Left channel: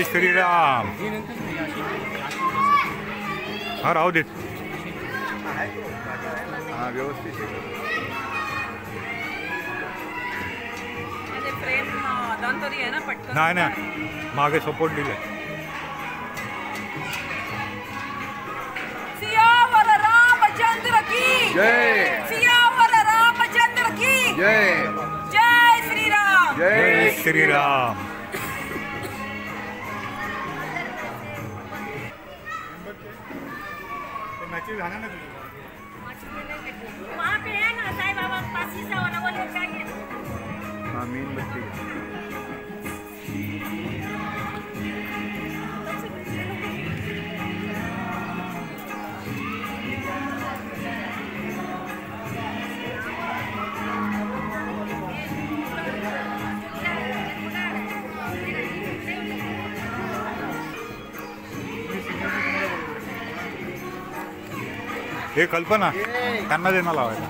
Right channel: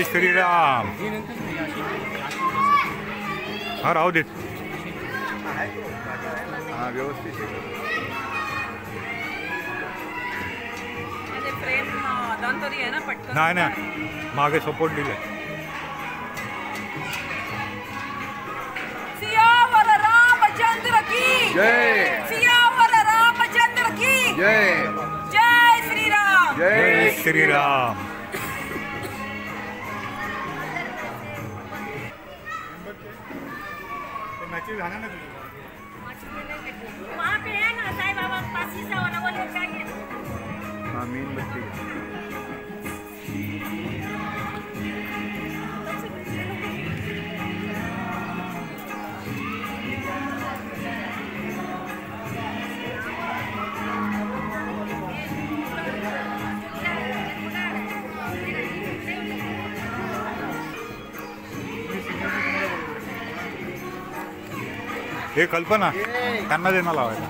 जय श्रीराम. हा राहू देत. हा व्यवस्थित नाही नाही मागे सपोर्ट दिले. सियावर रामचंद्र की जय. सियावर रामचंद्र की जय. जय श्रीराम. जय श्रीराम. वहाँ पे है ना साईं बाबा पास ही से वाला वो लेकर आइए. हाँ मीन बत्ती. हे कल्पना त्यांना देणं लावायला.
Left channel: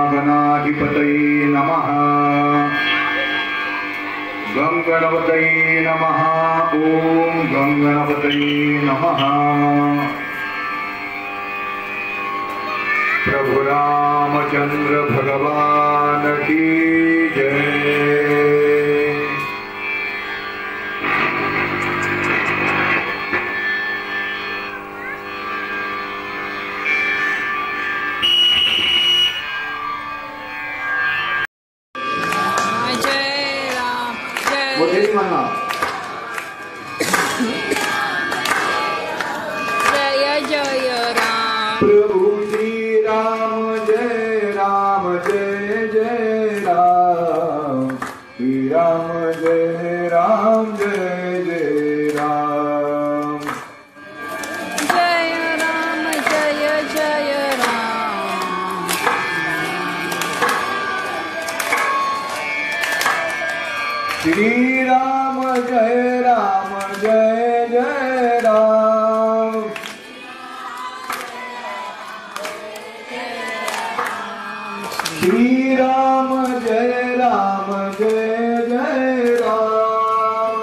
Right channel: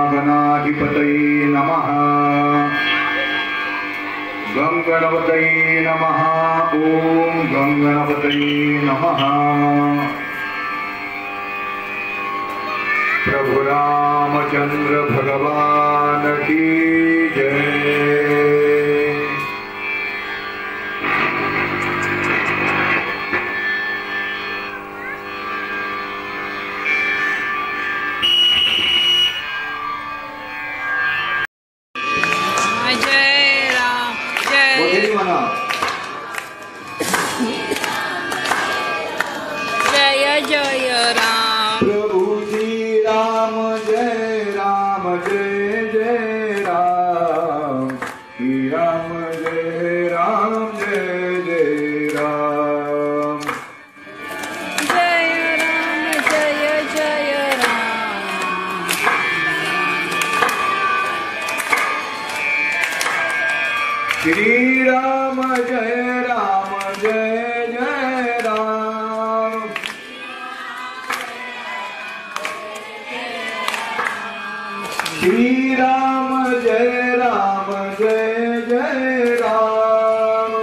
श्रीमन्महागणाधिपतये नमः. गं गणपतये नमः. ओम गं गणपतये नमः. प्रभु रामचंद्र भगवान की जय. जय राम. जय जय जय राम. प्रभु श्री राम जय राम जय जय राम. श्री राम जय राम जय जय राम. जय राम जय जय राम. श्री राम जय राम जय जय राम. श्री राम जय राम जय जय राम.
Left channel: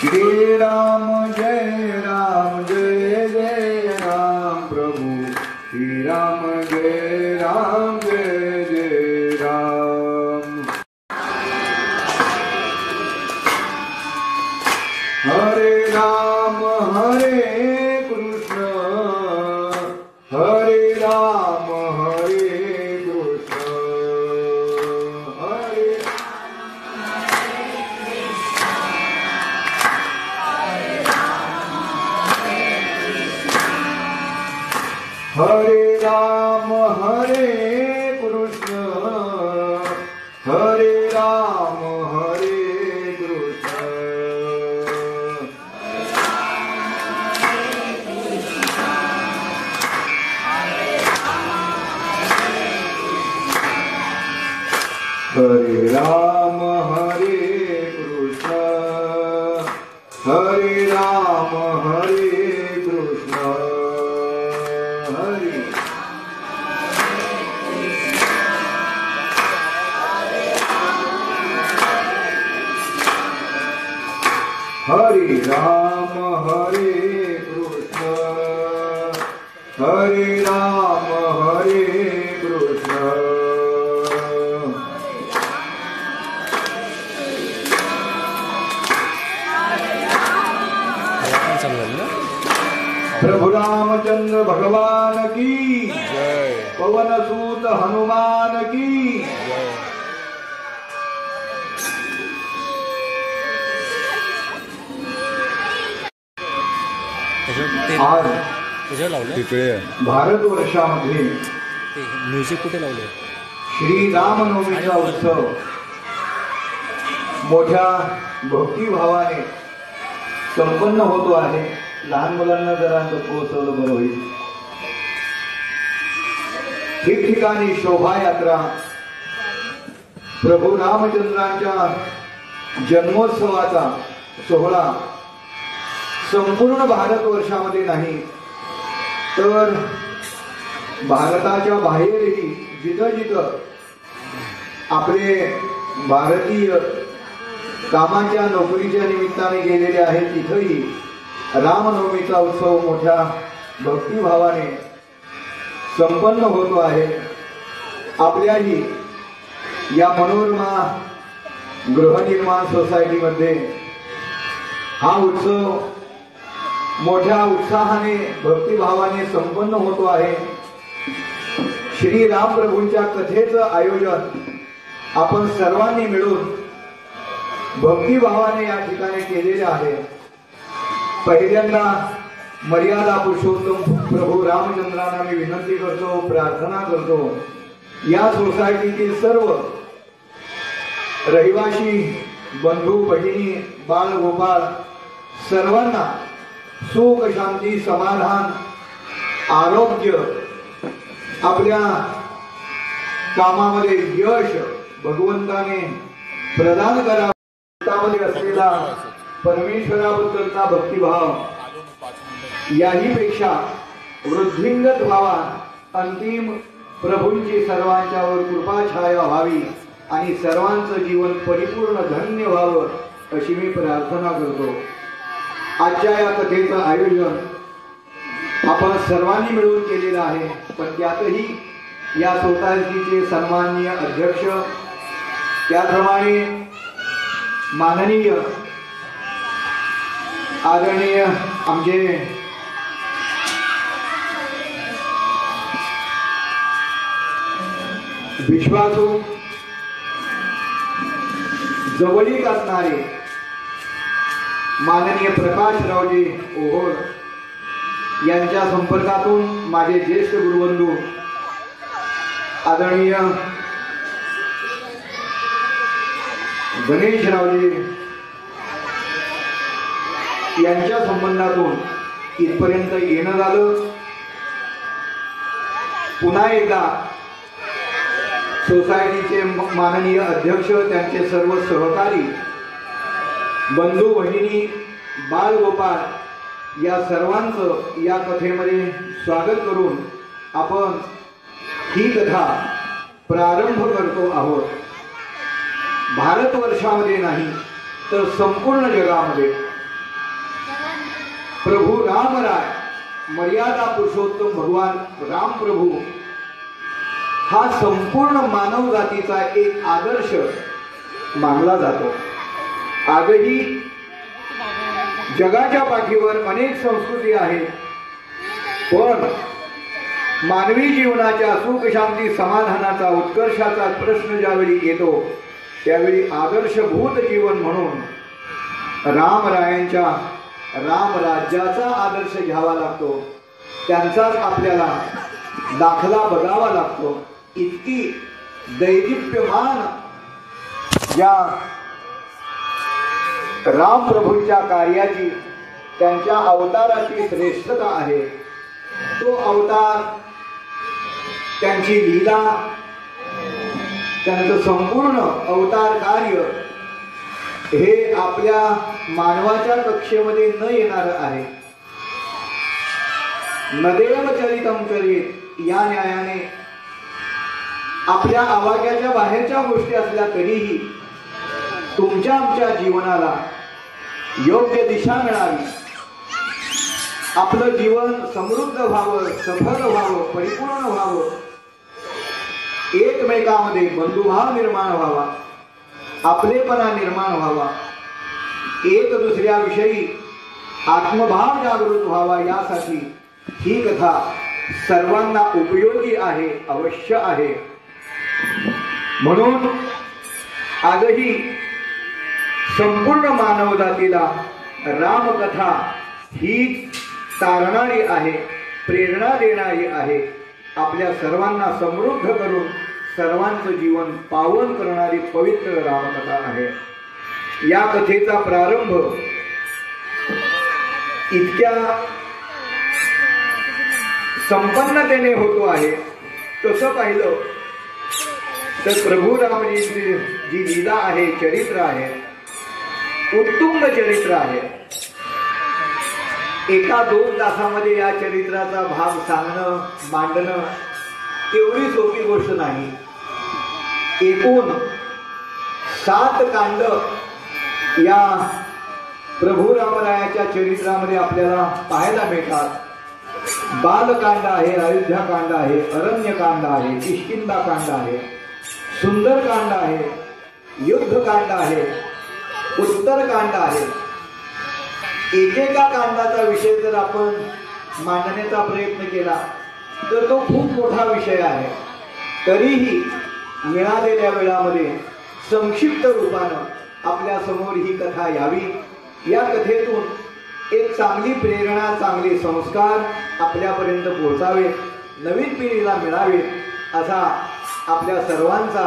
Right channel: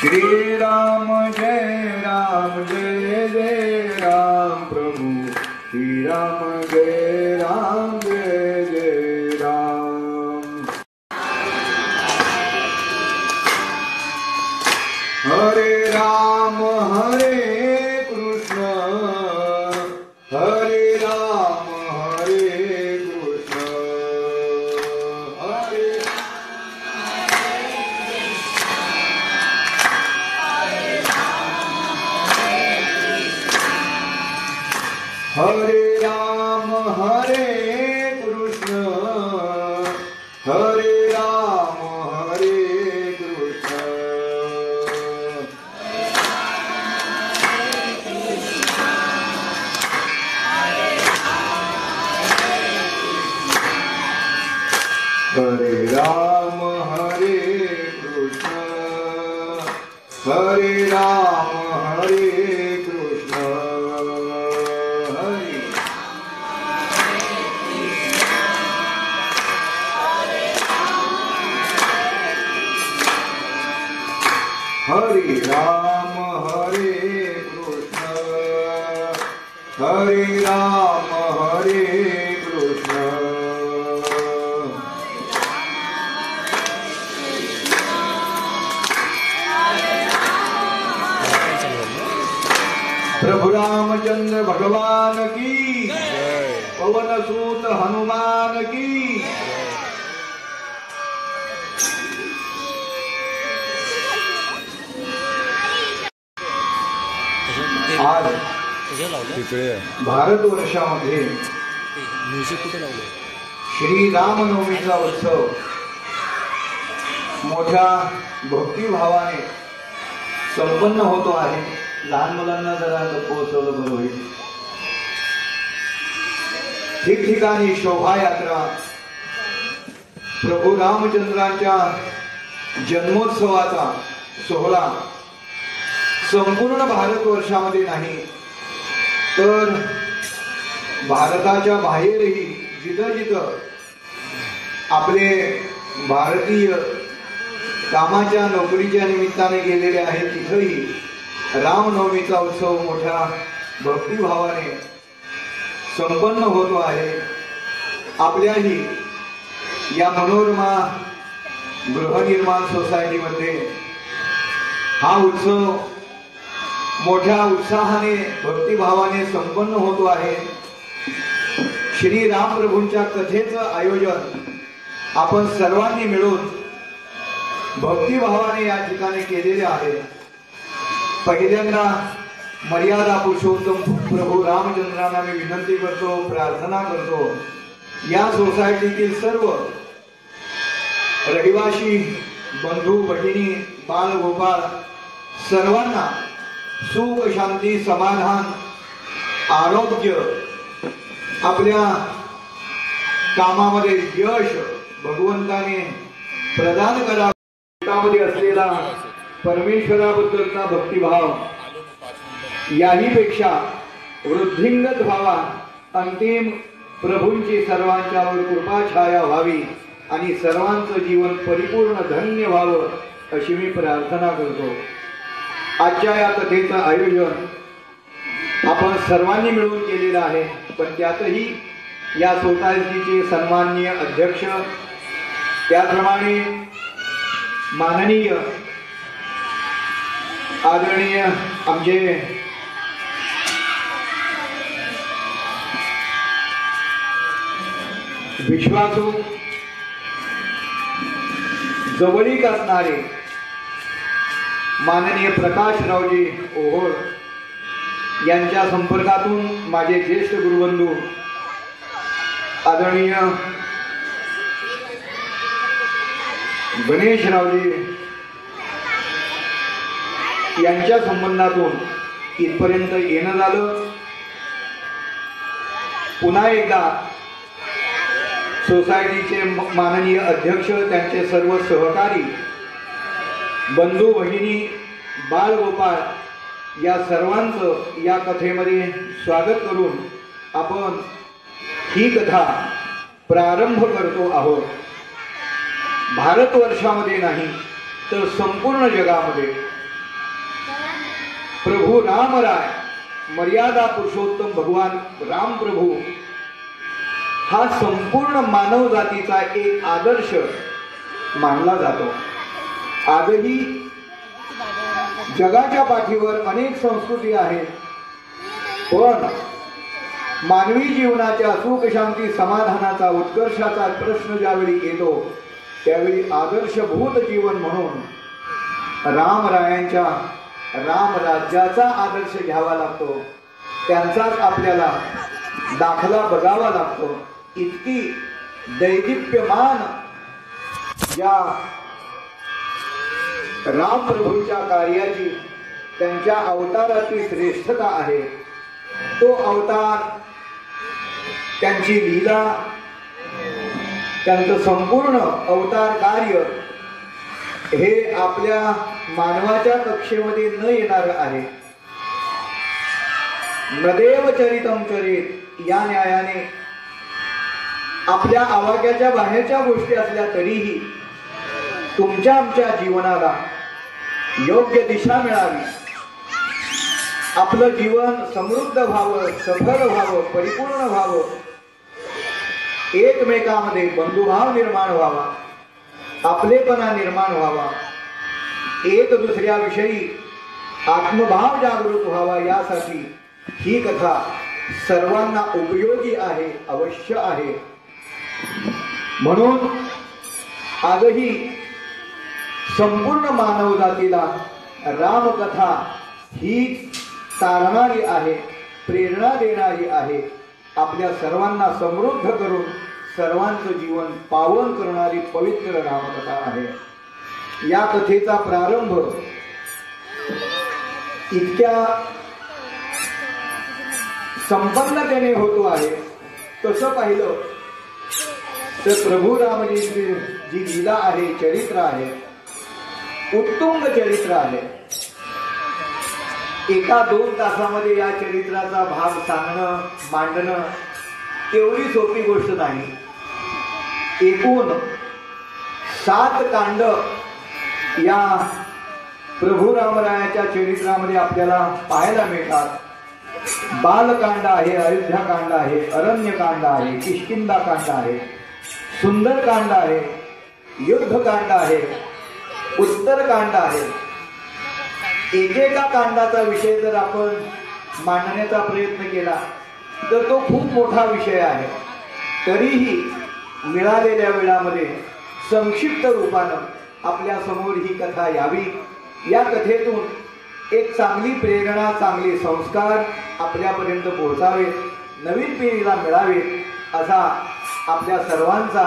श्री राम जय राम जय जय राम. प्रभु श्री राम जय राम जय जय राम. हरे राम हरे कृष्ण हरे राम हरे कृष्ण हरे हरे राम हरे कृष्ण हरे राम हरे कृष्ण. हरे राम हरे कृष्ण हरे राम हरे कृष्ण. हरे हरे राम हरे कृष्ण हरे राम हरे कृष्ण. प्रभु रामचंद्र भगवान की जय. पवन सूत हनुमान की. आज तिकडे भारतवर्षामध्ये म्युझिक कुठे लावले? श्री रामनवमीचा उत्सव मोठ्या भक्तिभावाने संपन्न होतो आहे. लहान मुलांना जरा पोहोचवलं बरं होईल. ठिकठिकाणी शोभायात्रा प्रभू रामचंद्रांच्या जन्मोत्सवाचा सोहळा संपूर्ण भारतवर्षामध्ये नाही तर भारताच्या बाहेरही जिथं जिथं आपले भारतीय कामाच्या नोकरीच्या निमित्ताने गेलेले आहेत तिथंही रामनवमीचा उत्सव मोठ्या भक्तिभावाने संपन्न होतो आहे. आपल्याही या मनोरमा गृहनिर्माण सोसायटीमध्ये हा उत्सव मोठ्या उत्साहाने भक्तिभावाने संपन्न होतो आहे. श्री राम प्रभूंच्या कथेचं आयोजन आपण सर्वांनी मिळून भक्तिभावाने या ठिकाणी केलेले आहे. पहिल्यांदा मर्यादा पुरुषोत्तम प्रभू रामचंद्रांना मी विनंती करतो, प्रार्थना करतो, या सोसायटीतील सर्व रहिवासी बंधू भगिनी बाळ गोपाळ सर्वांना सुख शांती समाधान आरोग्य आपल्या कामामध्ये यश भगवंताने प्रदान करावे. त्यामध्ये असलेला परमेश्वराबद्दलचा भक्तिभाव याही पेक्षा वृद्धिंगत व्हावा, अंतिम प्रभूंची सर्वांच्यावर कृपा छाया व्हावी आणि सर्वांचं जीवन परिपूर्ण धन्य व्हावं अशी मी प्रार्थना करतो. आजच्या या कथेचं आयोजन आपण सर्वांनी मिळून केलेलं आहे, पण त्यातही या सोसायटीचे सन्माननीय अध्यक्ष त्याप्रमाणे माननीय आदरणीय आमचे विश्वासू जवळीक असणारे माननीय प्रकाशरावजी ओहोळ यांच्या संपर्कातून माझे ज्येष्ठ गुरुबंधू आदरणीय गणेशरावजी यांच्या संबंधातून इथपर्यंत येणं झालं. पुन्हा एकदा सोसायटीचे माननीय अध्यक्ष, त्यांचे सर्व सहकारी, बंधू भगिनी, बाळ गोपाळ या सर्वांचं या कथेमध्ये स्वागत करून आपण ही कथा प्रारंभ करतो आहोत. भारतवर्षामध्ये नाही तर संपूर्ण जगामध्ये प्रभू रामराय मर्यादा पुरुषोत्तम भगवान राम प्रभू हा संपूर्ण मानव जातीचा एक आदर्श मानला जातो. आजही जगाच्या पाठीवर अनेक संस्कृती आहेत, पण मानवी जीवनाच्या सुख शांती समाधानाचा उत्कर्षाचा प्रश्न ज्यावेळी येतो त्यावेळी आदर्शभूत जीवन म्हणून रामरायांच्या रामराज्याचा आदर्श घ्यावा लागतो. त्यांचाच आपल्याला दाखला बघावा लागतो. इतकी दैदिप्यमान या राम प्रभूंच्या कार्याची, त्यांच्या अवताराची श्रेष्ठता आहे. तो अवतार, त्यांची लीला, त्यांचं संपूर्ण अवतार कार्य हे आपल्या मानवाच्या कक्षेमध्ये न येणार आहे. नदेव चरितम चरित या न्यायाने आपल्या आवाक्याच्या बाहेरच्या गोष्टी असल्या तरीही तुमच्या आमच्या जीवनाला योग्य दिशा मिळावी, आपलं जीवन समृद्ध व्हावं, सफल व्हावं, परिपूर्ण व्हावं, एकमेकांमध्ये बंधुभाव निर्माण व्हावा, आपलेपणा निर्माण व्हावा, एक दुसऱ्याविषयी आत्मभाव जागृत व्हावा, यासाठी ही कथा सर्वांना उपयोगी आहे, अवश्य आहे. म्हणून आजही संपूर्ण मानव जातीला रामकथा ही तारणारी आहे, प्रेरणा देणारी आहे. आपल्या सर्वांना समृद्ध करून सर्वांचं जीवन पावन करणारी पवित्र रामकथा आहे. या कथेचा प्रारंभ इतक्या संपन्नतेने होतो आहे. तसं पाहिलं तर प्रभू रामजींची जी लीला आहे, चरित्र आहे, उत्तुंग चरित्र आहे. एका 2 तासामध्ये या चरित्राचा भाग सांगणं, मांडणं तेवढी सोपी गोष्ट नाही. एकूण 7 कांड या प्रभू रामरायाच्या चरित्रामध्ये आपल्याला पाहायला मिळतात. बालकांड आहे, अयोध्याकांड आहे, अरण्यकांड आहे, किष्किंधाकांड आहे, सुंदरकांड आहे, युद्धकांड आहे, उत्तरकांड आहे. एकेका कांडाचा विषय जर आपण मांडण्याचा प्रयत्न केला तर तो खूप मोठा विषय आहे. तरीही मिळालेल्या वेळामध्ये संक्षिप्त रूपानं आपल्या समोर ही कथा यावी, या कथेतून एक चांगली प्रेरणा, चांगले संस्कार आपल्यापर्यंत पोहोचावेत, नवीन पिढीला मिळावेत असा आपल्या सर्वांचा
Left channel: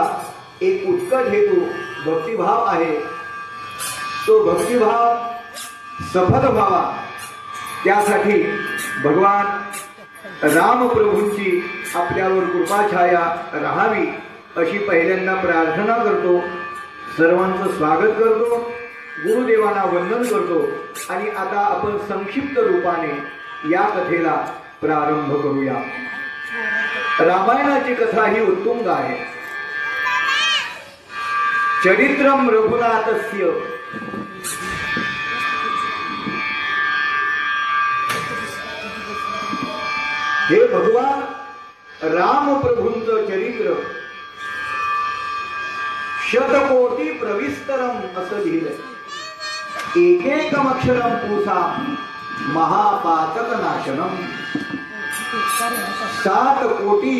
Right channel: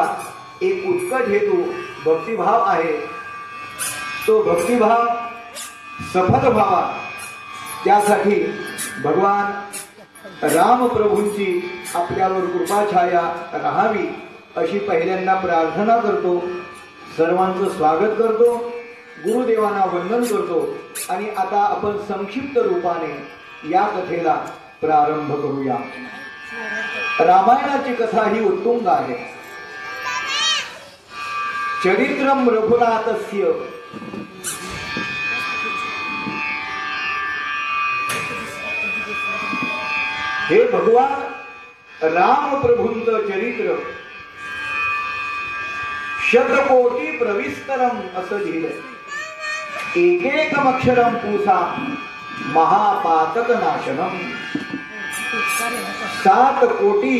एक उत्कट हेतू, भक्तिभाव आहे. तो भक्तिभाव सफल व्हावा त्यासाठी भगवान रामप्रभूंची आपल्यावर कृपाछाया राहावी अशी पहिल्यांदा प्रार्थना करतो. सर्वांचं स्वागत करतो, गुरुदेवांना वंदन करतो आणि आता आपण संक्षिप्त रूपाने या कथेला प्रारंभ करूया. रामायणाची कथा ही उत्तुंग आहे. चरित्रम रघुनाथस्य हे भगवान रामप्रभूंचं चरित्र शतकोटी प्रविस्तरम असं लिहिलंय. एकेकम अक्षरम पूसा महापातक नाशनम. 7 कोटी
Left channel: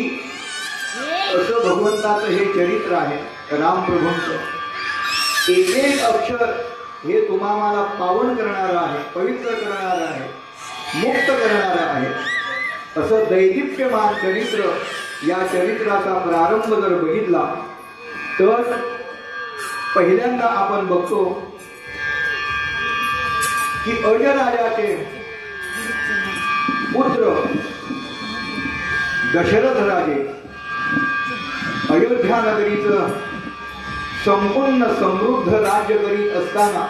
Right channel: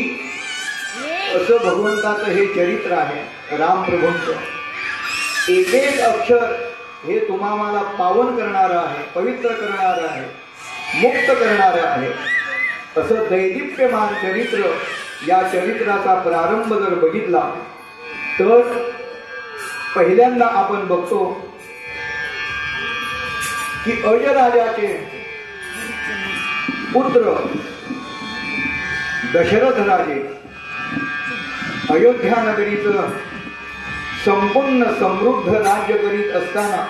असं भगवंताचं हे चरित्र आहे रामप्रभूंचं. एक एक अक्षर हे तुम्हाला पावन करणारं आहे, पवित्र करणारं आहे, मुक्त करणारं आहे. असं दैदिप्यमान चरित्र. या चरित्राचा प्रारंभ जर बघितला तर पहिल्यांदा आपण बघतो की अजराजाचे पुत्र दशरथ राजे अयोध्या नगरीचं संपूर्ण समृद्ध राज्य करीत असताना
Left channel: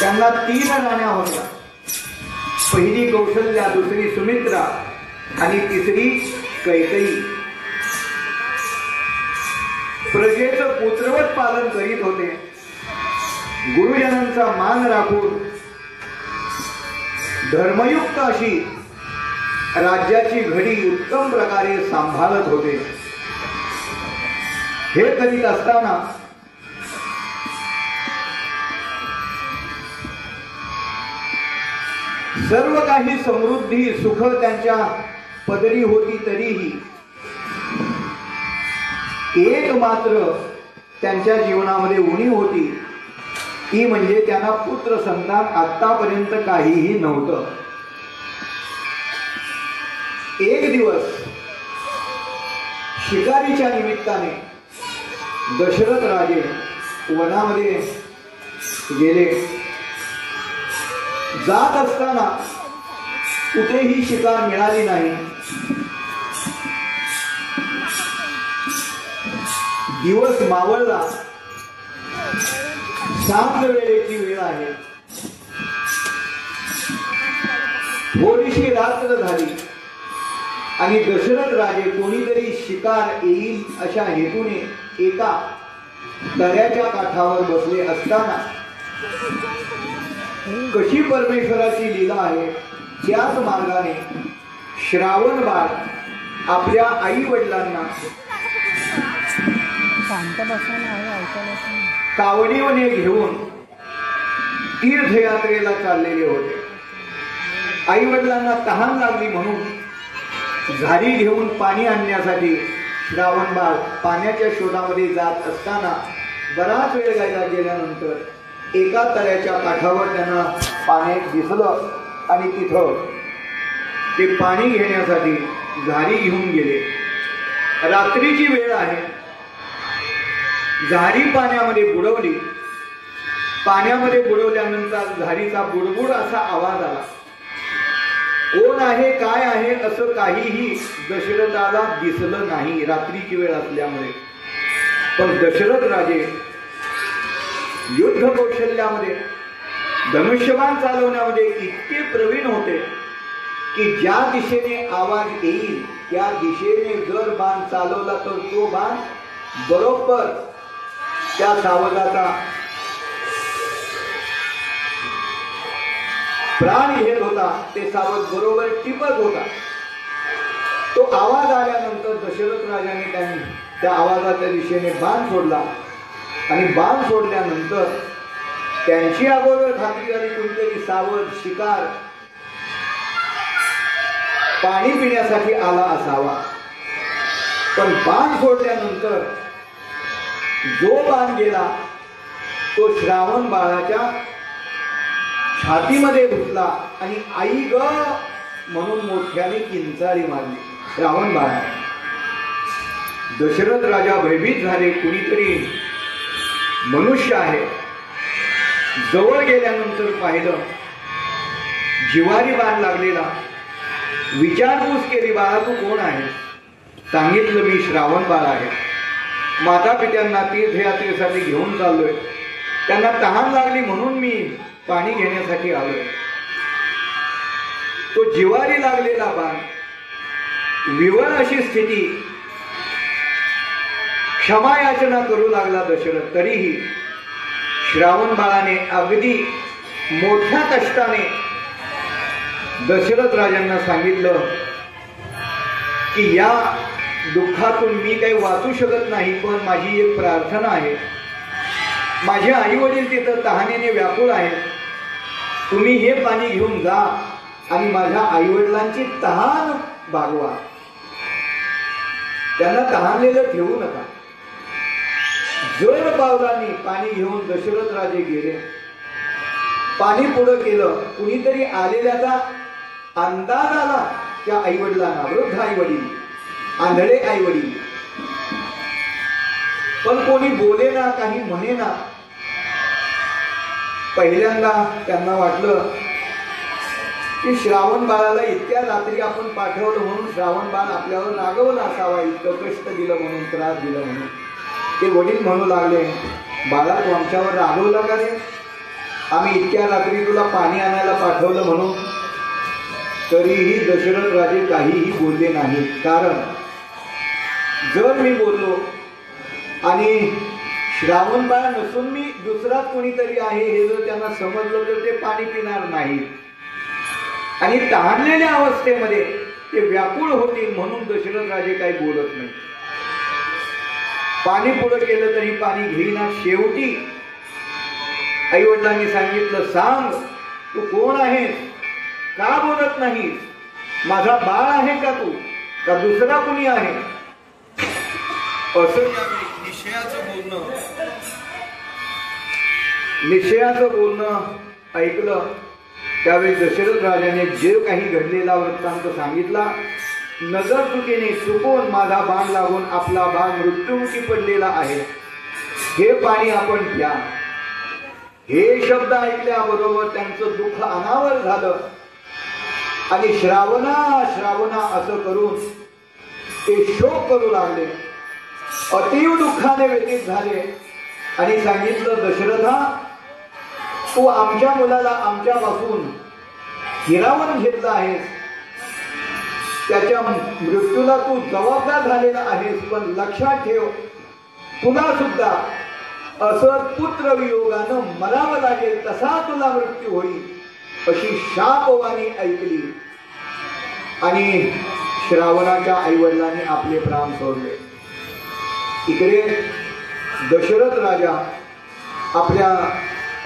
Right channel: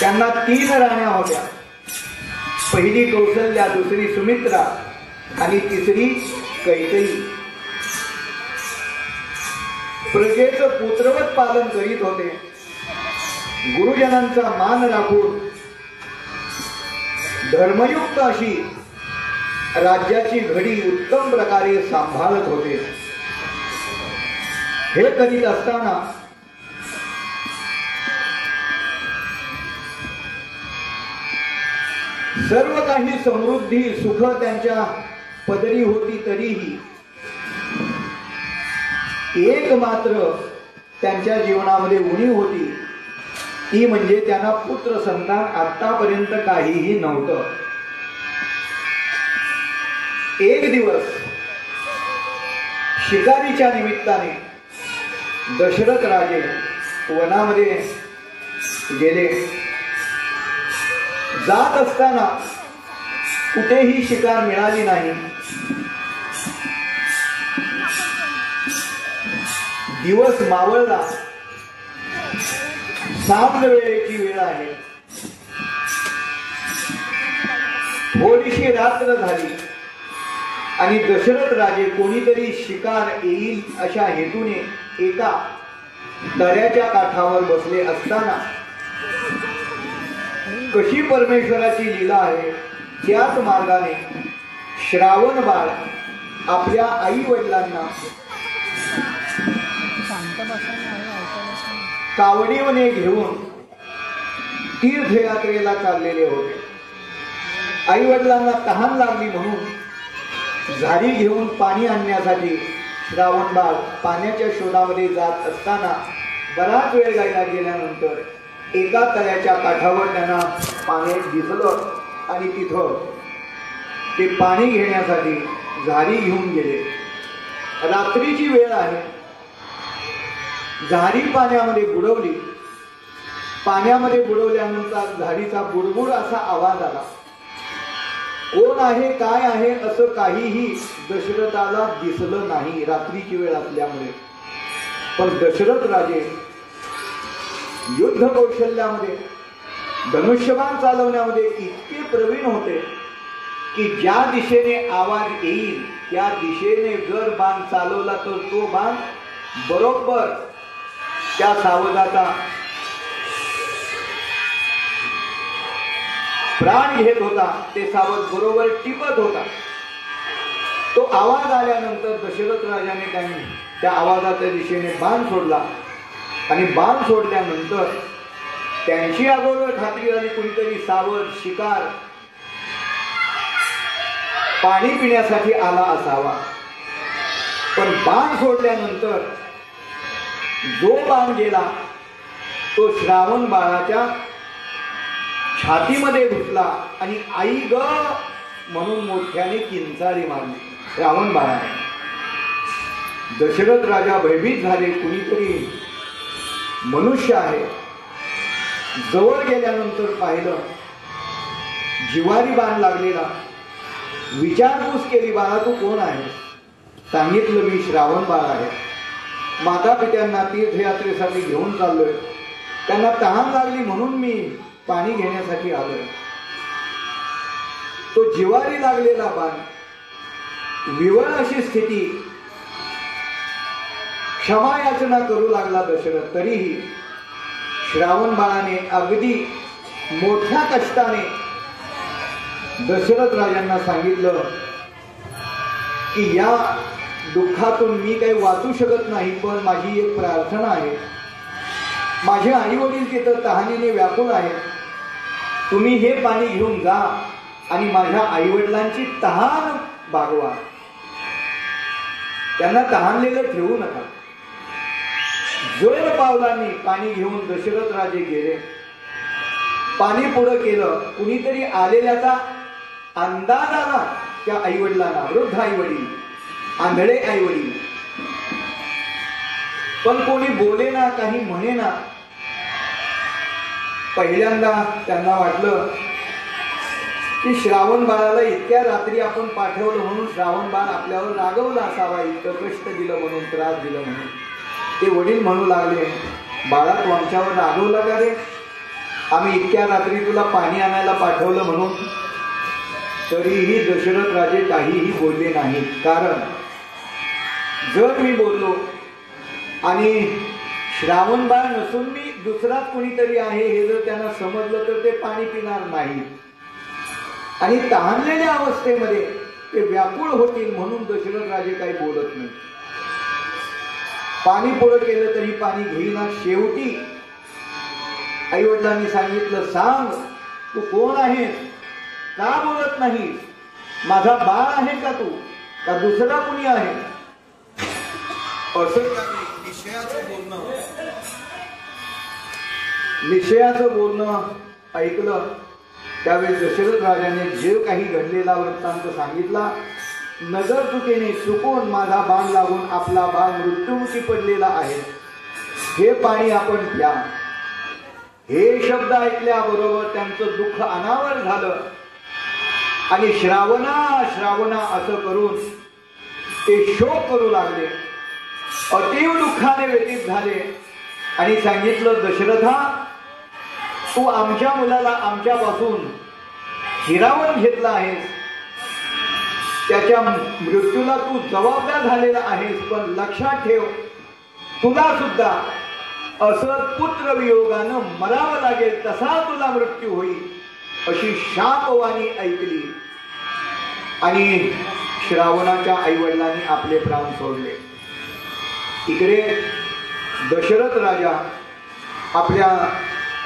त्यांना 3 राण्या होत्या. पहिली कौशल्या, दुसरी सुमित्रा आणि तिसरी कैकेयी. प्रजेचं पुत्रवत पालन करीत होते. गुरुजनांचा मान राखून धर्मयुक्त अशी राज्याची घडी उत्तम प्रकारे सांभाळत होते. हे करीत असताना सर्व काही समृद्धी, सुख त्यांच्या पदरी होती. तरीही एक मात्र त्यांच्या जीवनामध्ये उणीव होती, ती म्हणजे त्यांना पुत्र संतान आतापर्यंत काहीही नव्हतं. एक दिवस शिकारीच्या निमित्ताने दशरथ राजे वनामध्ये गेले. जात असताना कुठेही शिकार मिळाली नाही. दिवस मावळला. सांज वेळेची वेळ आहे. थोडीशी रात्र झाली आणि दशरथ राजे कोणीतरी शिकार येईल अशा हेतूने एका दऱ्याच्या काठावर बसले असताना कशी परमेश्वराची लीला आहे त्याच मार्गाने श्रावण बाळ आपल्या आई वडिलांना कावडीने घेऊन तीर्थयात्रेला चाललेले होते. आई वडिलांना तहान लागली म्हणून झारी घेऊन पाणी आणण्यासाठी श्रावण बाळ पाण्याच्या शोधामध्ये जात असताना बराच वेळ गेल्यानंतर एका तळ्याच्या काठावर त्यांना पाणी दिसलं आणि तिथं ते पाणी घेण्यासाठी झारी घेऊन गेले. रात्रीची वेळ आहे. झारी पाण्यामध्ये बुडवली. पाण्यामध्ये बुडवल्यानंतर झारीचा बुडबुड असा आवाज आला. कोण आहे काय आहे असं काहीही दशरथाला दिसलं नाही रात्रीची वेळ असल्यामुळे. पण दशरथ राजे युद्ध कौशल्यामध्ये धनुष्यबाण चालवण्यामध्ये इतके प्रवीण होते की ज्या दिशेने आवाज येईल त्या दिशेने जर बाण चालवला तर तो बाण बरोबर त्या सावजाचा प्राण घेत होता. ते सावज बरोबर टिपत होता. तो आवाज आल्यानंतर दशरथ राजाने त्यांनी त्या आवाजाच्या दिशेने बाण सोडला आणि बाण सोडल्यानंतर त्यांची अगोदर खात्री झाली कुणीतरी सावज शिकार पाणी पिण्यासाठी आला असावा. पण बाण सोडल्यानंतर जो बाण गेला तो श्रावण बाळाच्या छातीमध्ये घुसला आणि आई ग म्हणून मोठ्याने किंचाळी मारली. श्रावण बाळाने. दशरथ राजा भयभीत झाले. कुणीतरी मनुष्य आहे. जवळ गेल्यानंतर पाहिलं जिवारी बाण लागलेला. विचारपूस केली, बाळा तू कोण आहे? सांगितलं मी श्रावण बाळ आहे. माता पित्यांना तीर्थयात्रेसाठी घेऊन चाललोय. त्यांना तहान लागली म्हणून मी पाणी घेण्यासाठी आलोय. तो जिवारी लागलेला बाण, विवळ अशी स्थिती, क्षमायाचना करू लागला दशरथ. तरीही श्रावण बाळाने अगदी मोठ्या कष्टाने दशरथ राजांना सांगितलं की या दुःखातून मी काही वाचू शकत नाही, पण माझी एक प्रार्थना आहे. माझे आई वडील तिथं तहानेने व्याकुळ आहेत. तुम्ही हे पाणी घेऊन जा आणि माझ्या आई वडिलांची तहान भागवा. त्यांना तहानलेलं ठेवू नका. जड पावलांनी पाणी घेऊन दशरथ राजे गेले. पाणी पुढं केलं. कुणीतरी आलेल्याचा अंदाज आला त्या आई वडिलांना. वृद्ध आई वडील, आंधळे आई वडील. पण कोणी बोले ना, काही म्हणे ना. पहिल्यांदा त्यांना वाटलं की श्रावण बाळाला इतक्या रात्री आपण पाठवलं म्हणून श्रावण बाळ आपल्यावर रागवला असावा, इतकं कष्ट दिलं म्हणून, त्रास दिला म्हणून. ते वडील म्हणू लागले, बाळा तू आमच्यावर रागवला का रे? आम्ही इतक्या रात्री तुला पाणी आणायला पाठवलं म्हणून. तरीही दशरथ राजे काहीही बोलले नाही. कारण जर मी बोललो आणि श्रावण बाळ नसून मी दुसराच कोणीतरी आहे हे जर त्यांना समजलं तर ते पाणी पिणार नाही आणि तहानलेल्या अवस्थेमध्ये ते व्याकुळ होतील म्हणून दशरथ राजे काही बोलत नाही. पाणी पुढं केलं तरी पाणी घेईना. शेवटी आई वडिलांनी सांगितलं, सांग तू कोण आहेस? का बोलत नाही? माझा बाळ आहे का तू, का दुसरा कुणी आहे? असं निश्चयाचं बोलणं ऐकलं. त्यावेळी दशरथ राजाने जे काही घडलेला वृत्तांत सांगितला. नजर चुकीने चुकून माझा बाण लागून आपला बाण मृत्यूमुखी पडलेला आहे. हे पाणी आपण प्या. हे शब्द ऐकल्याबरोबर त्यांचं दुःख अनावर झालं आणि श्रावणा श्रावणा असं करून ते शोक करू लागले. अतीव दुःखाने व्यतीत झाले आणि सांगितलं, दशरथा तू आमच्या मुलाला आमच्यापासून हिरावून घेतला आहेस. त्याच्या मृत्यूला तू जबाबदार झालेला आहेस. पण लक्षात ठेव, तुला सुद्धा असं पुत्रवियोगानं मरावं लागेल, तसा तुला मृत्यू होईल अशी शापवाणी ऐकली आणि श्रावणाच्या आईवडिलांनी आपले प्राण सोडले. इकडे दशरथ राजा आपल्या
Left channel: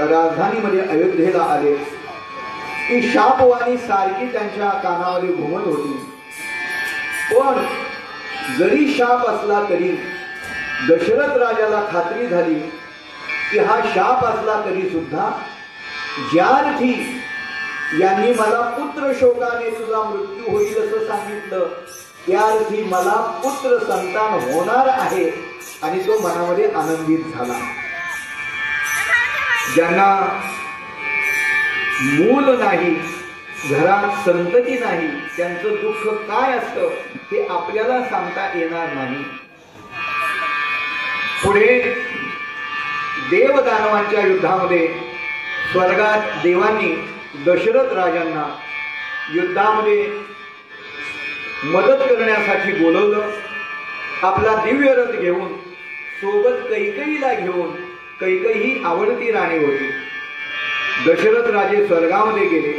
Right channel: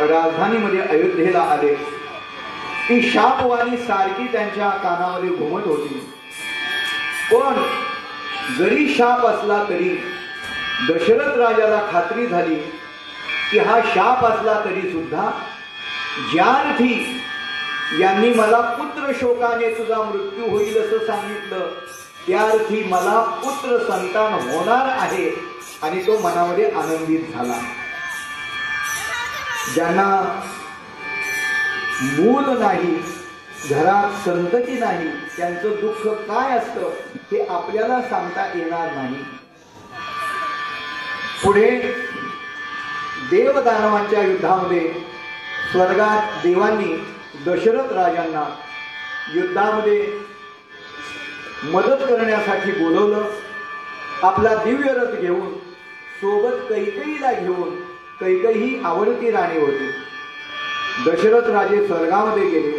राजधानीमध्ये अयोध्येला आले. ती शापवाणी सारखी त्यांच्या कानामध्ये घुमत होती. पण जरी शाप असला तरी दशरथ राजाला खात्री झाली की हा शाप असला तरी सुद्धा ज्या अर्थी यांनी मला पुत्र शोकाने तुझा मृत्यू होईल असं सांगितलं, त्या अर्थी मला पुत्र संतान होणार आहे आणि तो मनामध्ये आनंदित झाला. ज्यांना मूल नाही घरात संतती नाही, त्यांचं दुःख काय असतं हे आपल्याला सांगता येणार नाही. पुढे देवदानवांच्या युद्धामध्ये स्वर्गात देवांनी दशरथ राजांना युद्धामध्ये मदत करण्यासाठी बोलवलं. आपला दिव्य रथ घेऊन, सोबत कैकेयीला घेऊन, कैकेयी आवडती राणी होती. दशरथ राजे स्वर्गामध्ये गेले.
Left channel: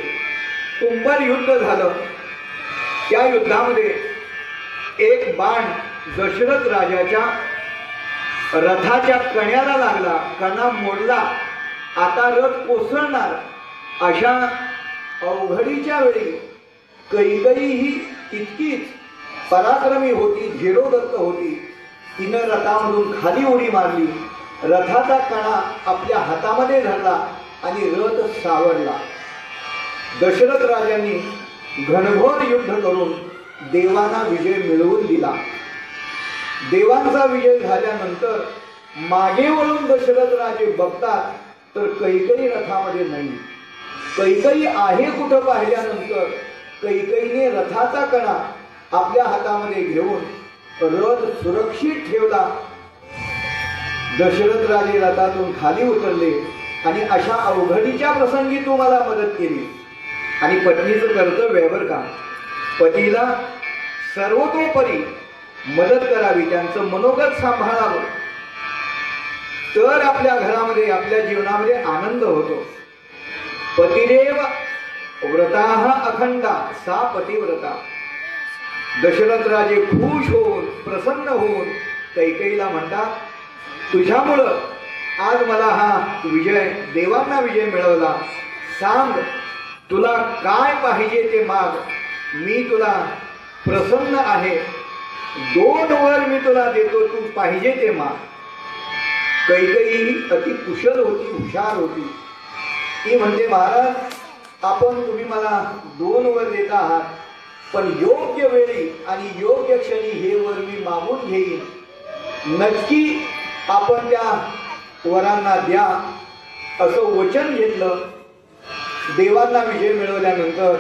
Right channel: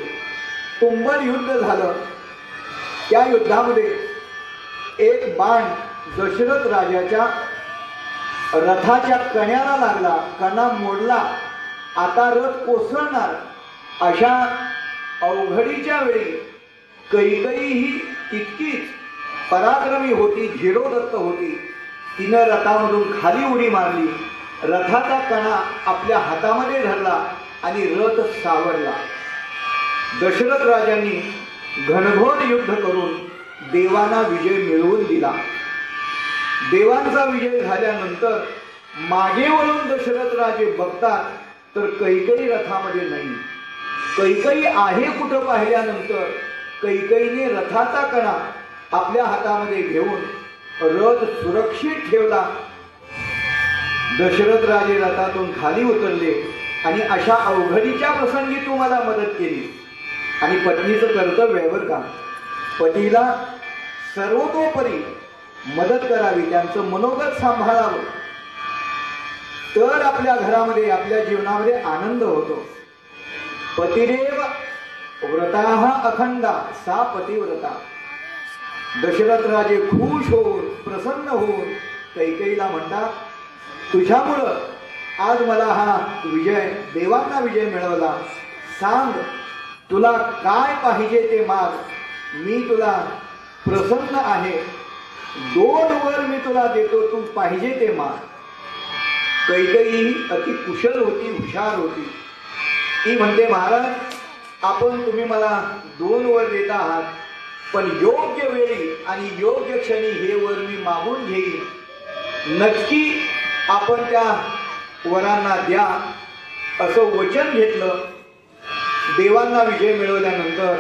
तुंबल युद्ध झालं. त्या युद्धामध्ये एक बाण दशरथ राजाच्या रथाच्या कण्याला लागला, कणा मोडला. आता रथ कोसळणार. अशा अवघडीच्या वेळी कैकेयी ही तितकीच पराक्रमी होती, धीरोदत्त होती. तिनं रथामधून खाली उडी मारली. रथाचा कणा आपल्या हातामध्ये धरला आणि रथ सावरला. दशरथ राजांनी घनघोर युद्ध करून देवांना विजय मिळवून दिला. देवांचा विजय झाल्यानंतर मागे वळून दशरथ राजे बघतात तर कैकेयी रथामध्ये नाही. कैकेयी आहे कुठं पाहिल्यानंतर कैकेयीने रथाचा कणा आपल्या हातामध्ये घेऊन रथ सुरक्षित ठेवला. दशरथ राजे रथातून खाली उतरले आणि अशा अवघडीच्या प्रसंगी तू मला मदत केली. आणि पत्नीचं कर्तव्य आहे बरं का, पतीला सर्वतोपरी मदत करावी, त्यांचं मनोगत सांभाळावं, तर आपल्या घरामध्ये आपल्या जीवनामध्ये आनंद होतो. पतिदेव व्रताः अखंडा सा पतिव्रता. दशरथ राजे खुश होऊन प्रसन्न होऊन कैकेयीला म्हणतात, तुझ्यामुळं आज मला हा विजय, देवांना विजय मिळवला. सांग तुला काय पाहिजे ते माग, मी तुला प्रसन्न आहे. 2 वर मी तुला देतो, तू पाहिजे ते माग. कैकेयी अति कुशल होती, हुशार होती. ती म्हणते, महाराज आपण तुम्ही मला 2 वर देत आहात, पण योग्य वेळी आणि योग्य क्षणी हे वर मी मागून घेईन. नक्की आपण त्या वरांना द्या असं वचन घेतलं. देवांना विजय मिळवल्यानंतर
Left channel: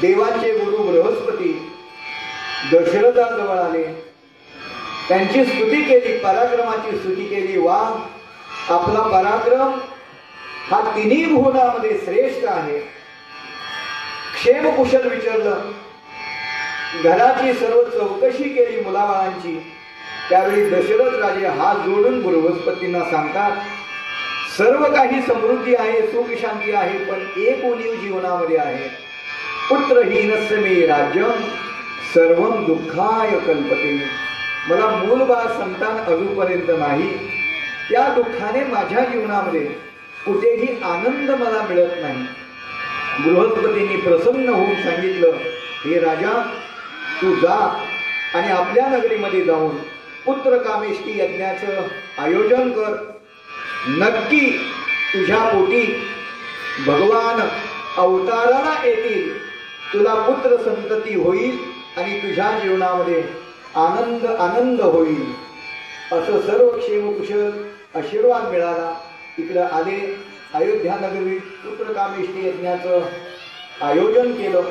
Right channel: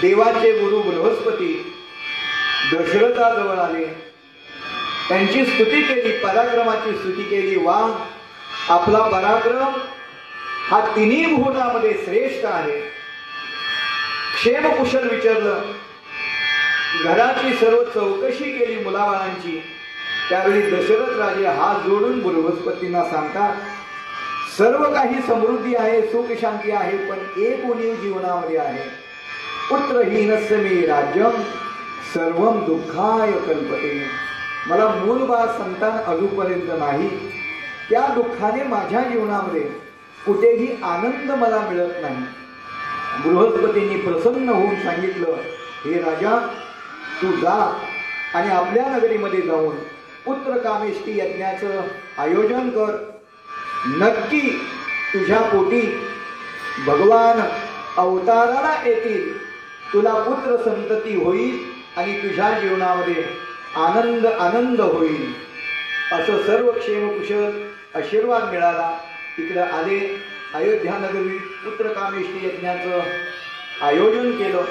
देवाचे गुरु बृहस्पती दशरथाजवळ आले. त्यांची स्तुती केली, पराक्रमाची स्तुती केली. वा, आपला पराक्रम हा तिन्ही भुवनामध्ये श्रेष्ठ आहे. क्षेमकुशल विचारलं. घराची सर्व चौकशी केली मुलाबाळांची. त्यावेळी दशरथ राजे हात जोडून बृहस्पतींना सांगतात, सर्व काही समृद्धी आहे, सुख शांती आहे, पण एक उणीव जीवनामध्ये आहे. पुत्रहीनस्य मे राज्यम सर्वम दुःखाय कल्पते. मला मूलबाळ संतान अजूनपर्यंत नाही. त्या दुःखाने माझ्या जीवनामध्ये कुठेही आनंद मला मिळत नाही. बृहस्पतींनी प्रसन्न होऊन सांगितलं, हे राजा तू जा आणि आपल्या नगरीमध्ये जाऊन पुत्र कामेष्टी यज्ञाचं आयोजन कर. नक्की तुझ्या पोटी भगवान अवताराला येतील, तुला पुत्र संतती होईल आणि तुझ्या जीवनामध्ये आनंद आनंद होईल. असं सर्व क्षेमकुशल आशीर्वाद मिळाला. इकडे आले, अयोध्या नगरी पुत्र कामेष्टी यज्ञाचं आयोजन केलं.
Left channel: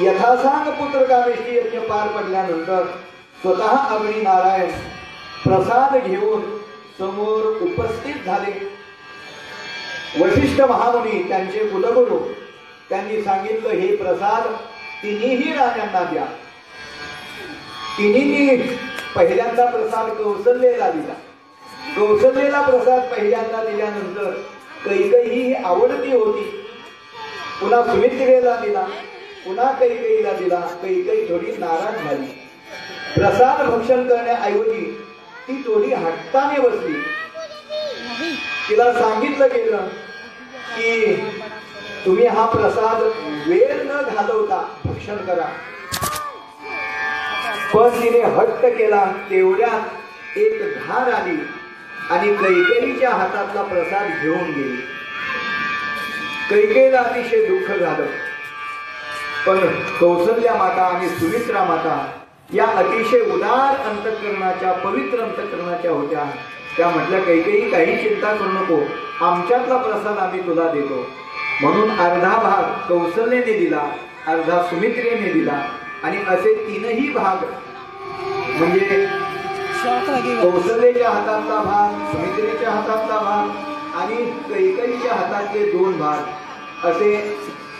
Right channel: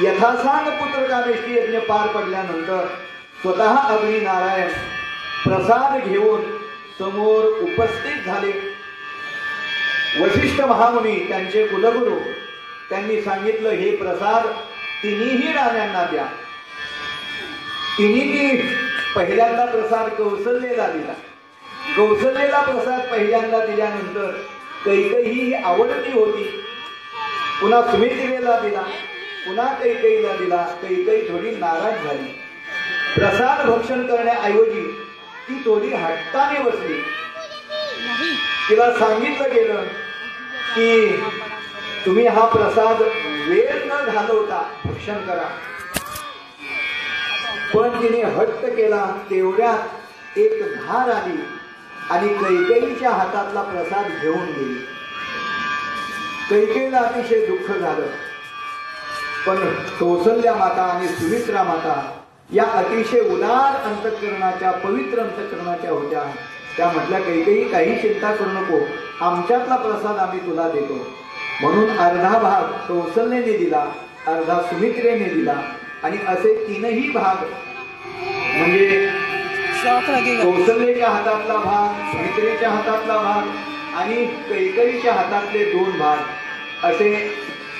यथासांग पुत्र कामेष्टी यज्ञ पार पडल्यानंतर स्वतः अग्नी नारायण प्रसाद घेऊन समोर उपस्थित झाले. वशिष्ठ महामुनी त्यांचे कुलगुरू त्यांनी सांगितलं, हे प्रसाद तिन्ही राण्यांना द्या. तिन्ही पहिल्यांदा प्रसाद कौसल्येला दिला. कौसल्येला प्रसाद पहिल्यांदा दिल्यानंतर कैकेयी ही आवडती होती. पुन्हा सुमित्रेला दिला, पुन्हा कैकेयीला दिला. कैकेयी थोडी नाराज झाली. प्रसाद भक्षण करण्याऐवजी ती थोडी हट्टाने बसली. तिला सांगितलं गेलं की तुम्ही हा प्रसाद वेळ न घालवता भक्षण करा. पण तिने हट्ट केला. तेवढ्यात एक घार आली आणि कैकेयीच्या हातातला प्रसाद घेऊन गेली. कैकेयीला अतिशय दुःख झालं. पण कौसल्या माता आणि सुमित्रा माता या अतिशय उदार अंतःकरणाच्या, पवित्र अंतःकरणाच्या होत्या. त्या म्हटल्या, कैकेयी काही चिंता करू नको, आमच्यातला प्रसाद आम्ही तुला देतो. म्हणून अर्धा भाग कौशल्याने दिला, अर्धा सुमित्रेने दिला आणि असे तीनही भाग म्हणजे कौशल्याच्या हातातला भाग, सुमित्रेच्या हातातला भाग आणि कैकेयीच्या हातातले 2 भाग असे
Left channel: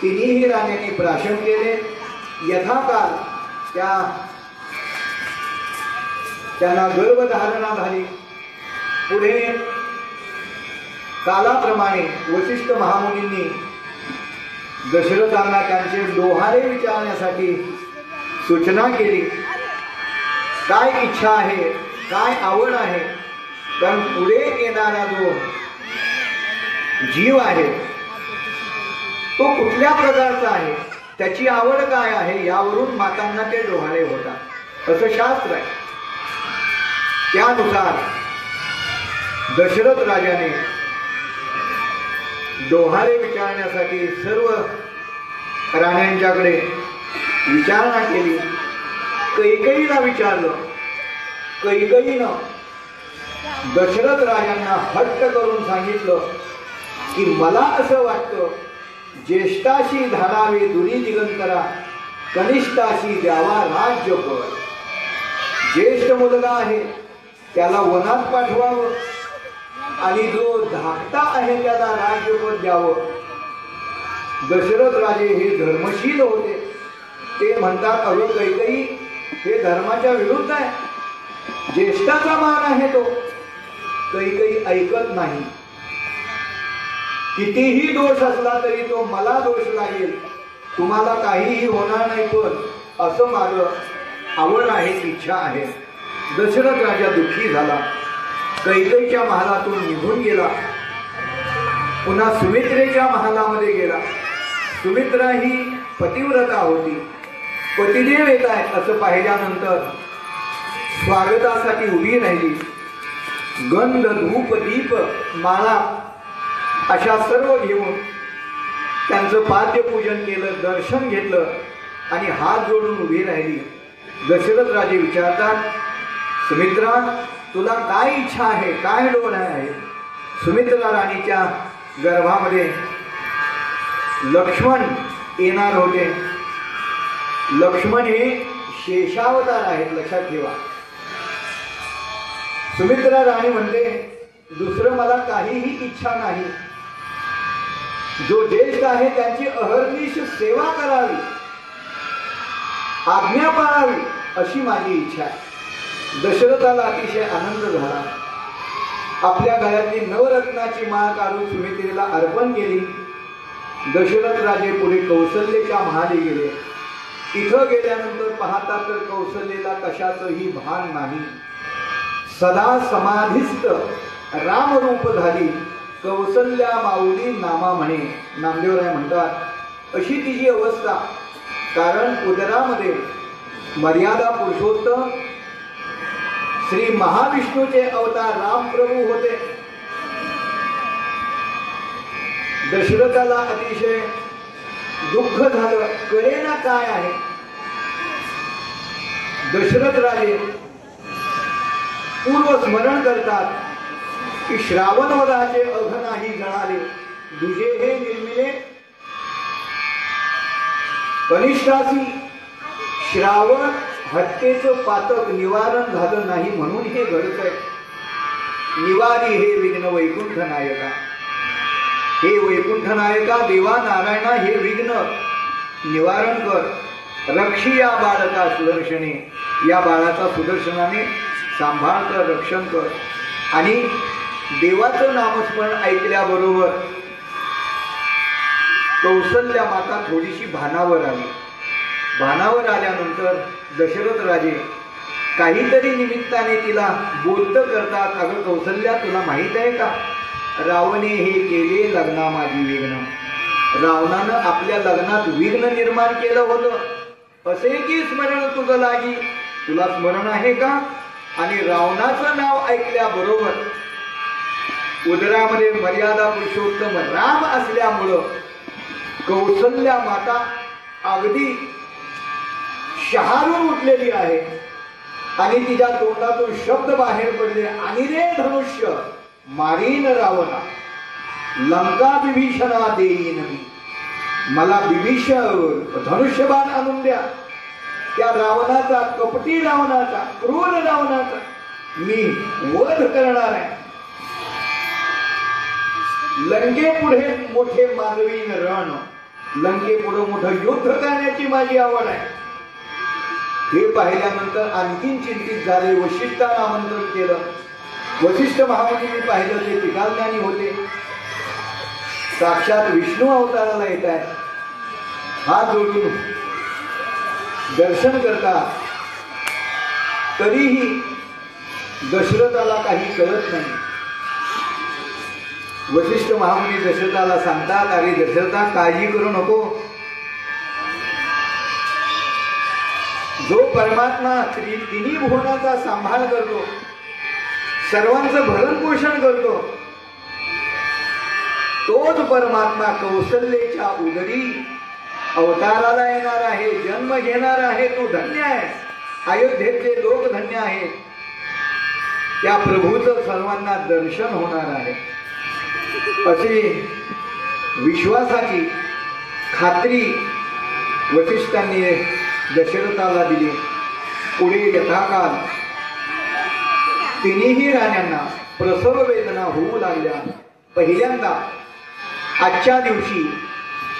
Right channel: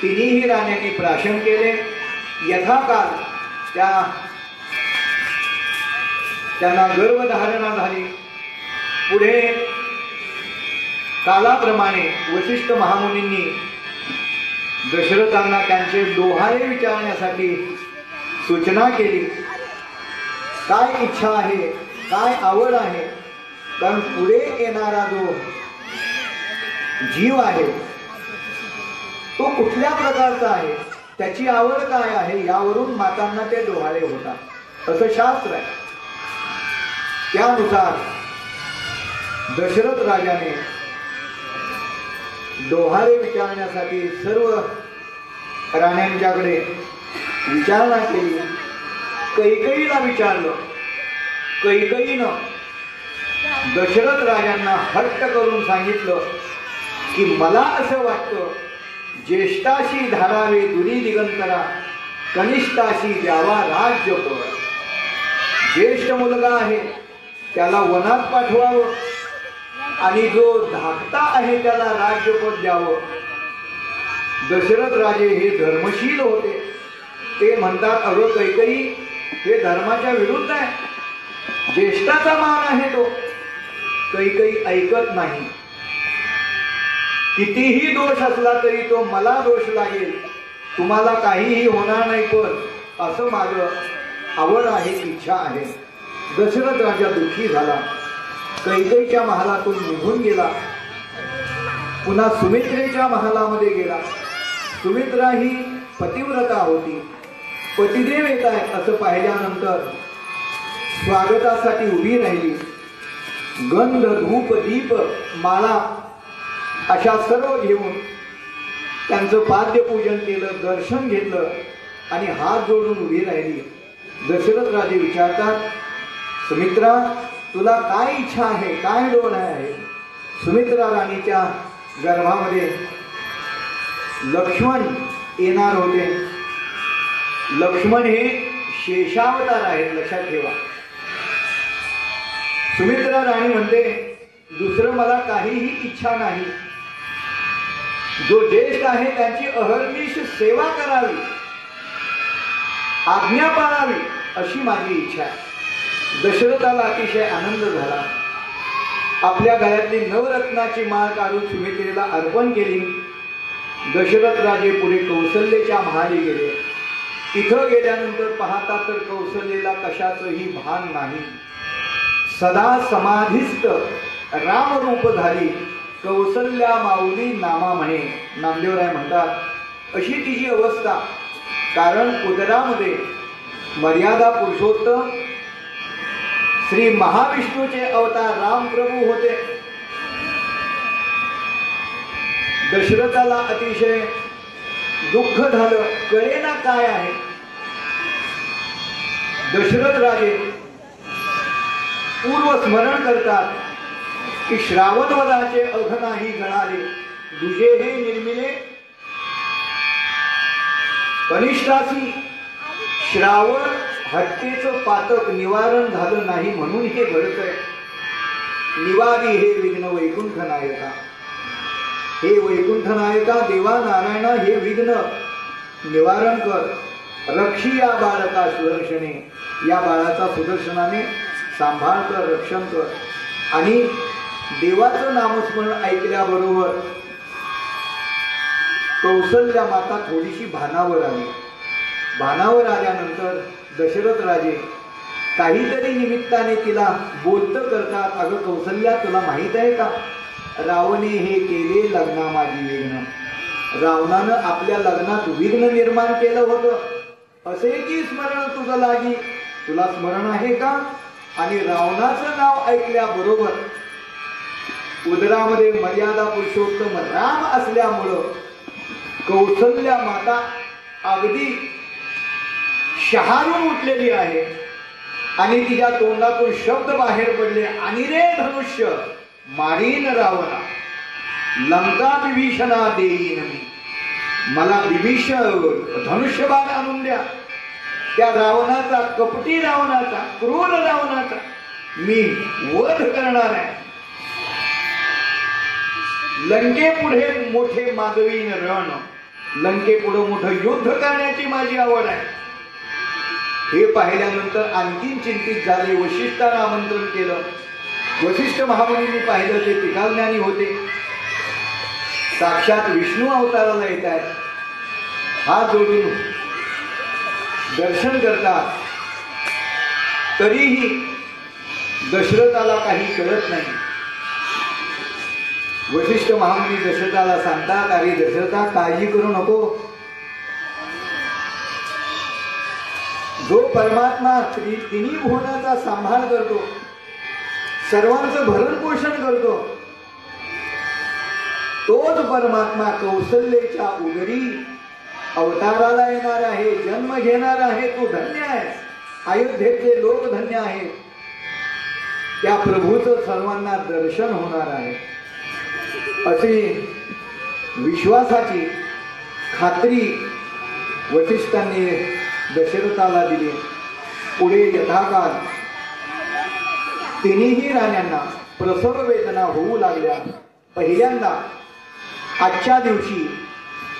तिन्ही राण्यांनी प्राशन केले. यथाकाल त्यांना गर्भधारणा झाली. पुढे कालाप्रमाणे वसिष्ठ महामुनींनी दशरथांना त्यांचे डोहाळे विचारण्यासाठी सूचना केली. काय इच्छा आहे, काय आवड आहे, कारण पुढे येणारा जो जीव आहे तो कुठल्या प्रकारचा आहे, त्याची आवड काय आहे, यावरून मातांना ते डोहाळे होतात असं शास्त्र आहे. त्यानुसार दशरथ राजाने डोहाळे विचारण्यासाठी सर्व राण्यांच्याकडे विचारणा केली. कैकेयीला विचारलं. कैकेयीनं दशरथ राजांना हट्ट करून सांगितलं की मला असं वाटतं ज्येष्ठाशी धाडावे दुरी दिगंतरा, कनिष्ठाशी द्यावा राज्यपद. ज्येष्ठ मुलगा आहे त्याला वनात पाठवावं आणि जो धाकटा आहे त्याला राज्यपद द्यावं. दशरथ राजे हे धर्मशील होते. ते म्हणतात अगं कैकेयी, हे धर्माच्या विरुद्ध आहे, ज्येष्ठाचा मान आहे तो. कैकेयी ऐकत नाही. कितीही दोष असला तरी तो मला दोष लागेल, तुम्हाला काहीही होणार नाही, पण असं माझं आवड आहे, इच्छा आहे. दशरथ राजा दुःखी झाला. कैकेयीच्या महालातून निघून गेला. पुन्हा सुमित्रेच्या महालामध्ये गेला. सुमित्रा ही पतिव्रता होती. पतिदेव येत आहेत असं पाहिल्यानंतर स्वागतासाठी उभी राहिली. गंध, धूप, दीप, माळा अशा सर्व घेऊन त्यांचं पाद्यपूजन केलं, दर्शन घेतलं आणि हात जोडून उभी राहिली. दशरथ राजे विचारतात, सुमित्रा तुला काय इच्छा आहे, काय डोळे आहे? सुमित्रा राणीच्या गर्भामध्ये लक्ष्मण येणार होते. लक्ष्मण हे शेषावतार आहेत, लक्षात ठेवा. सुमित्रा राणी म्हणते दुसरं मला काहीही इच्छा नाही. जो ज्येष्ठ आहे त्यांची अहर्निश सेवा करावी, आज्ञा पाळावी अशी माझी इच्छा आहे. दशरथाला अतिशय आनंद झाला. आपल्या गळ्यातली नवरत्नाची माळ काढून सुमित्रेला अर्पण केली. दशरथ राजे पुढे कौशल्याच्या महाली गेले. तिथं गेल्यानंतर पाहता तर कौशल्याला कशाचंही भान नाही. सदा समाधिस्थ रामरूप झाली, कौशल्या माऊली नामा म्हणे. नामदेवराय म्हणतात अशी तिची अवस्था. कारण उदरामध्ये मर्यादा पुरुषोत्तम श्री महाविष्णूचे अवतार रामप्रभू होते. दशरथाला अतिशय दुःख झालं, कळेना काय आहे. दशरथ राजे पूर्व स्मरण करतात की श्रावणवदाचे अघ नाही जळाले, दुजे हे निर्मिले कनिष्ठासी. श्रावण हत्येचं पातक निवारण झालं नाही म्हणून हे घडतंय. निवारी हे विघ्न वैकुंठ नायका, हे वैकुंठ नायका देवा नारायणा हे विघ्न निवारण कर. रक्षी या बाळका सुदर्शने, या बाळाचा सुदर्शनाने सांभाळ कर, रक्षण कर. आणि देवाचं नामस्मरण ऐकल्याबरोबर कौशल्या माता थोडीशी भानावर आली. भानावर आल्यानंतर दशरथ राजे काहीतरी निमित्ताने तिला बोलतं करतात. अगं कौशल्या, तुला माहित आहे का, रावणे हे केले लग्ना माझी विघ्न. रावणानं आपल्या लग्नात विघ्न निर्माण केलं होतं. असे की स्मरण तुझं लागी, तुला स्मरण आहे का? आणि रावणाचं नाव ऐकल्याबरोबर उदरामध्ये मर्यादा पुरुषोत्तम राम असल्यामुळं कौशल्या माता अगदी शहारून उठलेली आहे आणि तिच्या तोंडातून शब्द बाहेर पडले, आणि रे धनुष्य मारीन रावणा, लंका विभीषणा देईन मी. मला बिभीष धनुष्यबाण आणून द्या. त्या रावणाचा, कपटी रावणाचा, क्रूर रावणाचा मी वध करणार आहे. लंकेपुढे मोठे माधवीन रण, लंकेपुढे मोठं युद्ध करण्याची माझी आवड आहे. हे पाहिल्यानंतर आणखीन चिंतित झाले. वशिष्ठांना आमंत्रण केलं. वशिष्ठ महामुनींनी पाहिलं ते त्रिकालज्ञानी होते. साक्षात विष्णू अवताराला येत आहेत. हात जोडून दर्शन करतात. तरीही दशरथाला काही कळत नाही. वशिष्ठ महामुनी दशरथाला सांगतात, अरे दशरथा, काळजी करू नको. जो परमात्मा तिन्ही भुवनाचा सांभाळ करतो, सर्वांचं भरण पोषण करतो, तोच परमात्मा कौशल्याच्या उदरी अवताराला येणार आहे, जन्म घेणार आहे. तो धन्य आहे. अयोध्येतले लोक धन्य आहेत. त्या प्रभूचं सर्वांना दर्शन होणार आहे अशी विश्वासाची खात्री वशिष्ठांनी दशरथाला दिली. पुढे यथाकाल तिन्ही राण्यांना प्रसव वेदना होऊ लागल्या. पहिल्यांदा आजच्या दिवशी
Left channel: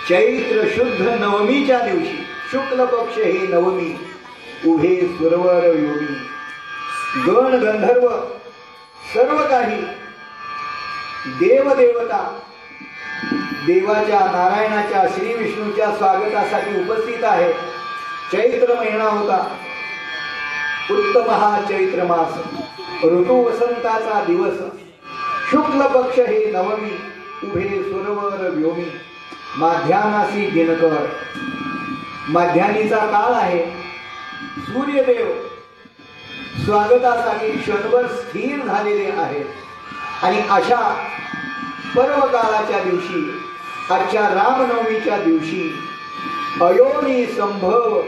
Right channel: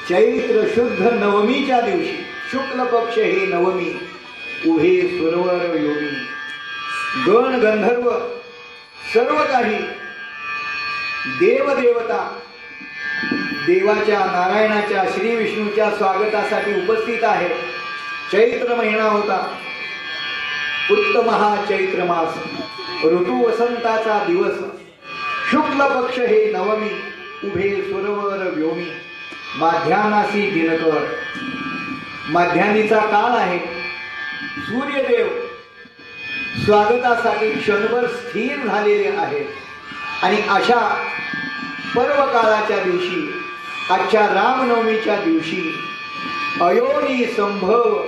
चैत्र शुद्ध नवमीच्या दिवशी, शुक्ल पक्ष हे नवमी, उभे सुरवर योगी, गण गंधर्व सर्व काही देवदेवता देवाच्या, नारायणाच्या, श्री विष्णूच्या स्वागतासाठी उपस्थित आहे. चैत्र महिना होता. उत्तम हा चैत्र मास, ऋतू वसंताचा दिवस, शुक्ल पक्ष हे नवमी, उभे सुरवर व्योमी, माध्यानासी दिनकर, माध्यानीचा काळ आहे. सूर्यदेव स्वागतासाठी क्षणभर स्थिर झालेले आहेत. आणि अशा पर्व काळाच्या दिवशी, आजच्या रामनवमीच्या दिवशी, अयोनी संभव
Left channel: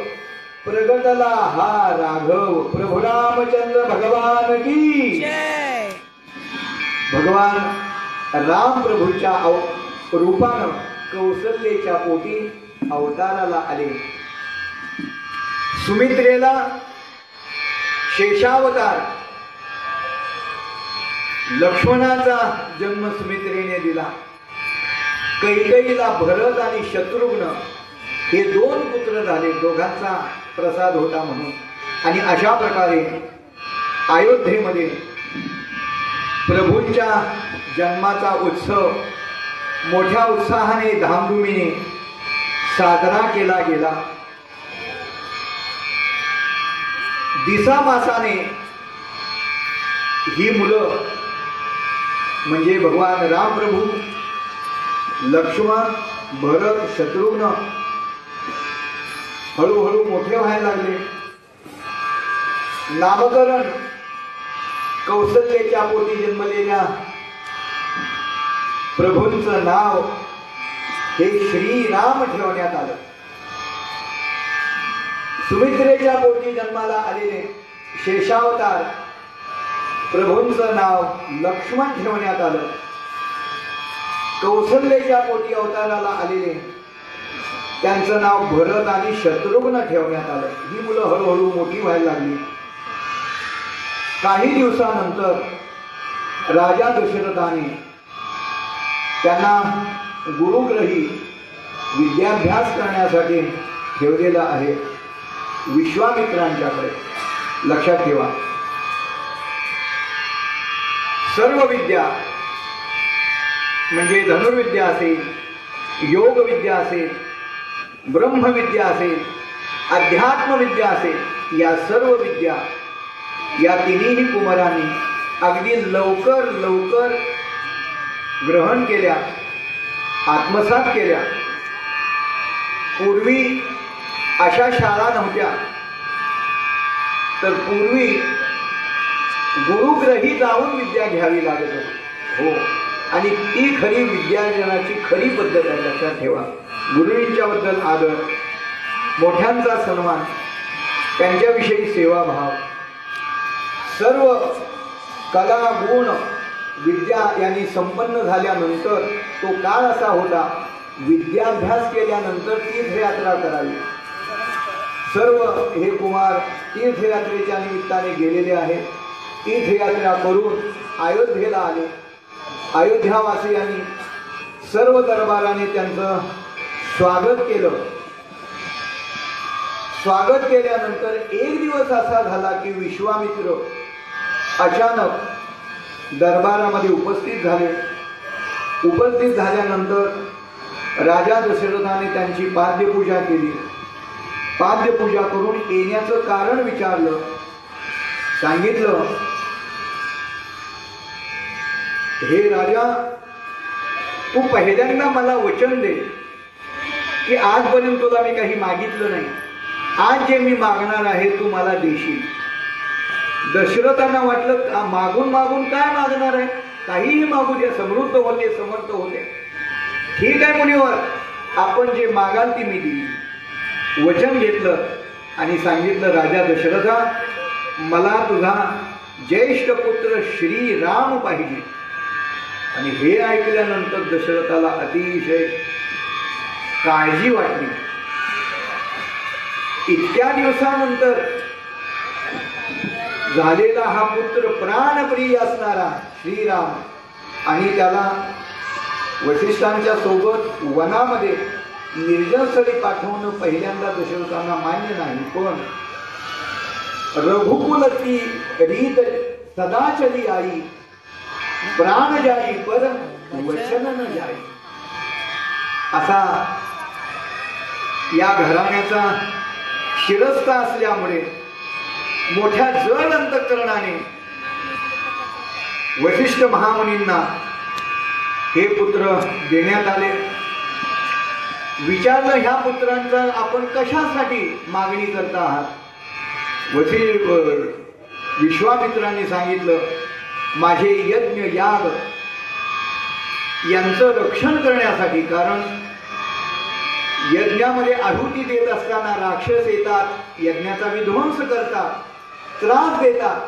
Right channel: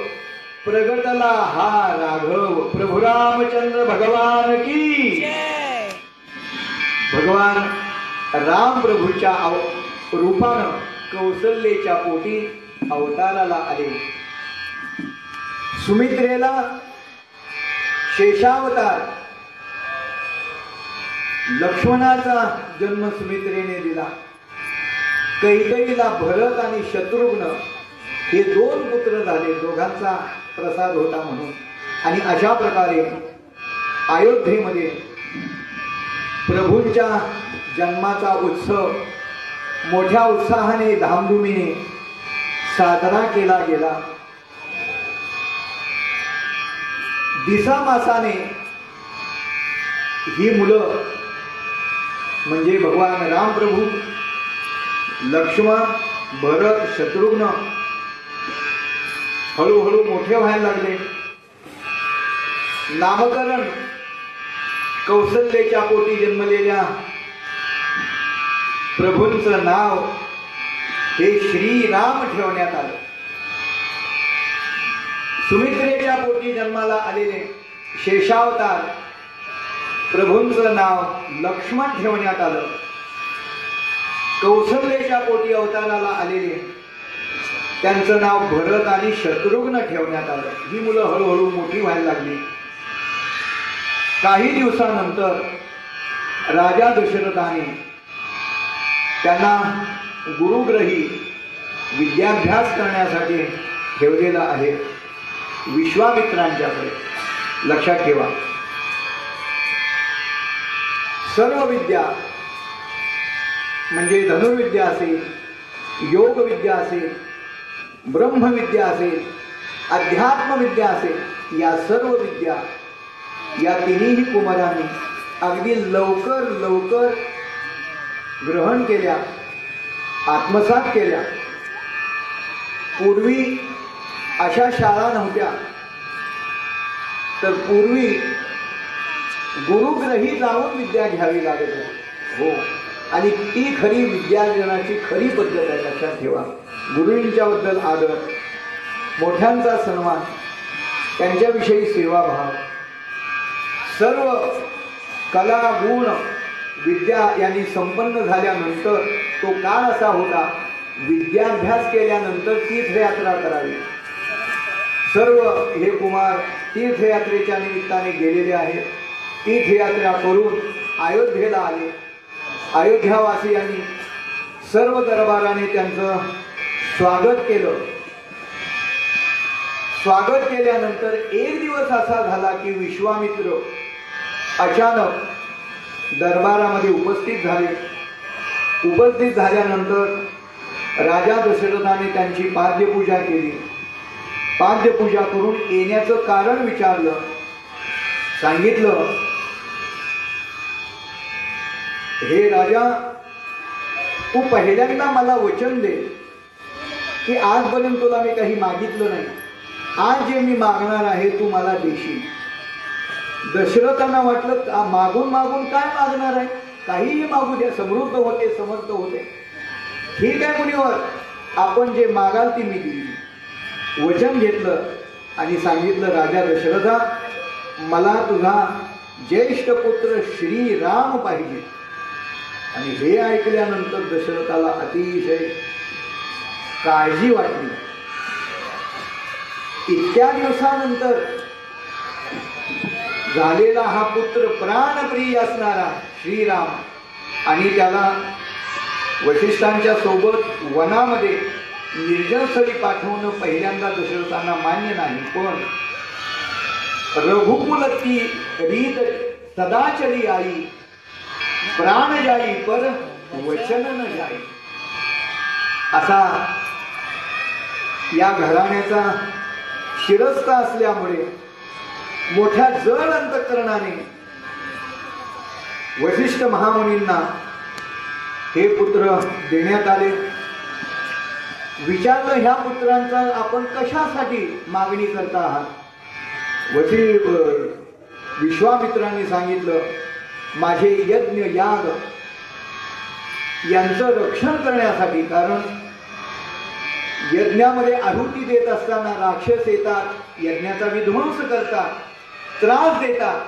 प्रगटला हा राघव. प्रभू रामचंद्र भगवान की. भगवान राम प्रभूच्या रूपानं कौशल्याच्या पोटी अवताराला आले. सुमित्रेला शेषावतार, लक्ष्मणाचा जन्म सुमित्रेने दिला. कैकेयीला भरत आणि शत्रुघ्न हे दोन पुत्र झाले. दोघांचा प्रसाद होता म्हणून. आणि अशा प्रकारे अयोध्येमध्ये प्रभूंच्या जन्माचा उत्सव मोठ्या उत्साहाने, धामधुमीने साजरा केला गेला. दिसामासाने ही मुलं म्हणजे भगवान राम प्रभू, लक्ष्मण, भरत, शत्रुघ्न हळूहळू मोठे व्हायला लागले. नामकरण कौशल्याच्या पोटी जन्मलेल्या प्रभूंचं नाव हे श्रीराम ठेवण्यात आलं. सुमित्रेच्या पोटी जन्माला आलेले शेषावतार प्रभूंचं नाव लक्ष्मण ठेवण्यात आलं. कौशल्याच्या पोटी अवताराला आलेले त्यांचं नाव भरत आणि शत्रुघ्न ठेवण्यात आलं. ही मुलं हळूहळू मोठी व्हायला लागली. काही दिवसानंतर राजा दशरथाने त्यांना गुरुग्रही विद्याभ्यास करण्यासाठी ठेवलेलं आहे विश्वामित्रांच्याकडे. लक्षात ठेवा, सर्व विद्या म्हणजे धनुर्विद्या असेल, योग विद्या असेल, ब्रह्मविद्या असेल, अध्यात्मविद्या असेल, या सर्व विद्या या तिन्ही कुमारांनी अगदी लवकर लवकर ग्रहण केल्या, आत्मसात केल्या. पूर्वी अशा शाळा नव्हत्या. तर पूर्वी गुरुग्रही जाऊन विद्या घ्यावी लागत होती. हो, आणि ती खरी विद्यार्जनाची खरी पद्धत आहे. लक्षात ठेवा, गुरुजींच्या बद्दल आदर, मोठ्यांचा सन्मान, त्यांच्याविषयी सेवाभाव, सर्व कला गुण विद्या यांनी संपन्न झाल्यानंतर तो काळ असा होता विद्याभ्यास केल्यानंतर तीर्थयात्रा करावी. सर्व हे कुमार तीर्थयात्रेच्या निमित्ताने गेलेले आहेत. तीर्थयात्रा करून अयोध्येला आले. अयोध्यावासियांनी सर्व दरबाराने त्यांचं स्वागत केलं. स्वागत केल्यानंतर एक दिवस असा झाला की विश्वामित्र अचानक दरबारामध्ये उपस्थित झाले. उपस्थित झाल्यानंतर राजा दशरथाने त्यांची पाद्यपूजा केली. पाद्यपूजा करून येण्याचं कारण विचारलं. सांगितलं, हे राजा, तू पहिल्यांदा मला वचन दे की आजपर्यंत तुला मी काही मागितलं नाही. आज जे मी मागणार आहे तू मला देशील. दशरथांना वाटलं मागून मागून काय मागणार आहे, काहीही मागू दे, समृद्ध होते, समर्थ होते. ठीक आहे मुनीवर, आपण जे मागाल ती मी दिली. वचन घेतलं आणि सांगितलं, राजा दशरथा, मला तुझा ज्येष्ठ पुत्र श्रीराम पाहिजे. आणि हे ऐकल्यानंतर दशरथाला अतिशय काळजी वाटली. इतक्या दिवसानंतर झालेला हा पुत्र प्राणप्रिय असणारा श्रीराम, आणि त्याला वशिष्ठांच्या सोबत वनामध्ये निर्जनस्थळी पाठवणं पहिल्यांदा दशरथांना मान्य नाही. पण रघुकुलती रीत सदाचली आई, प्राण जाई पर वचन न जाई, असा या घराण्याचा शिरस्थ असल्यामुळे मोठ्या जड अंतःकरणाने वशिष्ठ महामुनींना हे पुत्र देण्यात आले. विचारलं, ह्या पुत्रांचा आपण कशासाठी मागणी करता आहात? विश्वामित्रांनी सांगितलं, माझे यज्ञ याग यांचं रक्षण करण्यासाठी. कारण यज्ञामध्ये आहुती देत असताना राक्षस येतात, यज्ञाचा विध्वंस करतात, त्रास देतात.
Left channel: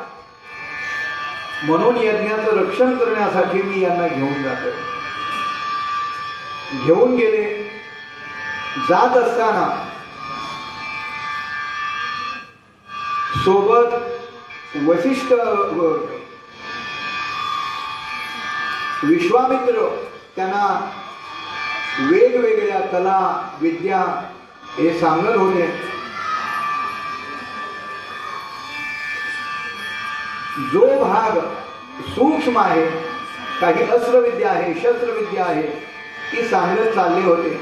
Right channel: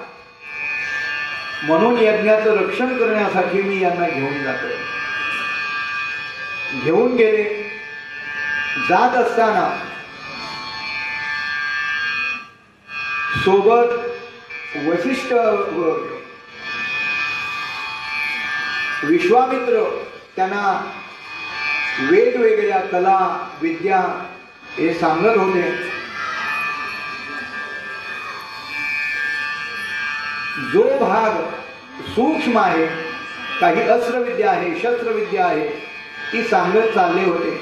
म्हणून यज्ञाचं रक्षण करण्यासाठी मी यांना घेऊन जातो. घेऊन गेले. जात असताना सोबत वशिष्ठ विश्वामित्र त्यांना वेगवेगळ्या कला विद्या हे सांगत होते. जो भाग सूक्ष्म आहे, काही अस्त्रविद्या आहे, शस्त्रविद्या आहे, ती सांगत चालले होते.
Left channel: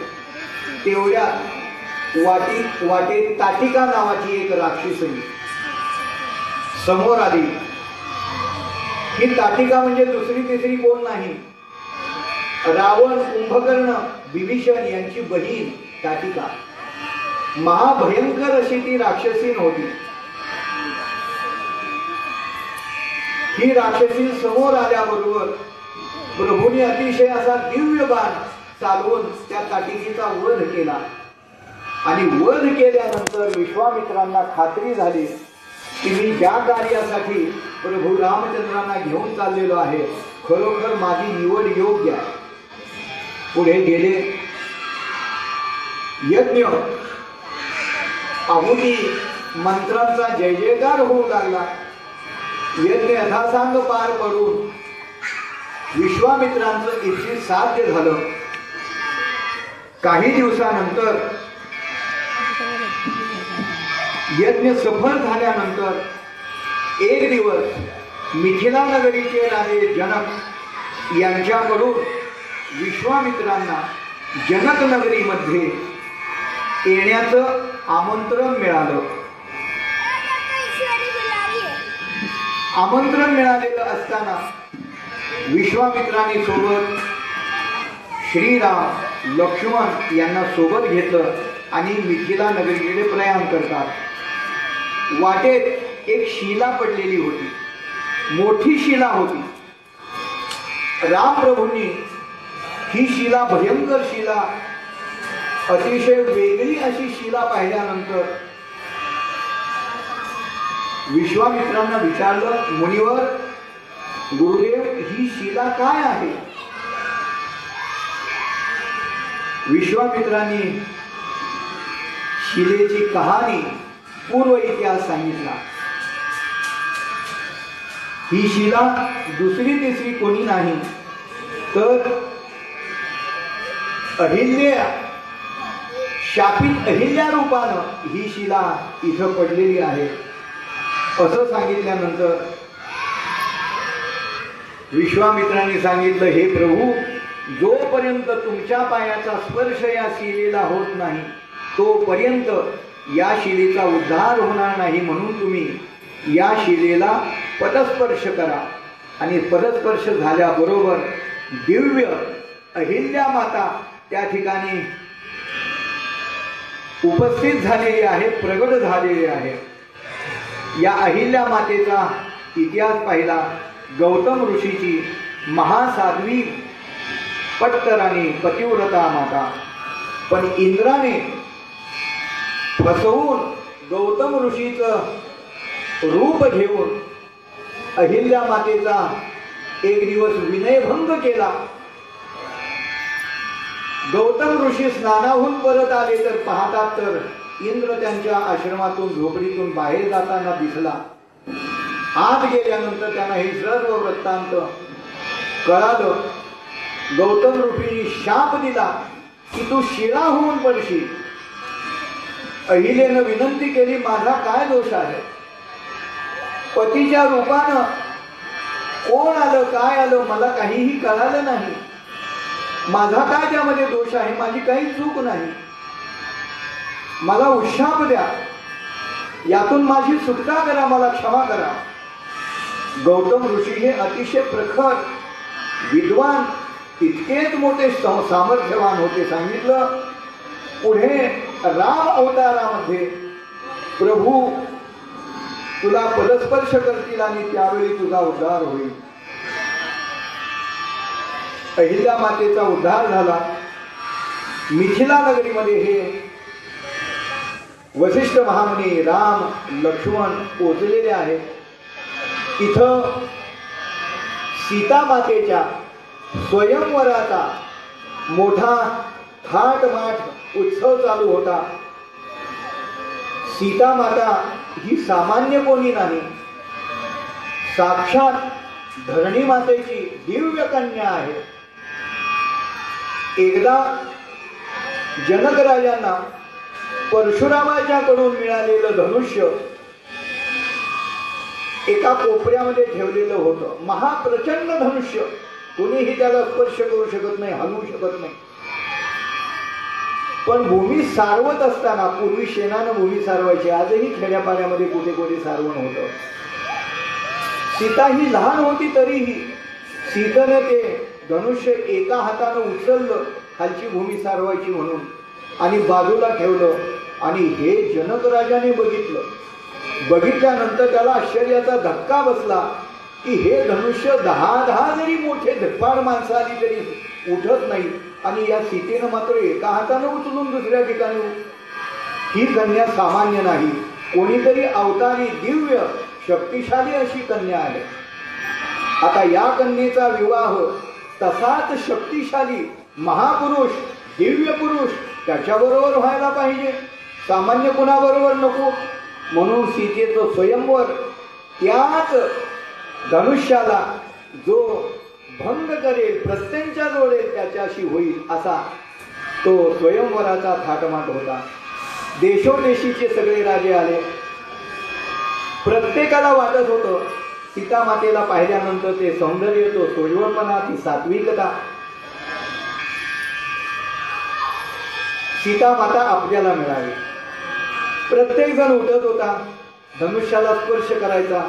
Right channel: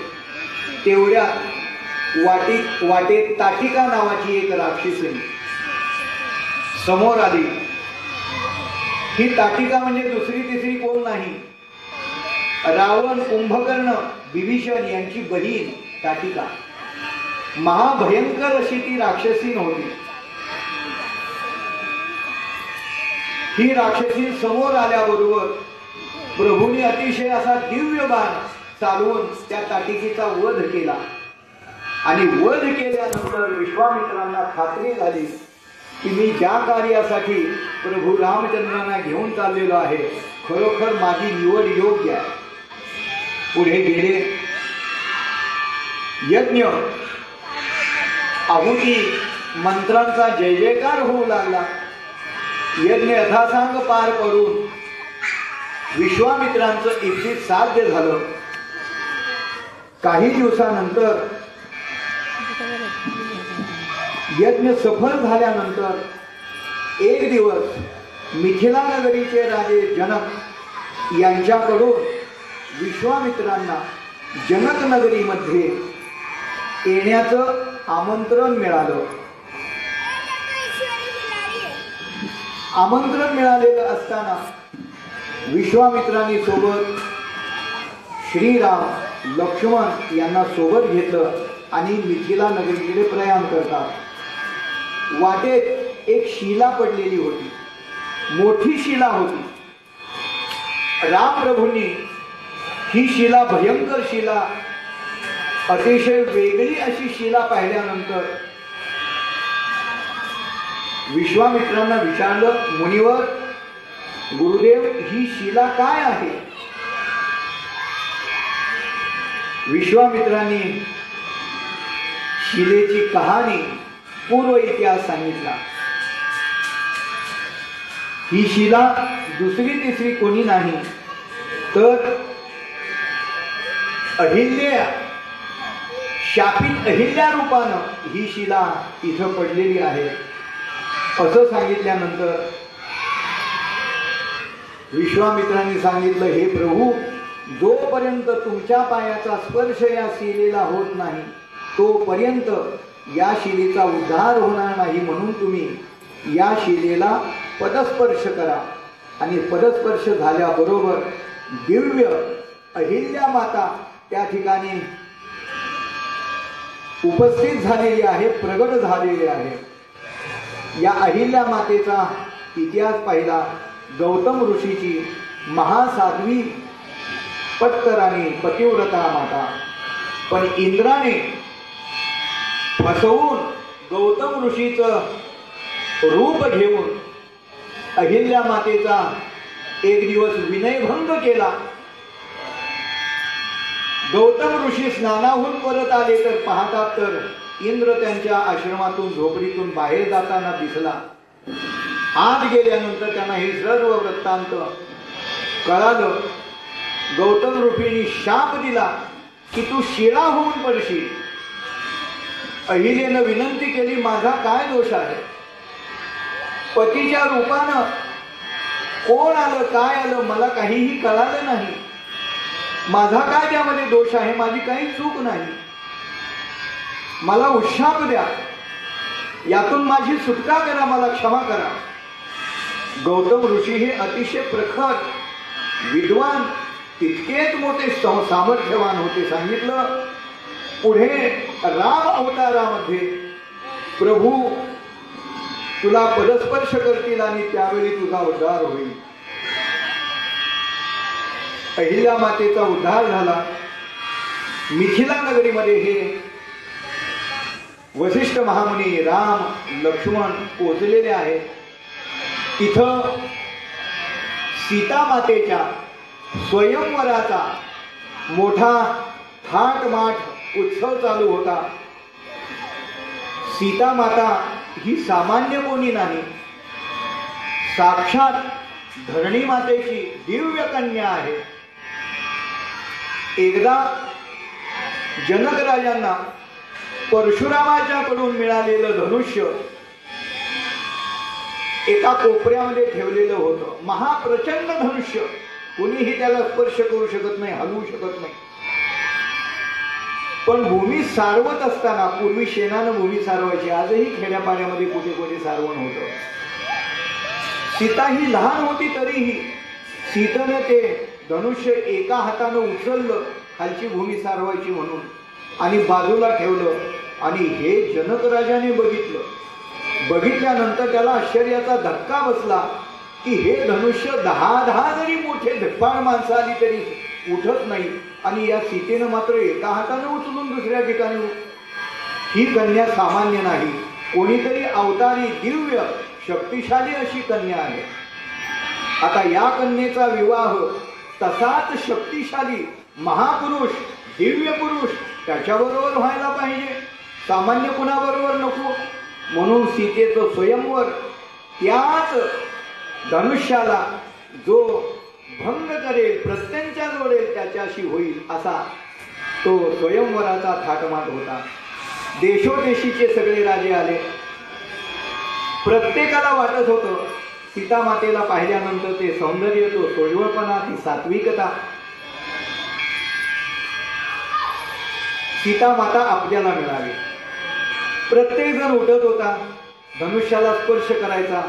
तेवढ्यात वाटेत ताटिका नावाची एक राक्षसी समोर आली. ही ताटिका म्हणजे दुसरी तिसरी कोण नाही, रावण, कुंभकर्ण, विभीषण यांची बहीण ताटिका. महाभयंकर अशी ती राक्षसी नव्हती. ही राक्षसी समोर आल्याबरोबर प्रभूंनी अतिशय असा दिव्य बाण चालवून त्या ताटिकेचा वध केला. आणि वध केल्यानंतर विश्वामित्रांना खात्री झाली की मी ज्या कार्यासाठी प्रभू रामचंद्रांना घेऊन चाललेलो आहे, खरोखर माझी निवड योग्य आहे. पुढे गेले. यज्ञ आहुती मंत्रांचा जय जयकार होऊ लागला. यज्ञ यथासांग पार पडून विश्वामित्रांचं इथे साध्य झालं. काही दिवसानंतर यज्ञ सफल झाल्यानंतर एक दिवस मिथिला नगरीचे राजे जनक यांच्याकडून विश्वामित्रांना जनक नगरीमध्ये येण्याचं आमंत्रण मिळालं. आमंत्रण मिळालेलं असताना विश्वामित्रांनी सोबत श्रीराम, लक्ष्मण यांना सोबत घेतलं आणि मिथिला नगरीकडे प्रयाण करतात. वाटेत एक शिला पडलेली होती, मोठी शिला होती. रामप्रभूंनी ही शिला, भयंकर शिला, अतिशय वेगळी अशी शिला पाहिल्यानंतर विश्वामित्रांना विचारलं, मुनिवर, गुरुदेव, ही शिला काय आहे? विश्वामित्रांनी शिलेची कहाणी पूर्व इतिहास सांगितला. ही शिला दुसरी तिसरी कोणी नाही तर अहिल्या, शापित अहिल्या रूपानं ही शिला इथं पडलेली आहे असं सांगितल्यानंतर विश्वामित्रांनी सांगितलं, हे प्रभू, जोपर्यंत तुमच्या पायाचा स्पर्श या शिलेला होत नाही तोपर्यंत या शिलेचा उद्धार होणार नाही. म्हणून तुम्ही या शिलेला पदस्पर्श करा. आणि पदस्पर्श झाल्याबरोबर दिव्य अहिल्या माता त्या ठिकाणी उपस्थित झालेली आहे, प्रगट झालेली आहे. या अहिल्या मातेचा इतिहास पाहिला. गौतम ऋषीची महासाध्वी पट्टराणी पतिव्रता माता, पण इंद्राने फसवून गौतम ऋषीचं रूप घेऊन अहिल्या मातेचा एक दिवस विनयभंग केला. गौतम ऋषी स्नानाहून परत आले तर पाहतात तर इंद्र त्यांच्या आश्रमातून झोपडीतून बाहेर जाताना दिसला. आत गेल्यानंतर त्यांना हे सर्व वृत्तांत कळालं. गौतम ऋषींनी शाप दिला की तू शिळा होऊन पडशील. अहिलेनं विनंती केली, माझा काय दोष आहे? पतीच्या रूपानं कोण आलं काय आलं मला काहीही कळालं नाही. माझा काय त्यामध्ये दोष आहे? माझी काही चूक नाही. मला उशाप द्या, यातून माझी सुटका करा, मला क्षमा करा. गौतम ऋषी हे अतिशय प्रखर विद्वान, इतकेच मोठे सामर्थ्यवान होते. सांगितलं पुढे राम अवतारामध्ये प्रभू तुला परस्पर्श करतील आणि त्यावेळी तुझा उद्धार होईल. अहिल्या मातेचा उद्धार झाला. मिथिला नगरीमध्ये हे वसिष्ठ महामुनी राम लक्ष्मण पोचलेले आहेत. इथं सीता मातेच्या स्वयंवराचा मोठा थाटमाट उत्सव चालू होता. सीता माता ही सामान्य कोणी नाही, साक्षात धरणी मातेची दिव्य कन्या आहे. एकदा जनक राजांना परशुरामाच्याकडून मिळालेलं धनुष्य एका कोपऱ्यामध्ये ठेवलेलं होतं. महाप्रचंड धनुष्य, कोणीही त्याला स्पर्श करू शकत नाही, हलवू शकत नाही. पण भूमी सारवत असताना, पूर्वी शेणानं भूमी सारवायची, आजही खेड्यापाड्यामध्ये कुठे कुठे सारवण होतं. सीता ही लहान होती तरीही सीतेने ते धनुष्य एका हातानं उचललं, खालची भूमी सारवायची म्हणून, आणि बाजूला ठेवलं. आणि हे जनक राजाने बघितल्यानंतर त्याला आश्चर्याचा धक्का बसला की हे धनुष्य 10 जरी मोठे धडपाड माणसं आली तरी उठत नाही, आणि या सीतेनं मात्र एका हातानं उचलून दुसऱ्या ठिकाणी. ही कन्या सामान्य नाही, कोणीतरी अवतारी दिव्य शक्तिशाली अशी कन्या आहे. आता या कन्येचा विवाह तसाच शक्तिशाली महापुरुष, दिव्य पुरुष त्याच्याबरोबर व्हायला पाहिजे, सामान्य कुणाबरोबर नको. म्हणून सीतेचं स्वयंवर त्याच धनुष्याला जो भंग करेल, प्रत्यंचा जोडेल, त्याच्याशी होईल असा तो स्वयंवराचा थाटमाट होता. देशोदेशीचे सगळे राजे आले. प्रत्येकाला वाटत होतं सीता मातेला पाहिल्यानंतर ते सौंदर्य, तो सोजवळपणा, ती सात्विकता, सीता माता आपल्याला मिळाली. प्रत्येक जण उठत होता, धनुष्याला स्पर्श करायचा.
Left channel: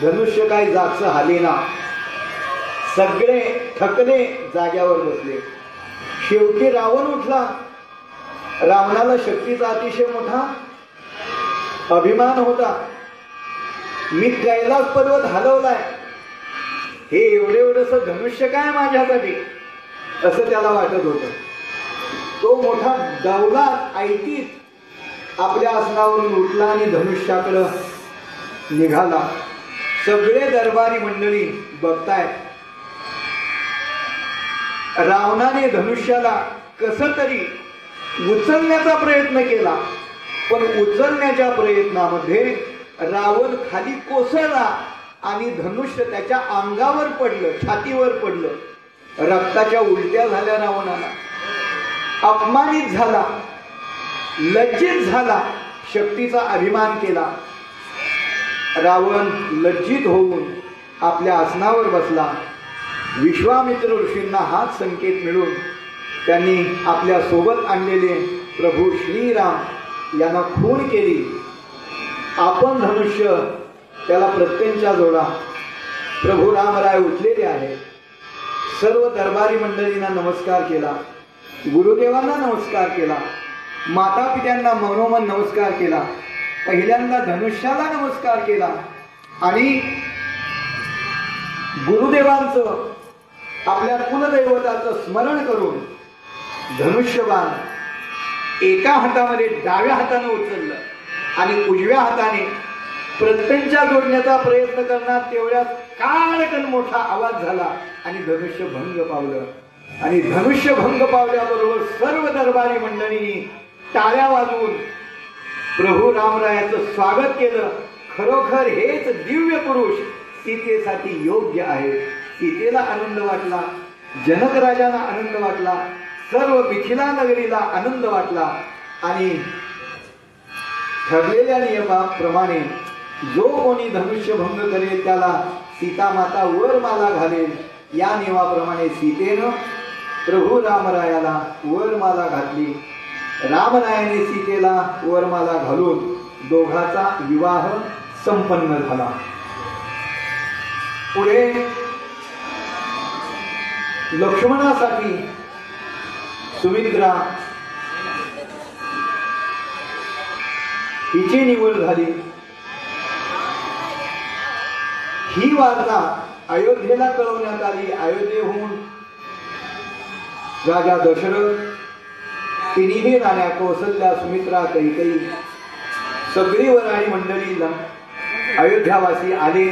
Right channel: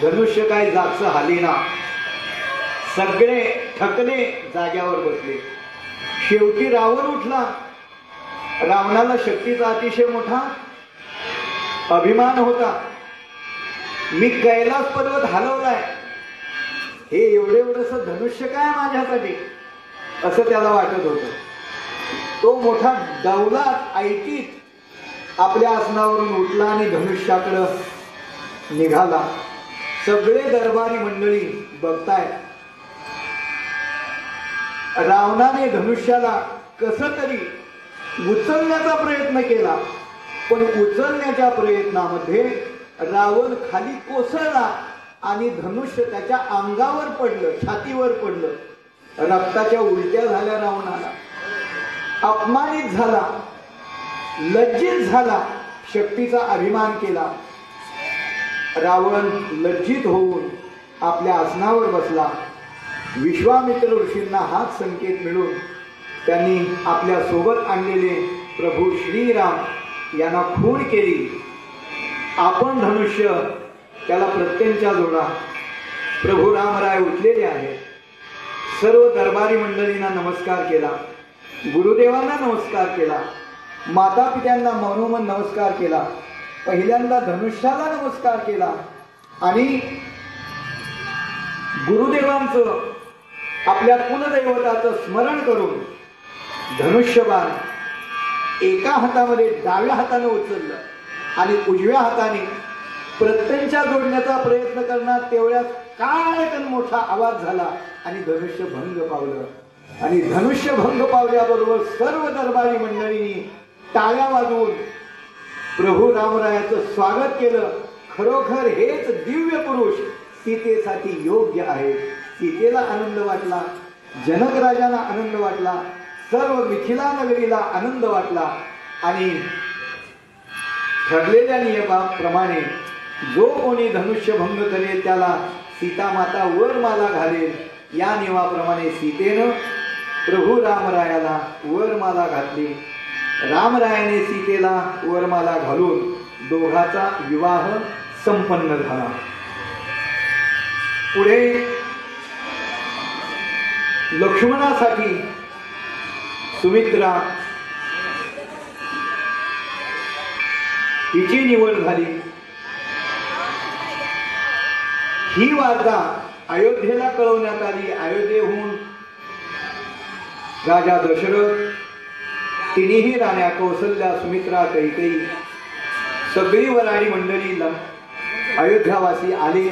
धनुष्य काय जागचं हालेना. सगळे थकले, जाग्यावर बसले. शेवटी रावण उठला. रावणाला शक्तीचा अतिशय मोठा अभिमान होता. मी कैलास पर्वत हलवलाय, हे एवढंसं धनुष्य काय माझ्यासाठी, असं त्याला वाटत होतं. तो मोठा दौलात ऐटीत आपल्या आसनावरून उठला आणि धनुष्याकडं निघाला. सगळे दरबारी मंडळी बघतायत. रावणाने धनुष्याला कसं तरी उचलण्याचा प्रयत्न केला, पण उचलण्याच्या प्रयत्नामध्ये रावण खाली कोसळला आणि धनुष्य त्याच्या अंगावर पडलं, छातीवर पडलं. रक्ताच्या उलट्या झाल्या रावणाला, अपमानित झाला, लज्जित झाला, शक्तीचा अभिमान केला. रावण लज्जित होऊन आपल्या आसनावर बसला. विश्वामित्र ऋषींना हाच संकेत मिळून त्यांनी आपल्या सोबत आणलेले प्रभू श्रीराम यांना खून केली. आपण धनुष्य त्याला प्रत्यंचा जोडा. प्रभू रामराय उठलेले आहेत. सर्व दरबारी मंडळींना नमस्कार केला, गुरुदेवांना नमस्कार केला, माता पित्यांना मनोमन नमस्कार केला, पहिल्यांदा धनुष्याला नमस्कार केला आणि गुरुदेवांचं आपल्या कुलदैवताचं स्मरण करून धनुष्यबाण एका हातामध्ये डाव्या हाताने उचललं आणि उजव्या हाताने प्रत्यंचा जोडण्याचा प्रयत्न करणार तेवढ्यात काळकन मोठा आवाज झाला आणि धनुष्य भंग पावलं. आणि धनुष्य भंग पावल्याबरोबर सर्व दरबारी मंडळींनी टाळ्या वाजवून प्रभू रामरायाचं स्वागत केलं. खरोखर हेच दिव्य पुरुष सीतेसाठी योग्य आहे. सीतेला आनंद वाटला, जनक राजांना आनंद वाटला, सर्व मिथिला नगरीला आनंद वाटला आणि ठरलेल्या नियमाप्रमाणे जो कोणी धनुष्य भंग करेल त्याला सीता माता वरमाला घालेल. या नियमाप्रमाणे सीतेनं प्रभू रामरायाला वरमाला घातली. रामरायाने सीतेला वरमाला घालून दोघाचा विवाह संपन्न झाला. पुढे लक्ष्मणासाठी सुमित्रा हिची निवड झाली. ही वार्ता अयोध्येला कळवण्यात आली. अयोध्येहून राजा दशरथ, तिन्ही राण्या कौसल्या, सुमित्रा, कैकेयी, सगळी वराडी मंडळी अयोध्यावासी आले.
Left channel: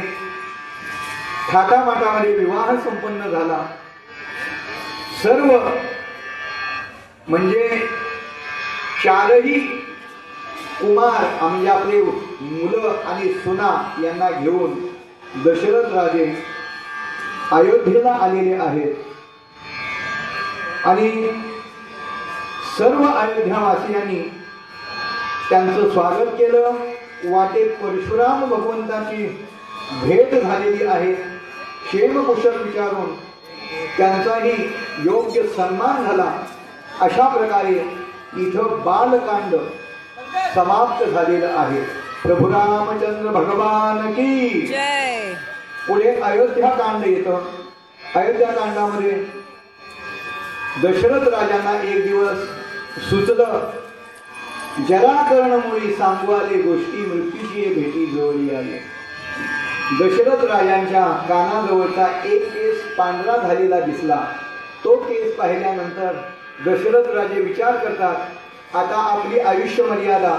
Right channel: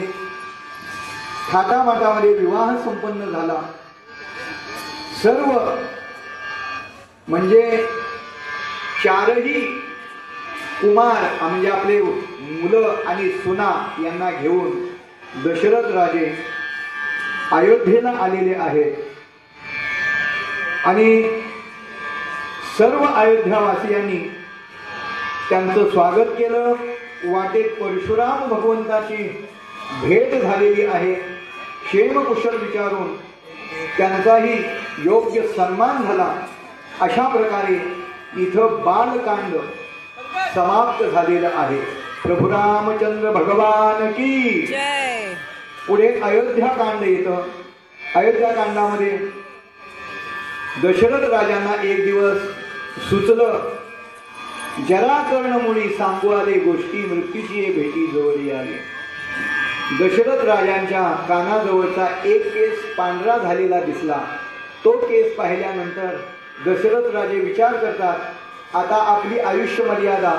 थाटामाटामध्ये विवाह संपन्न झाला. सर्व म्हणजे चारही कुमार म्हणजे आपले मुलं आणि सुना यांना घेऊन दशरथ राजे अयोध्येला आलेले आहेत आणि सर्व अयोध्यावासियांनी त्यांचं स्वागत केलं. वाटेत परशुराम भगवंताची भेट झालेली आहे. क्षेमकुशल विचारून त्यांचाही योग्य सन्मान झाला. अशा प्रकारे इथं बालकांड समाप्त झालेलं आहे. प्रभू रामचंद्र भगवान की जय. पुढे अयोध्या कांड येतं. अयोध्या कांडामध्ये दशरथ राजांना एक दिवस सुचलं, जराकर्णमुळी सांगू आले गोष्टी, मृत्यूची भेटी जवळी आले. दशरथ राजांच्या कानाजवळचा एक केस पांढरा झालेला दिसला. तो केस पाहिल्यानंतर दशरथ राजे विचार करतात, आता आपली आयुष्य मर्यादा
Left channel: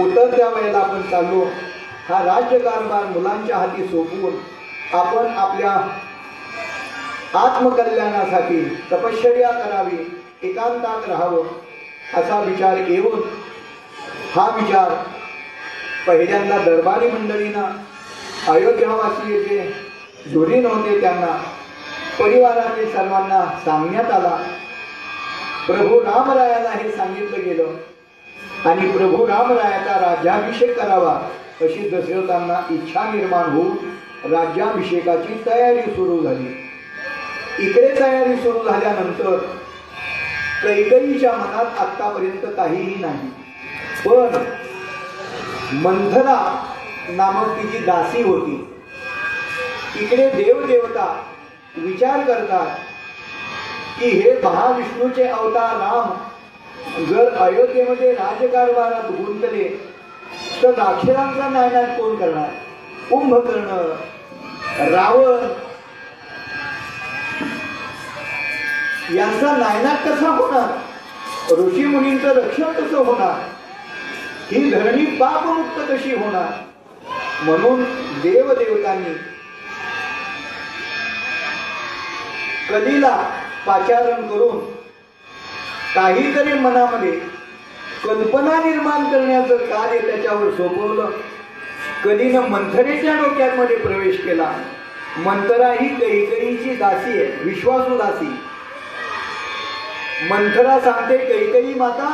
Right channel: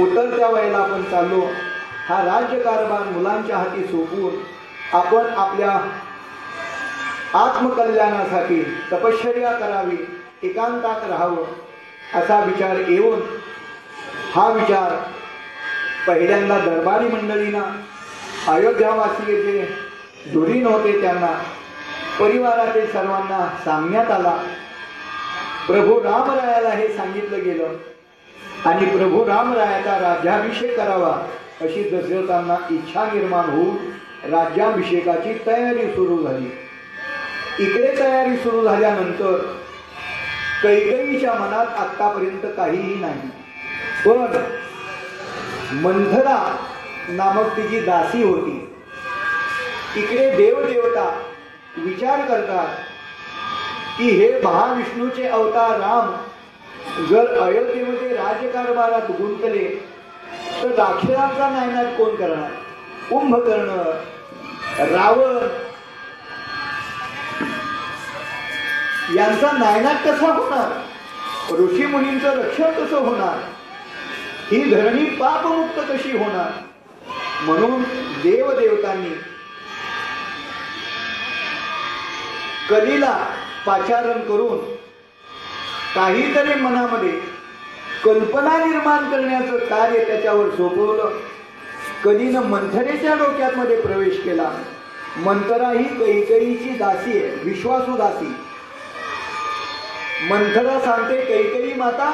उतरत्या वयाला आपण चाललो. हा राज्यकारभार मुलांच्या हाती सोपवून आपण आपल्या आत्मकल्याणासाठी तपश्चर्या करावी, एकांतात राहावं असा विचार येऊन हा विचार पहिल्यांदा दरबारी मंडळींना, अयोध्यावासी जे धुरीण होते त्यांना, परिवारातील सर्वांना सांगण्यात आला. प्रभू रामरायाला हे सांगितलं गेलं आणि प्रभू रामरायाचा राज्याभिषेक करावा अशी दशरथांना इच्छा निर्माण होऊन राज्याभिषेकाची तयारी सुरू झाली. इकडे तयारी सुरू झाल्यानंतर कैकेयीच्या मनात आतापर्यंत काहीही नाही, पण मंथरा नामक तिची दासी होती. इकडे देवदेवता विचार करतात की हे महाविष्णूचे अवतार राम जर अयोध्येमध्ये राजकारभारात गुंतले तर राक्षसांचा नायनाट कोण करणार? कुंभकर्ण, रावण यांचा नायनाट कसा होणार? ऋषी मुनींचं रक्षण कसं होणार? ही धरणी पापमुक्त कशी होणार? म्हणून देवदेवतांनी कलीला पाचारण करून काहीतरी मनामध्ये कल्पना निर्माण करण्याचं कार्य त्याच्यावर सोपवलं. कधी न मंथरेच्या डोक्यामध्ये प्रवेश केला. मंथरा ही कैकेयीची दासी आहे, विश्वासू दासी. मंथरा सांगते, कैकेयी माता,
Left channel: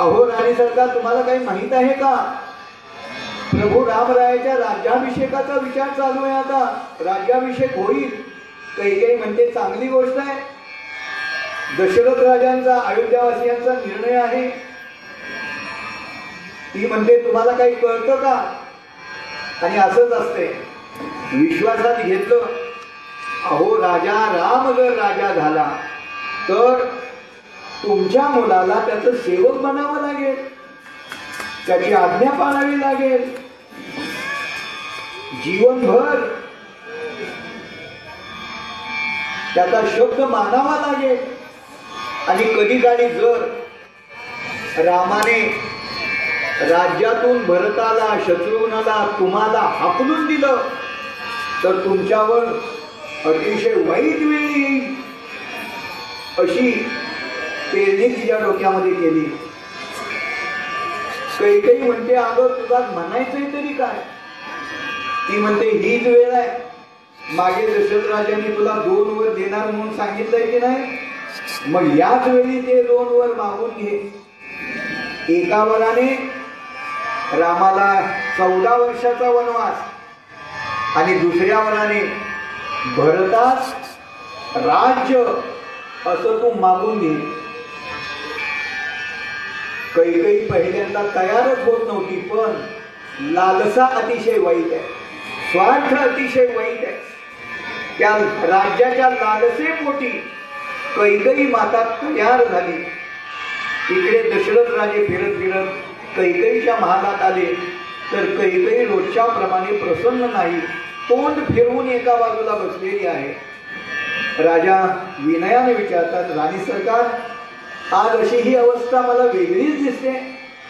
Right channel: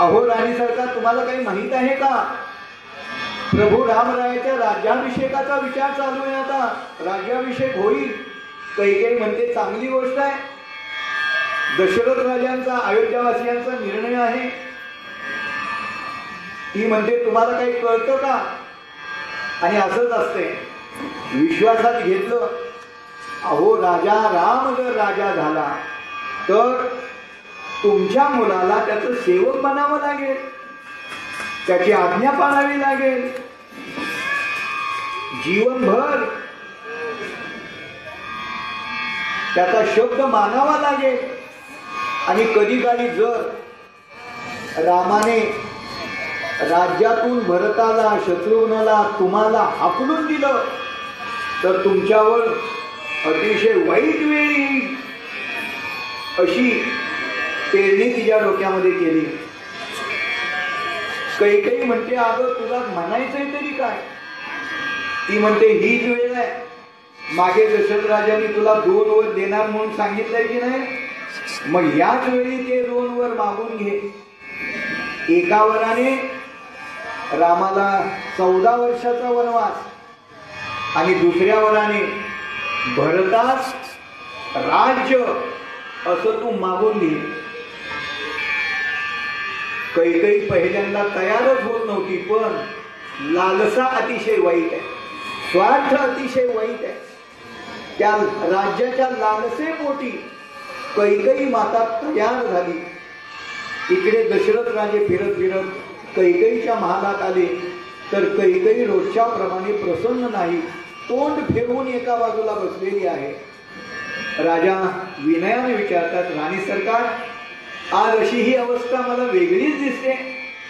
अहो राणी सरकार, तुम्हाला काही माहित आहे का? प्रभू रामरायाच्या राज्याभिषेकाचा विचार चालू आहे. आता राज्याभिषेक होईल. कैकेयी म्हणते, चांगली गोष्ट आहे. दशरथ राजांचा, अयोध्यावासियांचा निर्णय आहे. ती म्हणते, तुम्हाला काही कळतं का? आणि असंच असते, विश्वासात घेतलं. अहो राजा राम जर राजा झाला तर तुमच्या मुलाला त्याचं सेवक बनावं लागेल, त्याची आज्ञा पाळावी लागेल, जीवनभर त्याचा शब्द मानावा लागेल. आणि कधी काळी जर रामाने राज्यातून भरताला, शत्रुघ्नला, तुम्हाला हाकलून दिलं तर तुमच्यावर अतिशय वाईट वेळ येईल, अशी पेरणी तिच्या डोक्यामध्ये केली. कैकेयी म्हणते, अगं तुला म्हणायचंय तरी काय? ती म्हणते, हीच वेळ आहे. मागे दशरथ राजांनी तुला 2 वर देणार म्हणून सांगितलंय की नाही? मग याच वेळी ते 2 वर मागून घे. एका वराने रामाला 14 वर्षाचा वनवास आणि दुसऱ्या वराने भरतास राज्य, असं तू मागून घे. कैकेयी पहिल्यांदा तयारच होत नव्हती, पण लालसा अतिशय वाईट आहे, स्वार्थ अतिशय वाईट आहे. त्या राज्याच्या लालसेपोटी कैकेयी माता तयार झाली. इकडे दशरथ राजे फिरत फिरत कैकेयीच्या महालात आले तर कैकेयी रोजच्या प्रमाणे प्रसन्न नाही, तोंड फिरवून एका बाजूला बसलेली आहे. राजा विनयाने विचारतात, राणी सरकार, आज अशी ही अवस्था मला वेगळीच दिसते.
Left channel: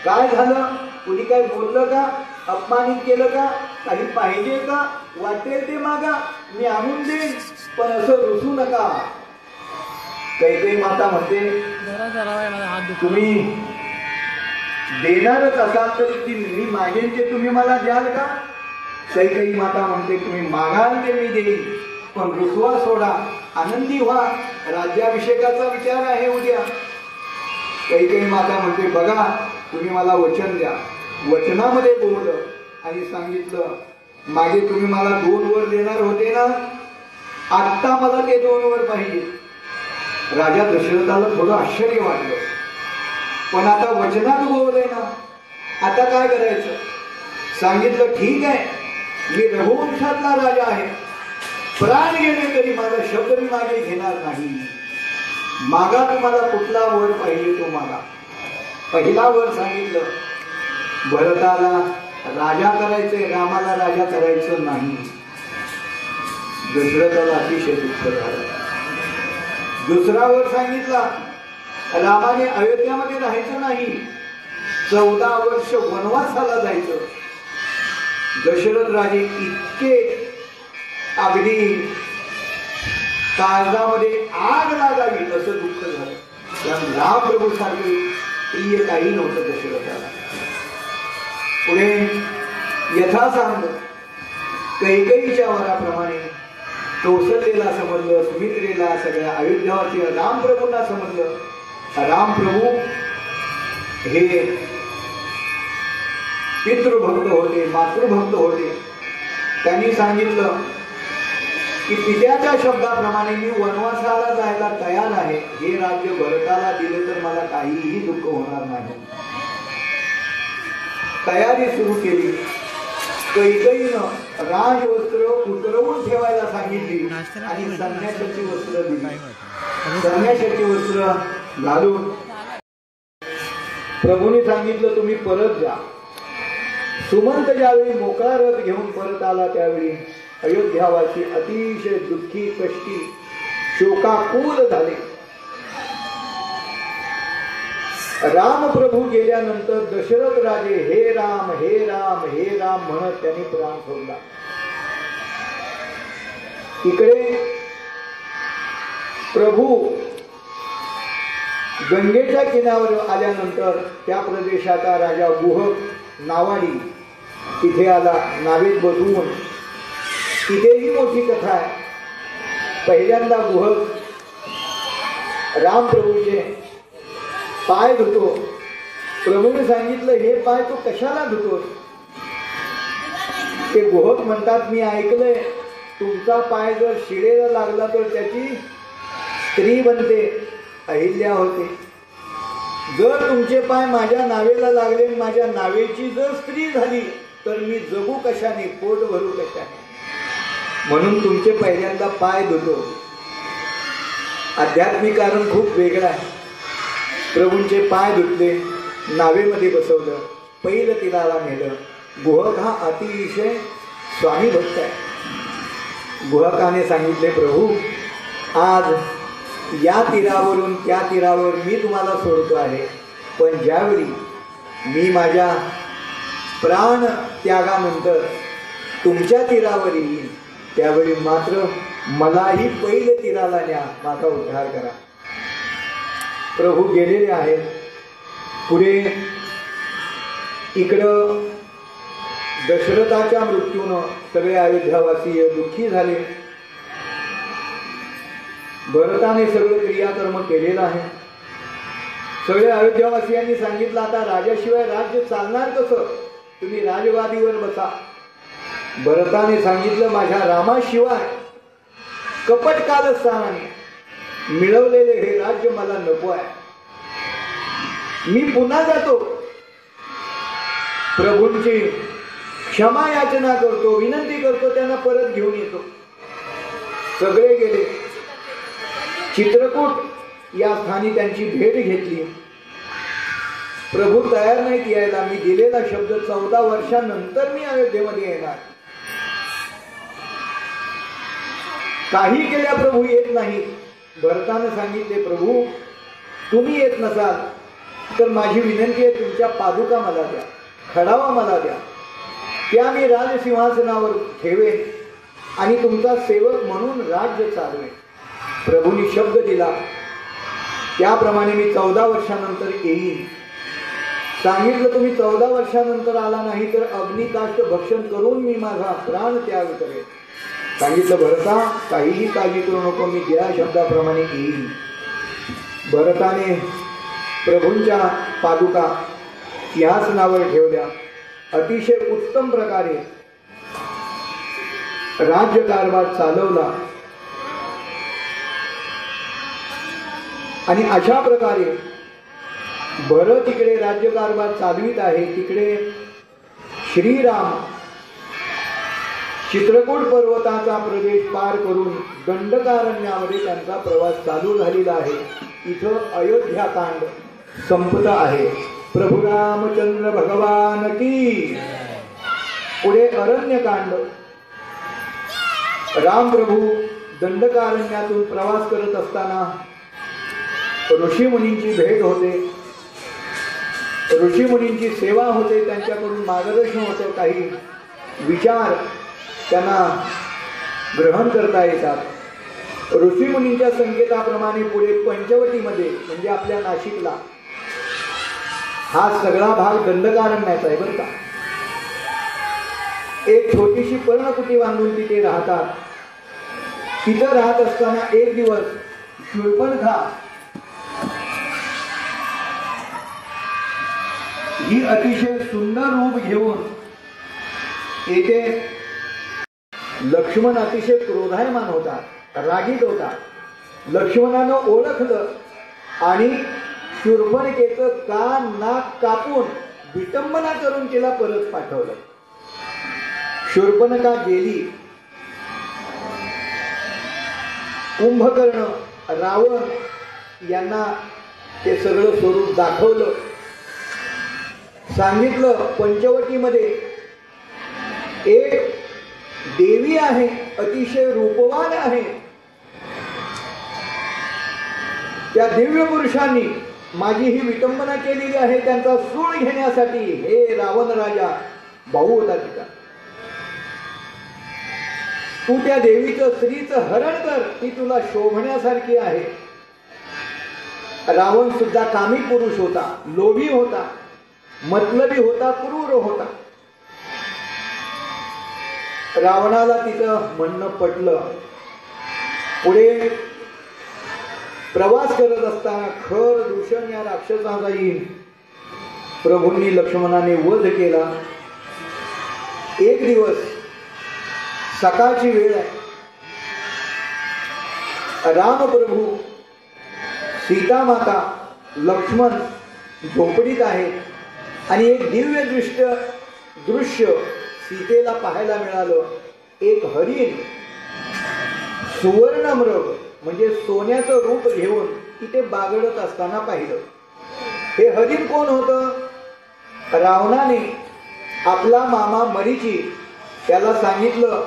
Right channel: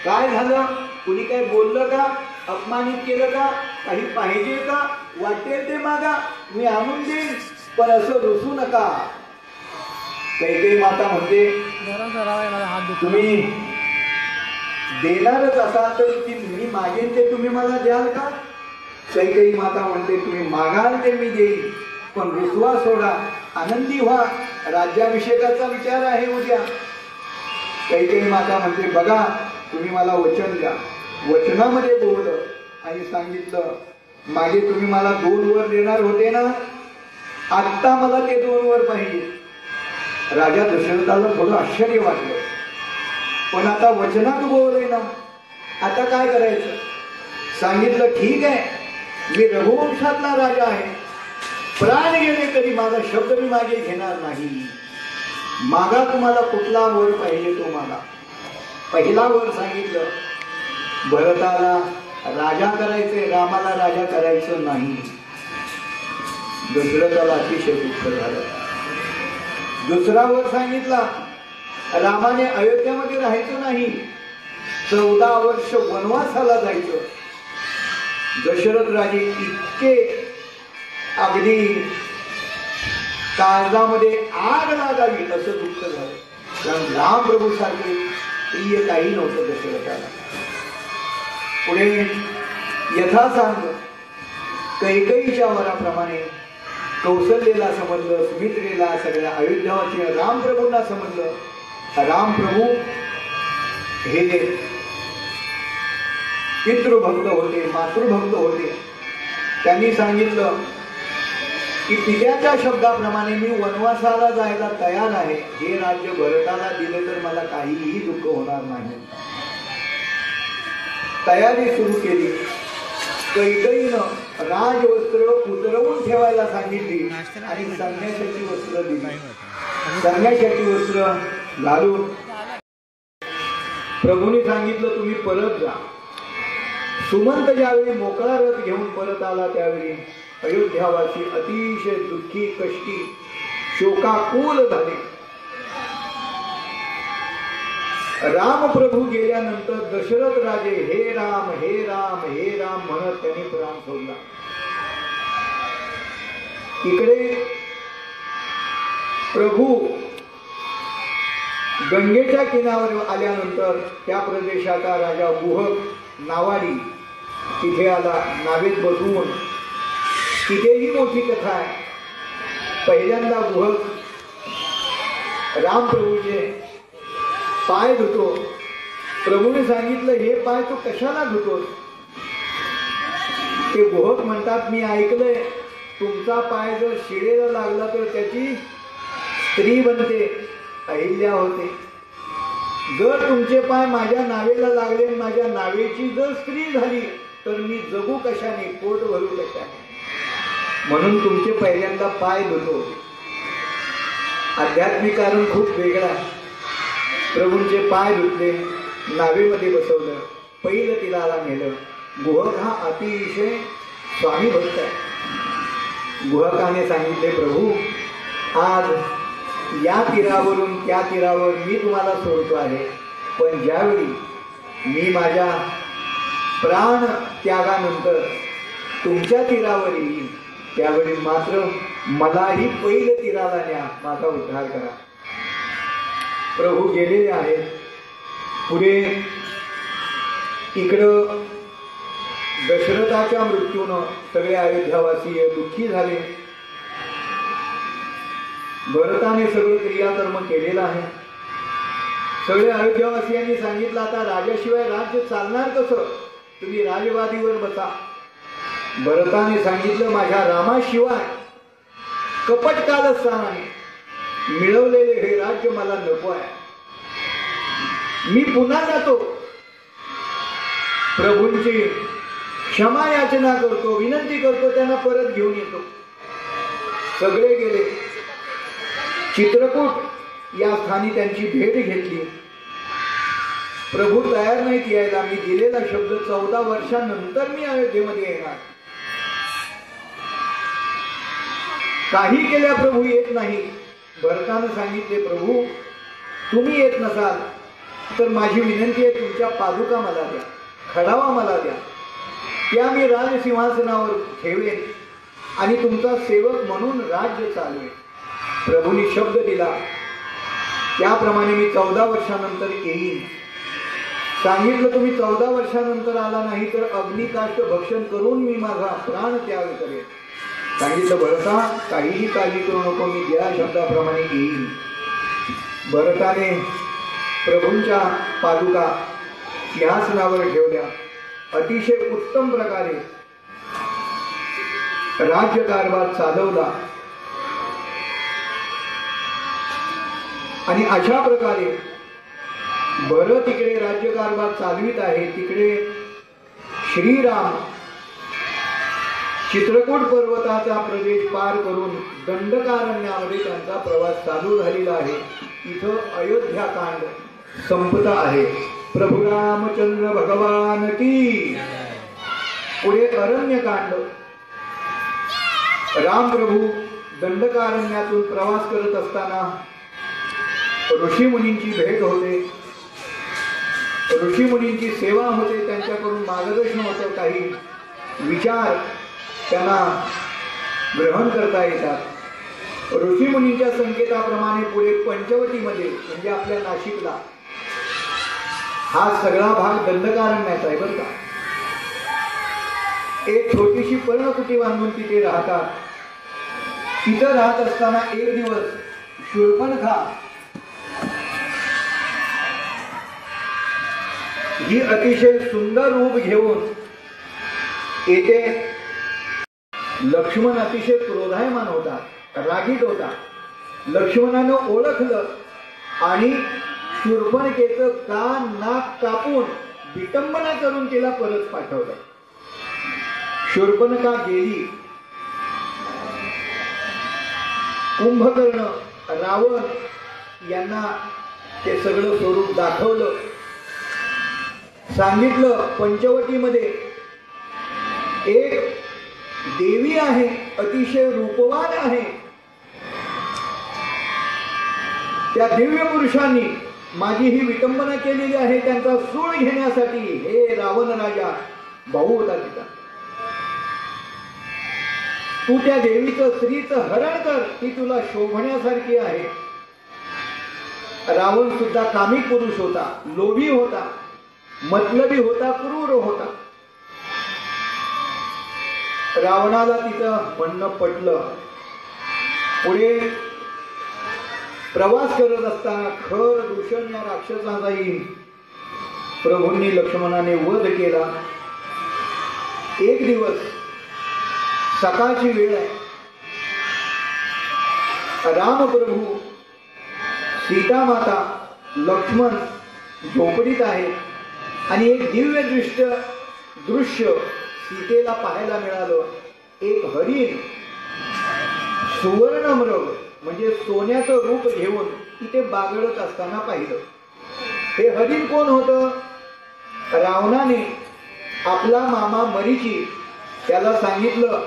काय झालं? कुणी काय बोललं का? अपमानित केलं का? काही पाहिजे का? वाटेल ते मागा, मी आणून देईन, पण असं रुसू नका. कैकेयी माता म्हणते, तुम्ही देणारच असाल तर मी मागेन ते तुम्ही मला द्याल का? कैकेयी माता म्हणते, तुम्ही मागाल ते मी देईन, पण रुसवा सोडा, आनंदी व्हा. राज्याभिषेकाचा विचार आहे उद्या. कैकेयी माता म्हणते, बघा तुम्ही मला वचन द्या. वचनामध्ये बोललं आणि सांगितलं, मागे तुम्ही मला 2 वर देणार होते ना, आत्ता मला ते 2 वर पाहिजे. राजा दशरथाला थोडं आश्चर्य वाटलं, पण आता वचनात बोललंय ना, आता काय करायचं? सांगितलं, ठीक आहे, मी रघुवंशातला राजा आहे, प्राण गेले तरी माझा शब्द मी मागे घेणार नाही. मागा तुम्हाला कुठला वर पाहिजे तो मागा. पहिला वर सांगितलं, भरताला राजा करायचंय, रामाला राजा करायचं नाही. दशरथाला अतिशय दुःख झालं. दुसरा वर सांगितला, रामाने अयोध्यामध्ये राहायचं नाही, 14 वर्ष वनवासाला जायचं. दशरथ राजे इतके अगदी काळजामध्ये आग लागावी असं दुःख झालं. कारण राम प्रभू सारखे प्रिय काही नव्हतं दशरथाला. पुढे यथासांग कैकेयीच्या वराप्रमाणे कौशल्येला समजलं, सुमित्रेला, सगळ्या अयोध्यावासी रामप्रभूंना समजलं. रामप्रभू हे पितृभक्त होते, मातृभक्त होते. त्यांनी सांगितलं की पित्याच्या शब्दाप्रमाणे मी वनवासाला जायला तयार आहे. हे राज्य भरताला दिले तर मला काहीही दुःख होणार नाही. तयारी सुरू केली. कैकेयीनं राजवस्त्र उतरवून ठेवायला सांगितली आणि संन्याशाची वस्त्र दिली. संन्याशाची वस्त्र घालून प्रभूने सांगितलं, तुम्ही परत जा. सुमंत ज्यावेळी मोकळा रथ घेऊन परत आला त्यावेळी अयोध्यावासी अतिशय दुःखी, कष्टी, शोकाकुल झाले. रामप्रभू गेल्यानंतर दशरथ राजे हे राम हे राम हे राम म्हणत त्यांनी प्राण सोडला. इकडे प्रभू गंगेच्या किनाऱ्यावर आल्यानंतर त्या प्रदेशाचा राजा गुहक नावाडी तिथे आला नावेत बसवून. तिथेही मोठी कथा आहे. पहिल्यांदा गुहक रामप्रभूचे पाय धुतो. प्रभूने सांगितलं, हे पाय तू कशाला धुतोस? ते गुहक म्हणतात, मी ऐकलंय तुमचा पाय जर शिडेला लागला तर त्याची स्त्री बनते, अहिल्या होते. जर तुमचे पाय माझ्या नावेला लागले, माझ्या नावेची जर स्त्री झाली तर मी जगू कशाने, पोट भरू कशाने? म्हणून तुमचे पहिल्यांदा पाय धुतो. आध्यात्मिक कारण खूप वेगळं आहे. प्रभूंचे पाय धुतले, नावेमध्ये बसवलं, पहिलं तीराला नेलं. गुहक हा अतिशय स्वामी भक्त आहे. गुहकाने सांगितले, प्रभू आज या तीरावरून त्या तीरावर मी तुम्हाला सोडतो आहे, पण ज्यावेळी मी माझ्या प्राण त्यागानंतर तुमच्या तीरावर येईल त्यावेळी मात्र मलाही पहिलं तीराला न्या, माझा उद्धार करा. प्रभू गेलेले आहेत. पुढे इकडं दशरथाच्या मृत्यूनं सगळे अयोध्यावासीय दुःखी झाले. भरताने सगळं क्रियाकर्म केलेलं आहे. सगळे अयोध्यावासियांनी सांगितलं, आता राजाशिवाय राज्य चालणार कसं? तुम्ही राजवादीवर बसा. भरताने सांगितलं, माझ्या रामाशिवाय कपट कारस्थानाने मिळवलेले हे राज्य मला नको आहे. मी पुन्हा जातो, प्रभूंची क्षमा याचना करतो, विनंती करतो, त्यांना परत घेऊन येतो. सगळे गेले. चित्रकूट या स्थानी त्यांची भेट घेतली. प्रभू तयार नाहीत यायला. मी दिलेला शब्द 14 वर्षांनंतर मी अयोध्येमध्ये येणार. काही केल्या प्रभू येत नाही. भरताने सांगितले, प्रभू तुम्ही येत नसाल तर माझी विनंती आहे, तुमच्या पादुका मला द्या, खडावा मला द्या, त्या मी राजसिंहासनावर ठेवेन आणि तुमचा सेवक म्हणून राज्य चालवेन. प्रभूंनी शब्द दिला, त्याप्रमाणे मी 14 वर्षानंतर येईन. सांगितलं, तुम्ही 14 वर्षानंतर आला नाही तर अग्निकाष्ट भक्षण करून मी माझा प्राण त्याग करेन. सांगितलं, भरता काहीही काळजी करू नको, मी ज्या शब्दाप्रमाणे येईन. भरताने प्रभूंच्या पादुका सिंहासनावर ठेवल्या. अतिशय उत्तम प्रकारे राज्यकारभार चालवला आणि अशा प्रकारे भरत इकडे राज्यकारभार चालवित आहे, तिकडे श्रीराम चित्रकूट पर्वताचा प्रदेश पार करून दंडकारण्यामध्ये त्यांचा प्रवास चालू झालेला आहे. इथं अयोध्याकांड संपत आहे. प्रभू रामचंद्र भगवान की. पुढे अरण्यकांड. रामप्रभू दंडकारण्यातून प्रवास करत असताना ऋषीमुनींची भेट होते, ऋषीमुनींची सेवा होते, त्यांच्याकडून मार्गदर्शन होतं, काही विचार त्यांना ग्रहण करता येतात. ऋषीमुनींच्या संकेताप्रमाणे पुढे पंचवटीमध्ये म्हणजे आपल्या नाशिकला हा सगळा भाग दंडकारण्याचा आहे बरं का. एक छोटीशी पर्णकुटी बांधून तिथे राहतात. तिथं राहत असताना एक दिवस शूर्पणखा ही अतिशय सुंदर रूप घेऊन येथे. लक्ष्मण अतिशय क्रोधायमान होता, रागीट होता. लक्ष्मणानं ओळखलं आणि शूर्पणखेचं कान नाक कापून विटंबना करून तिला परत पाठवलं. शूर्पणखा गेली. कुंभकर्ण रावण यांना ते सगळं स्वरूप दाखवलं. सांगितलं, पंचवटीमध्ये एक देवी आहे, अतिशय रूपवान आहे. त्या दिव्य पुरुषांनी माझी ही विटंबना केलेली आहे. त्यांचा सूड घेण्यासाठी हे रावण राजा भाऊ होता तिचा. तू त्या देवीचं स्त्रीचं हरण कर, ती तुला शोभण्यासारखी आहे. रावण सुद्धा कामी पुरुष होता, लोभी होता, मतलबी होता, क्रूर होता. रावणाला तिचं म्हणणं पटलं. पुढे प्रवास करत असताना खर दूषण या राक्षसाचाही प्रभूंनी लक्ष्मणाने वध केला. एक दिवस सकाळची वेळ आहे. रामप्रभू, सीता माता, लक्ष्मण झोपडीत आहेत आणि एक दिव्य दृश्य सीतेला पाहायला मिळालं. एक हरिण सुवर्ण मृग म्हणजे सोन्याचं रूप घेऊन तिथे बागडत असताना पाहिलं. हे हरिण कोण होतं? रावणाने आपला मामा मरीची त्याला सांगितलं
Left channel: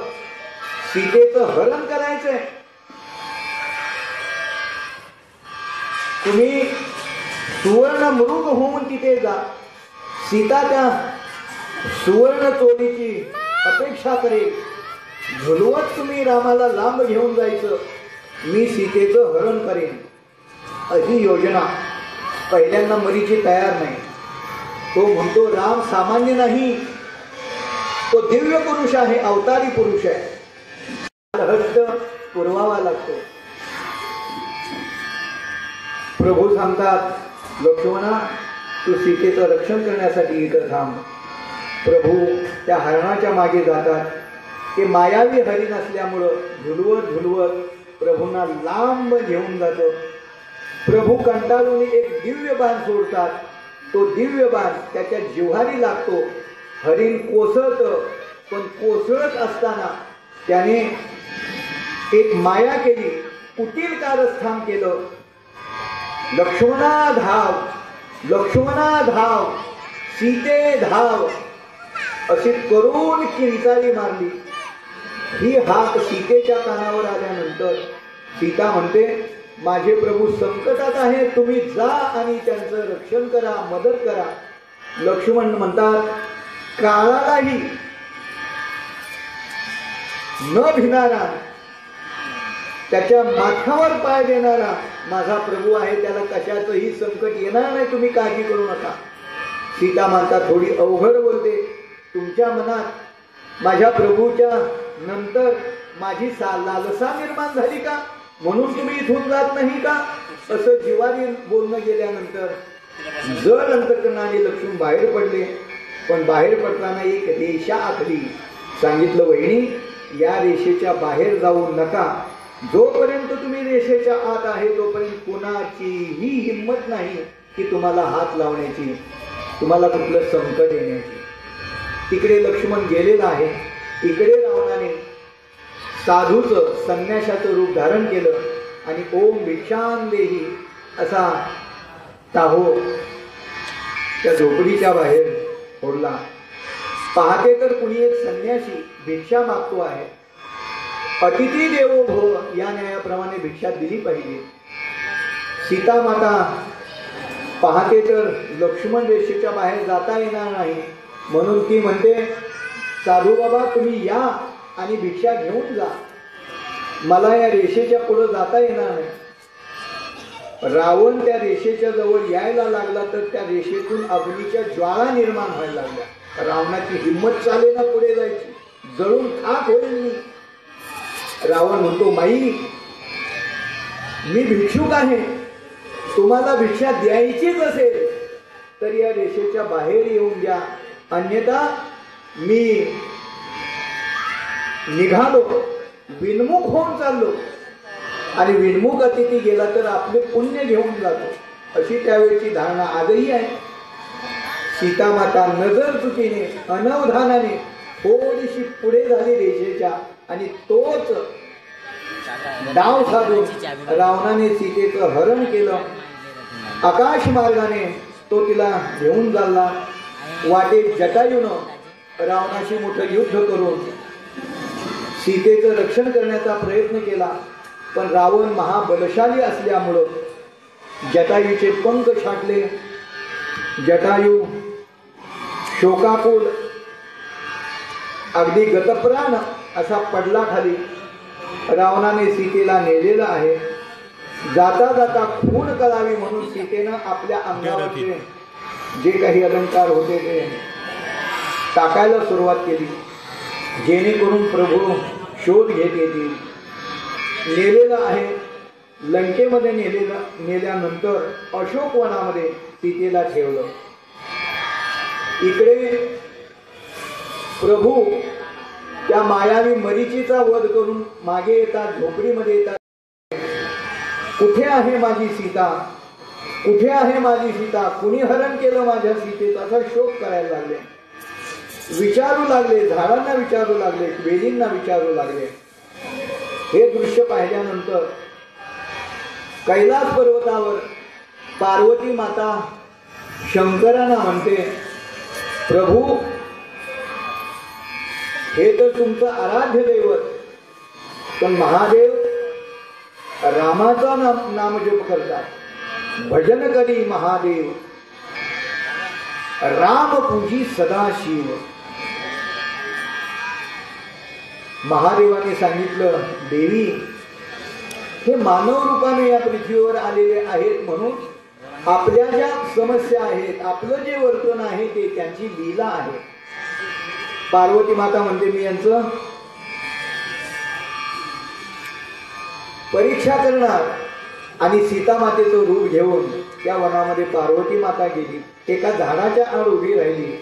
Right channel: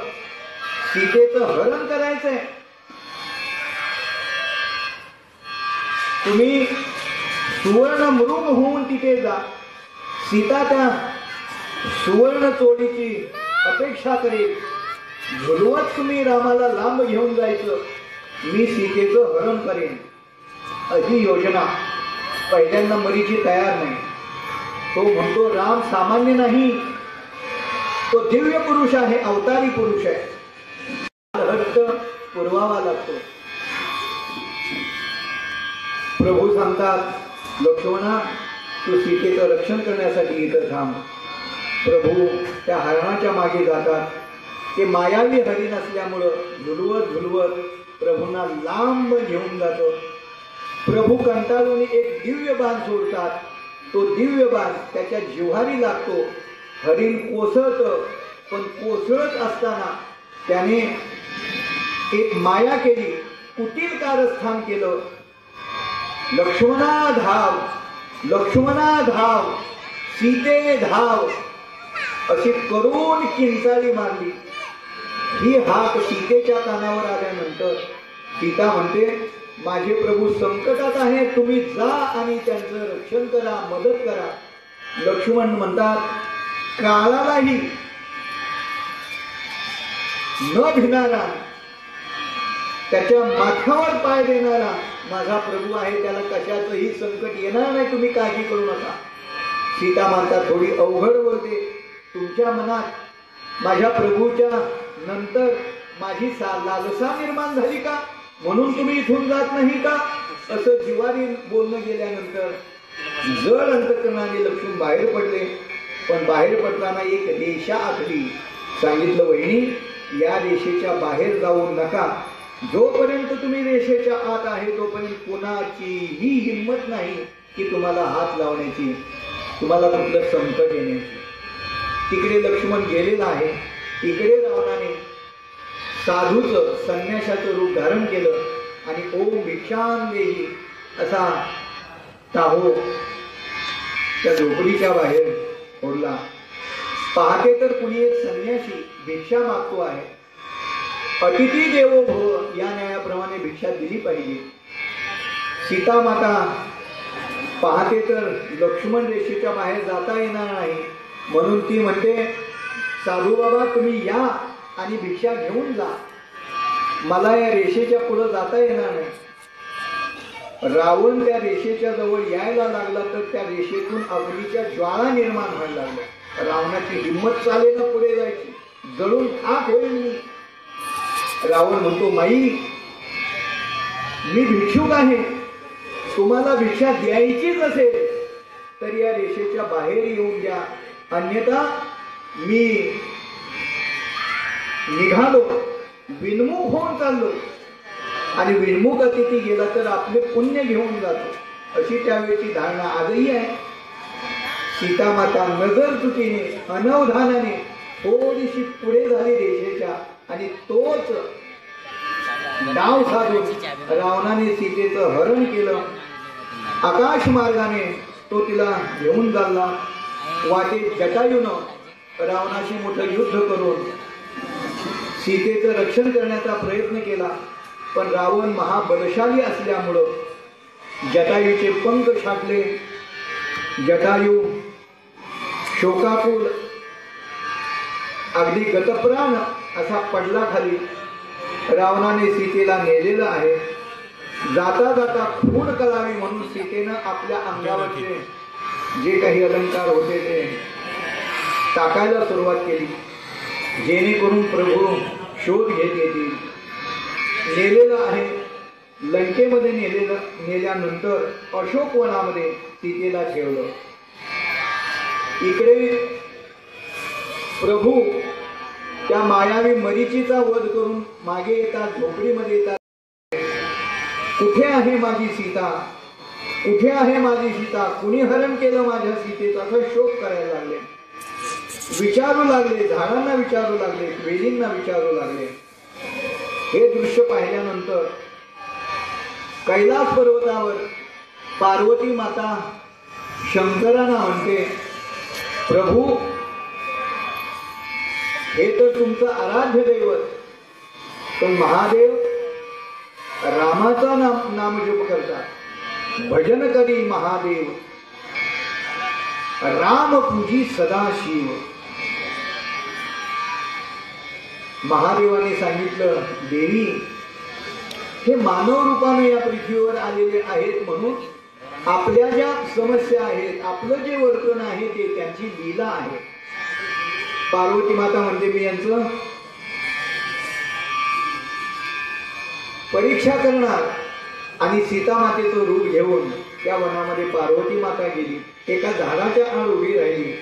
सीतेचं हरण करायचंय, तुम्ही सुवर्ण मृग होऊन तिथे जा. सीता त्या सुवर्ण चोडीची अपेक्षा करेल. झुलवत तुम्ही रामाला लांब घेऊन जायचं, मी सीतेचं हरण करेन. अशी योजना. पहिल्यांदा मरीची तयार नाही. तो म्हणतो राम सामान्य नाही, तो दिव्य पुरुष आहे, अवतारी पुरुष आहे, हस्त पुरवावा लागतो. प्रभू सांगतात लक्ष्मणा, तू सीतेचं रक्षण करण्यासाठी इथं थांब. प्रभू त्या हरणाच्या मागे जातात. ते मायावी हरिण असल्यामुळं झुलवत झुलवत प्रभूंना लांब घेऊन जातो. प्रभू कंटाळून एक दिव्य बाण सोडतात. तो दिव्य बाण त्याच्या जिव्हारी लागतो. हरिण कोसळतं, पण कोसळत असताना त्याने एक माया केली, कुटील कारस्थान केलं. लक्ष्मणा धाव, लक्ष्मणा धाव, सीते धाव अशी करून किंचाळी मारली. ही हाक सीतेच्या कानावर आल्यानंतर सीता म्हणते माझे प्रभू संकटात आहे, तुम्ही जा आणि त्यांचं रक्षण करा, मदत करा. लक्ष्मण म्हणतात काळालाही न भिनारा, त्याच्या माथ्यावर पाय देणारा माझा प्रभू आहे, त्याला कशाचंही संकट येणार नाही, तुम्ही काळजी करू नका. सीता माता थोडी अवघड बोलते. तुमच्या मनात माझ्या प्रभूच्या नंतर माझी लालसा निर्माण झाली का, म्हणून तुम्ही इथून जात नाही का, असं जिवारी बोलणं गेल्यानंतर जड अंतकरणाने लक्ष्मण बाहेर पडले. पण बाहेर पडताना एक रेषा आखली. सांगितलं वहिनी या रेषेच्या बाहेर जाऊ नका. जोपर्यंत तुम्ही रेषेच्या आत आहे तोपर्यंत कोणाचीही हिंमत नाही की तुम्हाला हात लावण्याची, तुम्हाला कुठलं संकट येण्याची. तिकडे लक्ष्मण गेलेला आहे. इकडे रावणाने साधूचं संन्याशाचं रूप धारण केलं आणि ओम भिक्षां देही असा टाहो त्या झोपडीच्या बाहेर ओढला. पाहते तर कुणी एक संन्यासी भिक्षा मागतो आहे. अतिथी देवो भव या न्यायाप्रमाणे भिक्षा दिली पाहिजे. सीता माता पाहते तर लक्ष्मण रेषेच्या बाहेर जाता येणार नाही, म्हणून ती म्हणते साधू बाबा तुम्ही या आणि भिक्षा घेऊन जा, मला या रेषेच्या पुढे जाता येणार नाही. रावण त्या रेषेच्या जवळ यायला लागला तर त्या रेषेतून अग्नीच्या ज्वाळा निर्माण व्हायला लागल्या. रावणाची हिंमत चालेना पुढे जायची, जळून खाक होईल मी. रावण म्हणतो माई मी भिक्षुक आहे, तुम्हाला भिक्षा द्यायचीच असेल तर या रेषेच्या बाहेर येऊन द्या, अन्यथा मी निघालो, विनमुख होऊन चाललो आणि विनमुख अतिथी गेला तर आपले पुण्य घेऊन जातो, अशी त्यावेळची धारणा आजही आहे. सीता माता नजर चुकीने अनवधानाने थोडीशी पुढे झाली रेषेच्या आणि तोच डाव साधून रावणाने सीतेचं हरण केलं. आकाश मार्गाने तो तिला घेऊन चालला. वाटेत जटायूनं रावणाशी मोठं युद्ध करून सीतेचं रक्षण करण्याचा प्रयत्न केला. पण रावण महाबलशाली असल्यामुळं जटायूचे पंख छाटले. जटायू शोकाकुल अगदी गतप्राण असा पडला खाली. रावणाने सीतेला नेलेलं आहे. जाता जाता खून कळावी म्हणून सीतेनं आपल्या अंगावरचे जे काही अलंकार होते ते टाकायला सुरुवात केली, जेणेकरून प्रभू शोध घेत येतील. नेलेलं आहे लंकेमध्ये, नेल्यानंतर अशोकवनामध्ये सीतेला ठेवलं. इकडे प्रभू त्या मायावी मरीचीचा वध करून मागे येतात, झोपडीमध्ये येतात. कुठे आहे माझी सीता, कुठे आहे माझी सीता, कुणी हरण केलं माझ्या सीतेचा, असा शोक करायला लागले. विचारू लागले, झाडांना विचारू लागले, वेलींना विचारू लागले. हे दृश्य पाहिल्यानंतर कैलास पर्वतावर पार्वती माता शंकरांना म्हणते, प्रभू हे तर तुमचं आराध्य दैवत, पण महादेव रामाचा नामजप करतात, भजन करी महादेव, राम पूजी सदाशिव. महादेवाने सांगितलं, देवी हे मानव रूपाने या पृथ्वीवर आलेले आहेत, म्हणून आपल्या ज्या समस्या आहेत, आपलं जे वर्तन आहे ते त्यांची लीला आहे. पार्वती माता म्हणते, मी यांचं परीक्षा करणार. आणि सीता मातेचं रूप घेऊन त्या वनामध्ये पार्वती माता गेली, एका झाडाच्या आड उभी राहिली.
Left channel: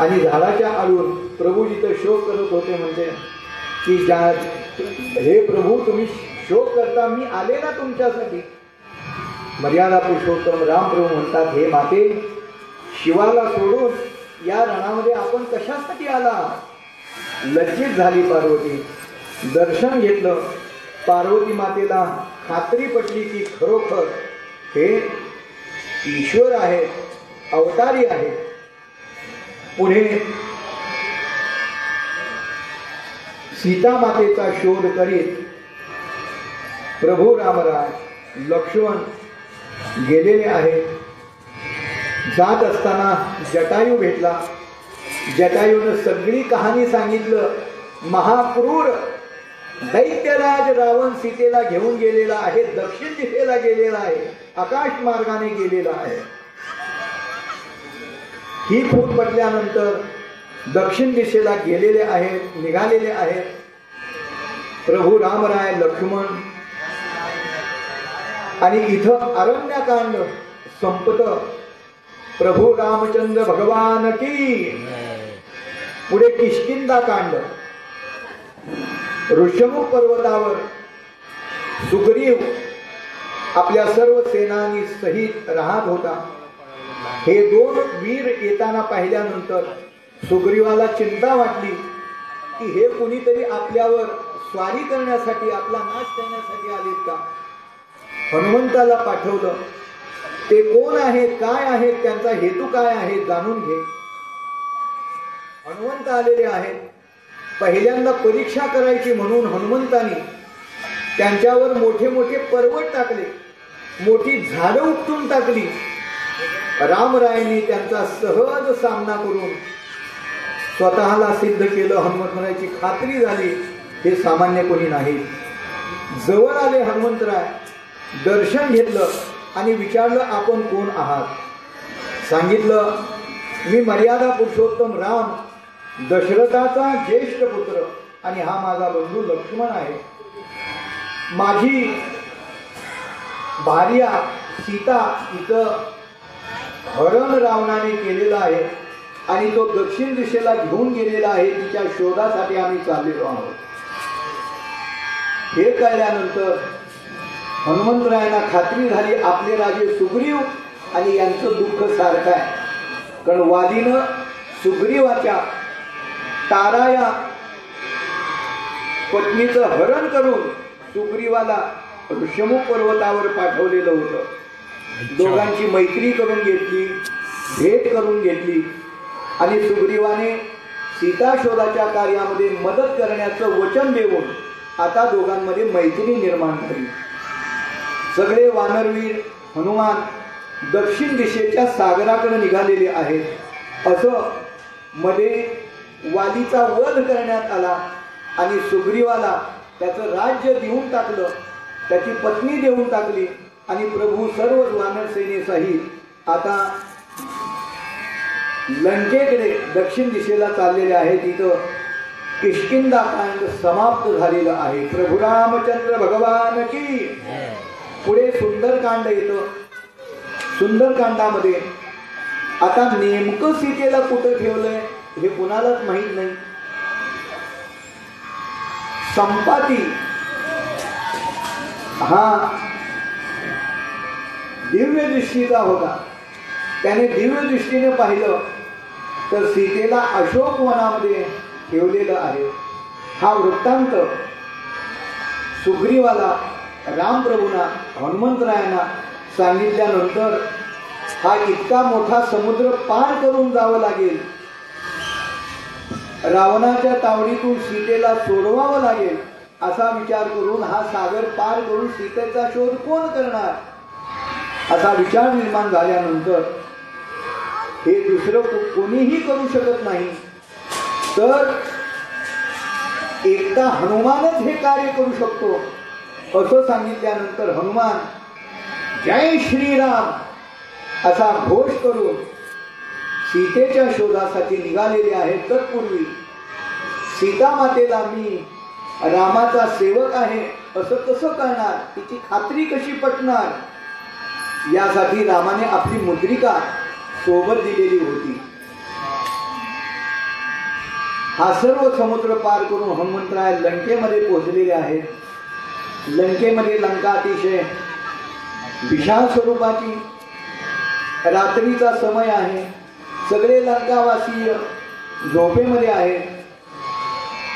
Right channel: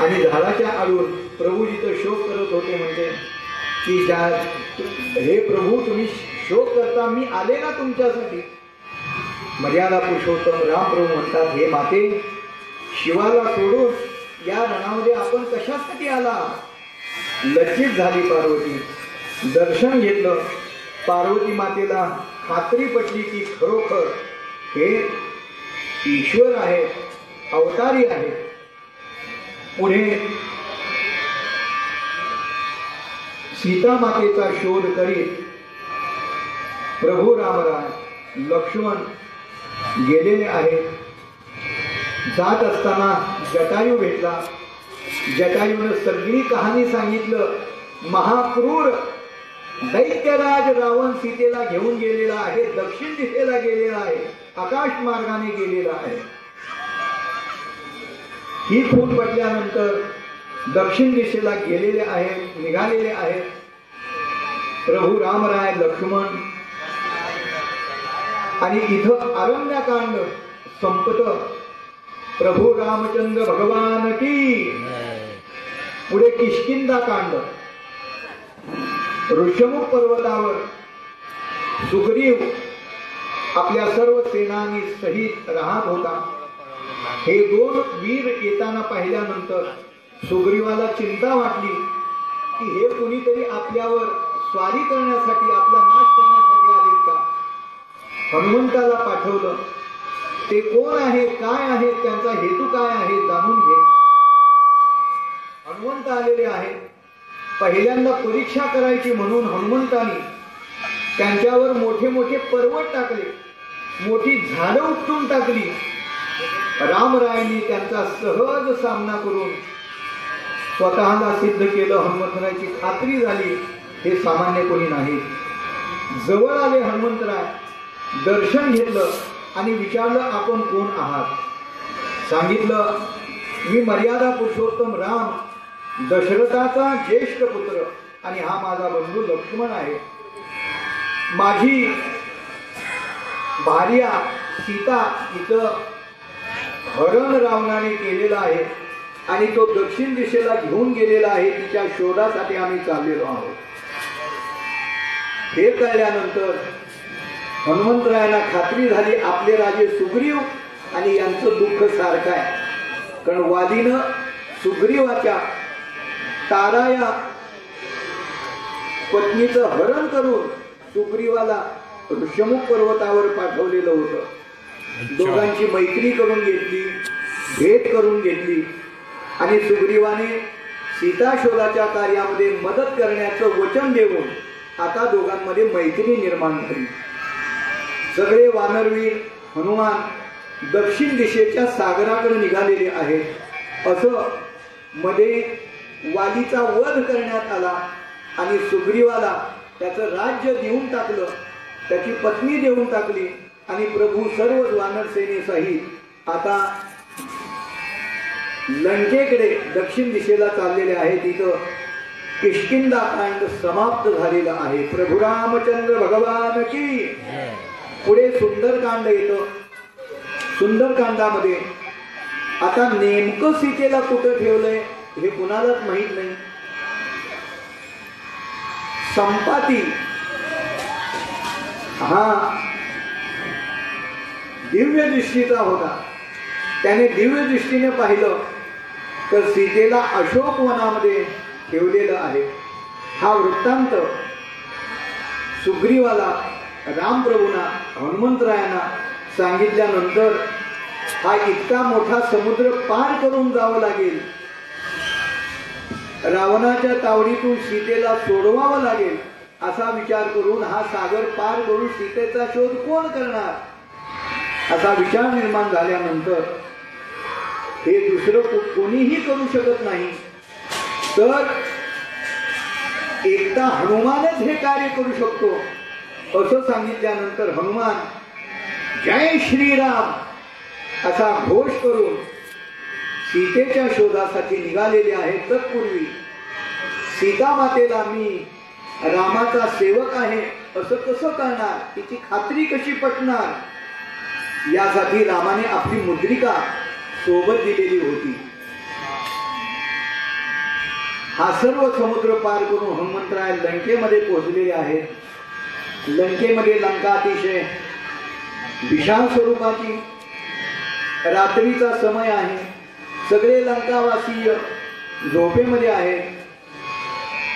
आणि झाडाच्या आडून प्रभू जिथं शोक करत होते म्हणते की, हे प्रभू तुम्ही शोक करता, मी आले ना तुमच्यासाठी. मर्यादा पुरुषोत्तम राम प्रभू म्हणतात, हे माते, शिवाला सोडून या रणामध्ये आपण कशासाठी आला. लज्जित झाली पार्वती. दर्शन घेतलं. पार्वती मातेला खात्री पटली की खरोखर हे ईश्वर आहेत, अवतारी आहेत. पुढे सीता मातेचा शोध करीत प्रभू रामराय लक्ष्मण गेलेले आहेत. जात असताना जटायू भेटला. जटायूने सगळी कहाणी सांगितलं. महाक्रूर दैत्यराज रावण सीतेला घेऊन गेलेला आहे, दक्षिण दिशेला गेलेला आहे, आकाश मार्गाने गेलेला आहे. ही खून पडल्यानंतर दक्षिण दिशेला गेलेले आहेत, निघालेले आहेत. प्रभू रामराय लक्ष्मण. आणि इथं अरण्यकांड संपत. प्रभू रामचंद्र भगवान की. पुढे किष्किंधा कांड. ऋषमुख पर्वतावर सुग्रीव आपल्या सर्व सेनानी सहित राहत होता. हे दोन वीर येताना पाहिल्यानंतर सुग्रीवाला चिंता वाटली की हे कुणीतरी आपल्यावर स्वारी करण्यासाठी, आपला नाश करण्यासाठी आलेत का. हनुमंताला पाठवलं. ते कोण आहेत, काय आहेत, त्यांचा हेतू काय आहे जाणून घे. हनुमंत आलेले आहेत. पहिल्यांदा परीक्षा करायची म्हणून हनुमंतानी त्यांच्यावर मोठे मोठे पर्वत टाकले, मोठी झाडं उपटून टाकली. रामरायांनी त्यांचा सहज सामना करून स्वतःला सिद्ध केलं. हनुमंतरायाची खात्री झाली हे सामान्य कोणी नाही. जवळ आले हनुमंतराय, दर्शन घेतलं आणि विचारलं, आपण कोण आहात. सांगितलं, मी मर्यादा पुरुषोत्तम राम, दशरथाचा ज्येष्ठ पुत्र, आणि हा माझा बंधू लक्ष्मण आहे. माझी भार्या सीता इथं हरण रावणाने केलेला आहे आणि तो दक्षिण दिशेला घेऊन गेलेला आहे. तिच्या शोधासाठी आम्ही चाललेलो आहोत. हे कळल्यानंतर हनुमंतरायांना खात्री झाली आपले राजे सुग्रीव आणि यांचं दुःख सारखं आहे. कारण वालीनं सुग्रीवाच्या तारा या पत्नीचं हरण करून सुग्रीवाला ऋषमुख पर्वतावर पाठवलेलं होतं. दोघांची मैत्री करून घेतली, भेट करून घेतली आणि सुग्रीवाने सीता शोधाच्या कार्यामध्ये मदत करण्याचं वचन देऊन आता दोघांमध्ये मैत्री निर्माण झाली. सगळे वानरवीर हनुमान दक्षिण दिशेच्या सागराकडे निघालेले आहेत. असं मध्ये वालीचा वध करण्यात आला आणि सुग्रीवाला त्याचं राज्य देऊन टाकलं त्याची पत्नी देऊन टाकली आणि प्रभू सर्व वानर सेनेसहित आता लंकेकडे दक्षिण दिशेला चाललेले आहेत. तिथं किष्किंधा कांड समाप्त झालेलं आहे. प्रभू रामचंद्र भगवान की. पुढे सुंदरकांड येतं. सुंदरकांडामध्ये आता नेमकं सीतेला कुठं ठेवलंय हे कुणालाच माहित नाही. संपाती हा दिव्य दृष्टीचा होता. त्याने दिव्य दृष्टीने पाहिलं तर सीतेला अशोक वनामध्ये ठेवलेलं आहे. हा वृत्तांत सुग्रीवाला रामप्रभूंना हनुमंतरायांना सांगितल्यानंतर हा इतका मोठा समुद्र पार करून जावं लागेल, रावणाच्या तावडीतून सीतेला सोडवावं लागेल असा विचार करून हा सागर पार करून सीतेचा शोध कोण करणार असा विचार निर्माण झाल्यानंतर हे दुसरं कोणीही करू शकत नाही, तर एकदा हनुमानच हे कार्य करू शकतो असं सांगितल्यानंतर हनुमान जय श्रीराम असा घोष करून सीतेच्या शोधासाठी निघालेले आहेत. तत्पूर्वी सीता मातेला मी रामाचा सेवक आहे असं कसं करणार, तिची खात्री कशी पटणार, यासाठी रामाने आपली मुद्रिका सोबत दिलेली होती. हा सर्व समुद्र पार करून हनुमंतराय लंकेमध्ये पोहोचलेले आहेत. लंकेमध्ये लंका अतिशय विशाल स्वरूपाची, रात्रीचा समय आहे. सगळे लंकावासी झोपेमध्ये आहेत.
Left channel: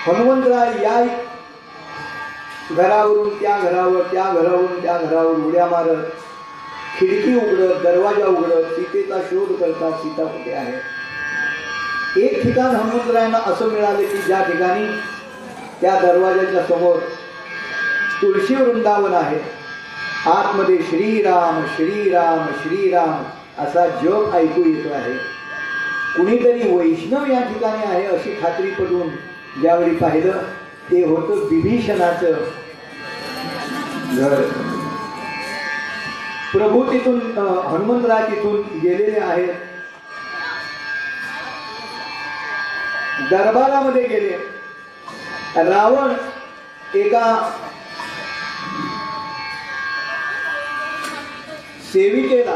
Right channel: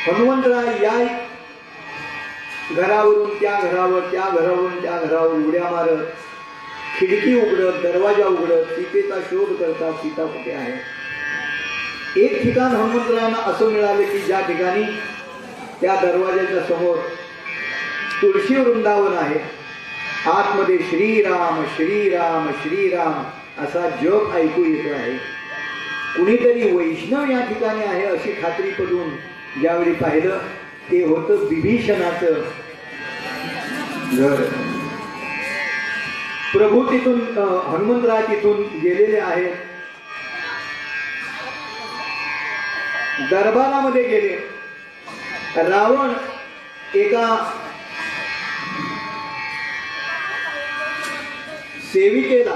हनुमंतराय या घरावरून त्या घरावर, त्या घरावरून त्या घरावर उड्या मारत, खिडकी उघडत, दरवाजा उघडत सीतेचा शोध करतात. सीता कुठे आहे. एक ठिकाण हनुमंतरायांना असं मिळालं की ज्या ठिकाणी त्या दरवाजाच्या समोर तुळशी वृंदावन आहे. आतमध्ये श्रीराम श्रीराम श्रीराम असा जप ऐकू येतो आहे. कुणीतरी वैष्णव या ठिकाणी आहे अशी खात्री पडून ज्यावेळी पाहिलं ते होतं विभीषणाचं घर. प्रभू तिथून हनुमंतराय तिथून गेलेले आहेत. दरबारामध्ये गेले. रावण एका सेविकेला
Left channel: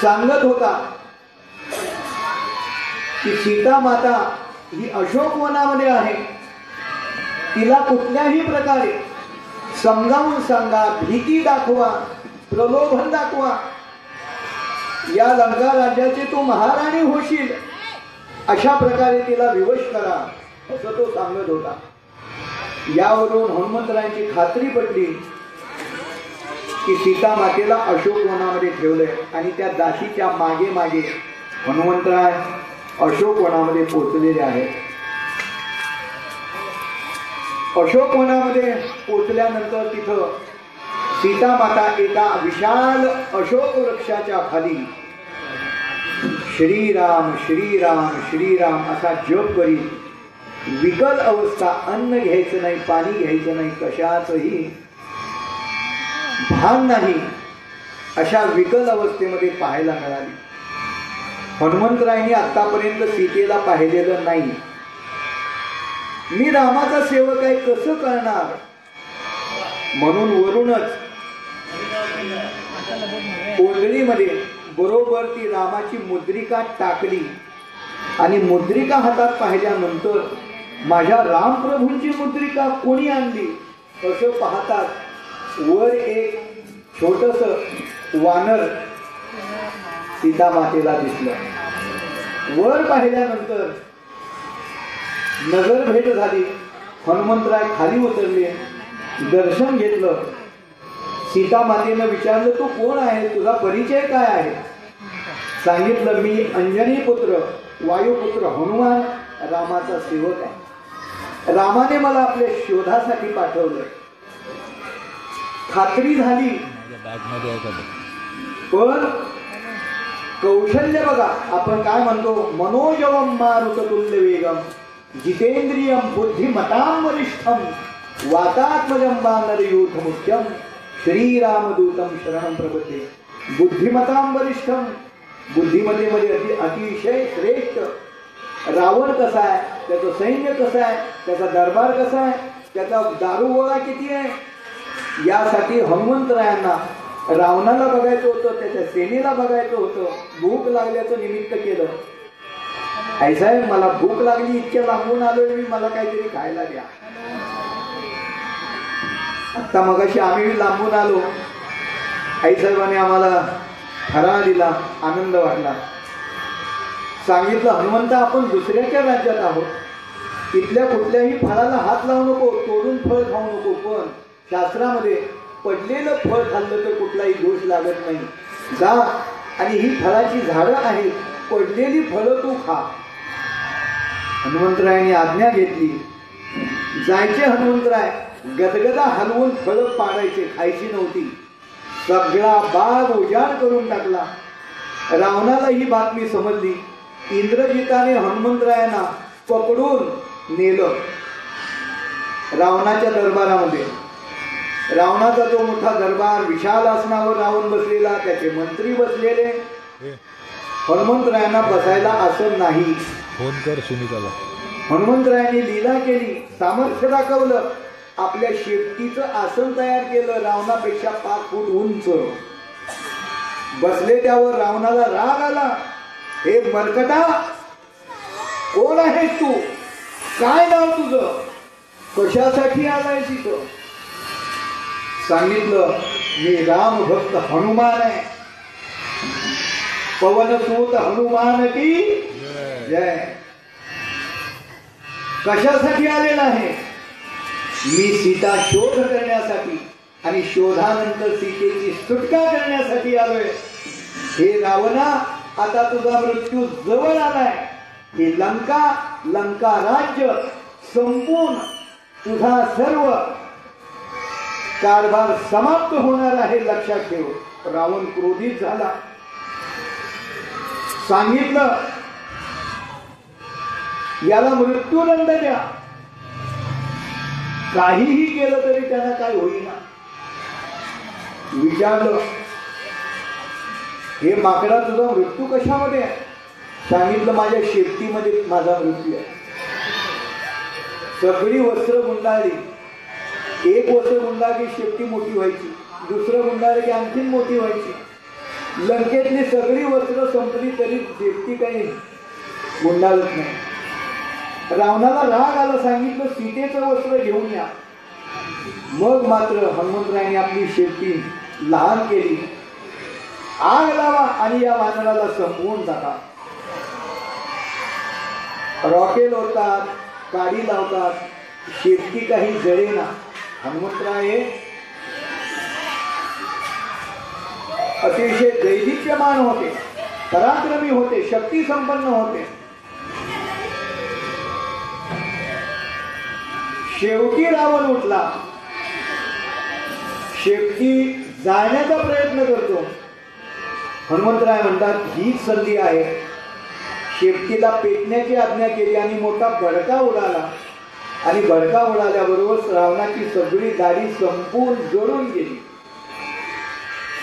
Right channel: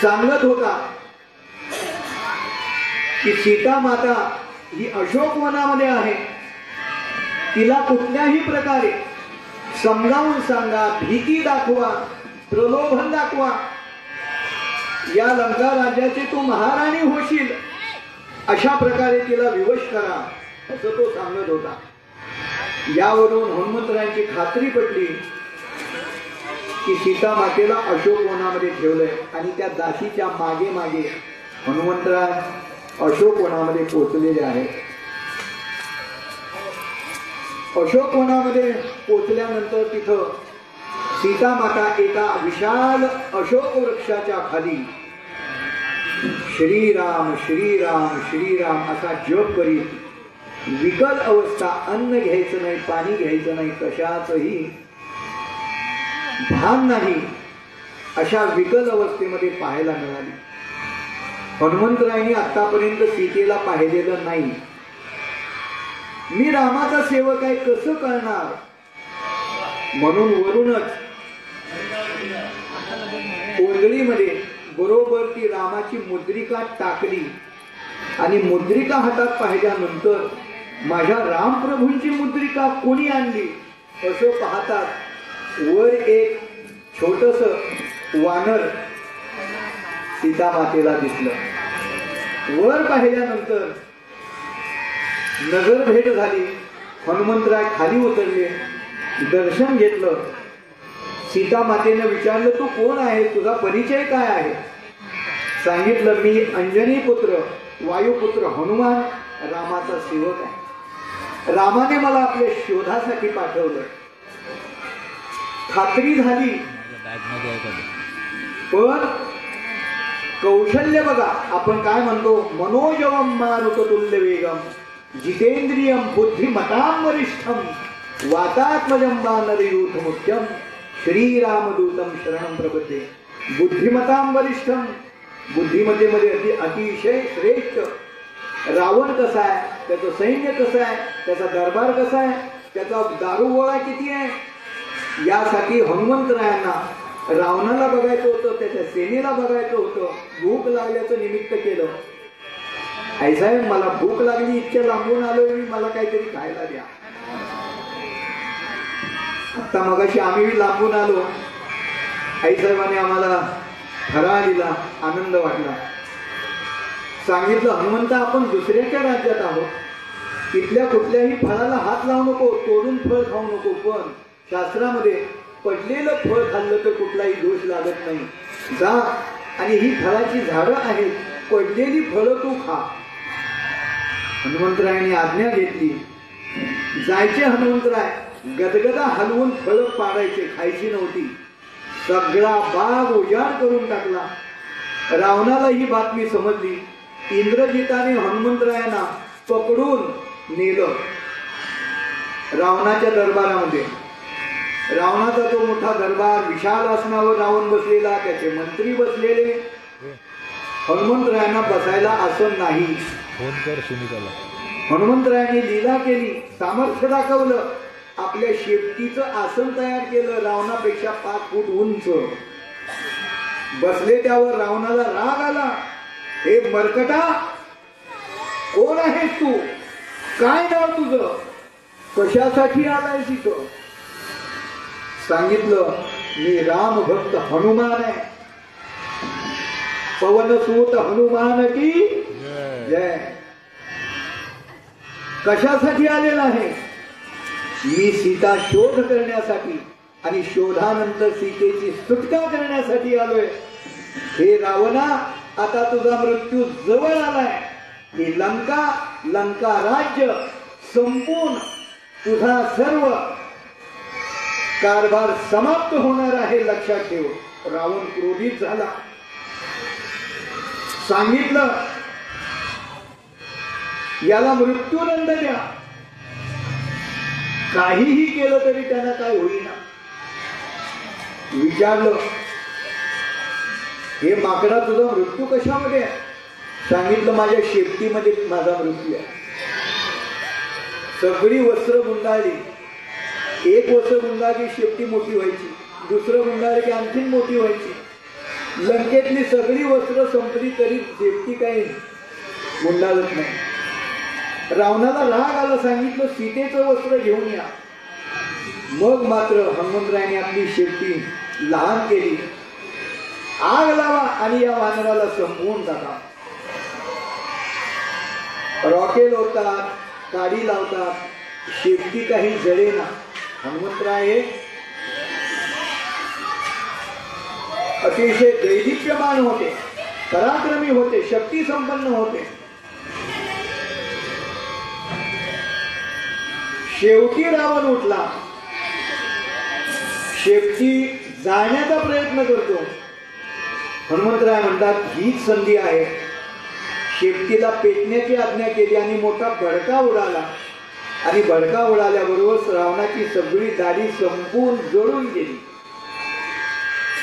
सांगत होता की सीता माता ही अशोक वनामध्ये आहे, तिला कुठल्याही प्रकारे समजावून सांगा, भीती दाखवा, प्रलोभन दाखवा, या लंका राज्याची तू महाराणी होशील अशा प्रकारे तिला विवश करा असं तो सांगत होता. यावरून हनुमंतरायांची खात्री पडली की सीता मातेला अशोक वनामध्ये ठेवलंय आणि त्या दासीच्या मागे मागे हनुमंतराय अशोक वनामध्ये पोहोचलेले आहेत. अशोक वनामध्ये पोहोचल्यानंतर तिथं सीता माता एका विशाल अशोक वृक्षाच्या खाली श्रीराम श्रीराम श्रीराम असा जप करीत विकल अवस्था, अन्न घ्यायचं नाही, पाणी घ्यायचं नाही, कशाचंही भान नाही, अशा विकल अवस्थेमध्ये पाहायला मिळाली. हनुमंतरायांनी आतापर्यंत सीतेला पाहिलेलं नाही. मी रामाचा सेवक आहे कसं कळणार म्हणून वरूनच ओंजळीमध्ये बरोबर ती रामाची मुद्रिका टाकली आणि मुद्रिका हातात पाहिल्यानंतर माझ्या रामप्रभूंची मुद्रिका कोणी आणली असं पाहतात वर एक छोटस वानर सीता मातेला दिसलं. वर पाहिल्यानंतर नजर भेट झाली. हनुमंतराय खाली उतरले, दर्शन घेतलं. सीता मातेनं विचारलं तू कोण आहे, तुझा परिचय काय आहे. सांगितलं मी अंजनी पुत्र वायुपुत्र हनुमान रामाचा सेवक आहे. रामाने मला आपल्या शोधासाठी पाठवलं. खात्री झाली पण कौशल्य बघा, आपण काय म्हणतो मनोजवम मारुततुल्य वेगम जितेंद्रियम बुद्धिमताम वरिष्ठम वातात्मजं वानरयूथ मुख्यम श्रीरामदूतं शरणं प्रपद्ये. बुद्धिमतां वरिष्ठम, बुद्धिमतेमध्ये अतिशय श्रेष्ठ. रावण कसा आहे, त्याचं सैन्य कसं आहे, त्याचा दरबार कसा आहे, त्याचा दारुगोळा किती आहे, यासाठी हनुमंतरायांना रावणाला बघायचं होतं, त्याच्या सेनेला बघायचं होतं. भूक लागल्याचं निमित्त केलं. आई साहेब मला भूक लागली, इतक्या लांबून आलोय मी, मला काहीतरी खायला द्या. आता मगाशी आम्ही लांबून आलो, आई साहेबांनी आम्हाला फराळ दिला, आनंद वाटला. सांगितलं हनुमंत आपण दुसऱ्याच्या राज्यात आहोत, तिथल्या कुठल्याही फळाला हात लावू नको, तोडून फळ खाऊ नको, पण शास्त्रामध्ये पडलेलं फळ खाल्लं तर कुठलाही दोष लागत नाही. जा आणि ही फळाची झाडं आहेत, पडलेली फळं तू खा. हनुमंतरायांनी आज्ञा घेतली. जायचे हनुमंतराय, गदगदा हलवून फळं पाडायचे, खायची नव्हती. सगळा बाग उजाड करून टाकला. रावणाला ही बातमी समजली. इंद्रजिताने हनुमंतरायांना पकडून नेलं रावणाच्या दरबारामध्ये. रावणाचा तो मोठा दरबार, विशाल आसनावर रावण बसलेला, त्याचे मंत्री बसलेले. हनुमंतरायांना बसायला आसन नाही. फोन कर सुनीताला. हनुमंतरायांनी लीला केली, सामर्थ्य दाखवलं. आपल्या शेपटीचं आसन तयार केलं, रावणापेक्षा 5 फूट उंच. बसले त्यावर. रावणाला राग आला. हे मरकटा, कोण आहेस तू, काय नाव तुझं, कशासाठी आलाय तिथं. सांगितलं मी राम भक्त हनुमान आहे. पवनसूत हनुमान की जय. कशासाठी आलेला आहे, मी सीता शोध करण्यासाठी आणि शोधानंतर सीतेची सुटका करण्यासाठी आलोय. हे रावणा, आता तुझा मृत्यू जवळ आलाय. ही लंका राज्य संपून तुझा सर्व कारभार समाप्त होणार आहे, लक्षात ठेव. रावण क्रोधित झाला. सांगितलं याला मृत्यूदंड द्या. काहीही केलं तरी त्यांना काय होईना. विचारलं हे माकडा, तुझा मृत्यू कशामध्ये आहे. सांगितलं माझ्या शेपटीमध्ये माझा मृत्यू आहे. सगळी वस्त्र गुंडाळली. एक वस्त्र गुंडाळली शेपटी मोठी व्हायची, दुसरं गुंडाळली की आणखीन मोठी व्हायची. लंकेतली सगळी वस्त्र संपली तरी शेपटी काही गुंडाळत नाही. रावणाला राग आला. सांगितलं सीतेचं वस्त्र घेऊन या. मग मात्र हनुमंतरायांनी आपली शेपटी लहान केली. आग लावा आणि या वानराला संपवून टाका. रॉकेल होतात, काडी लावतात, शेपटी काही जळेना. हनुमंतराय अतिशय दैदिप्यमान होते, पराक्रमी होते, शक्ती संपन्न होते. शेवटी रावण उठला. शेपटी जाण्याचा प्रयत्न करतो. हनुमंतराय म्हणतात हीच संधी आहे. शेपटीला पेटण्याची आज्ञा केली आणि मोठा भडका उडाला. आणि भडका उडाल्याबरोबर रावणाची सगळी दाढी संपून जळून गेली.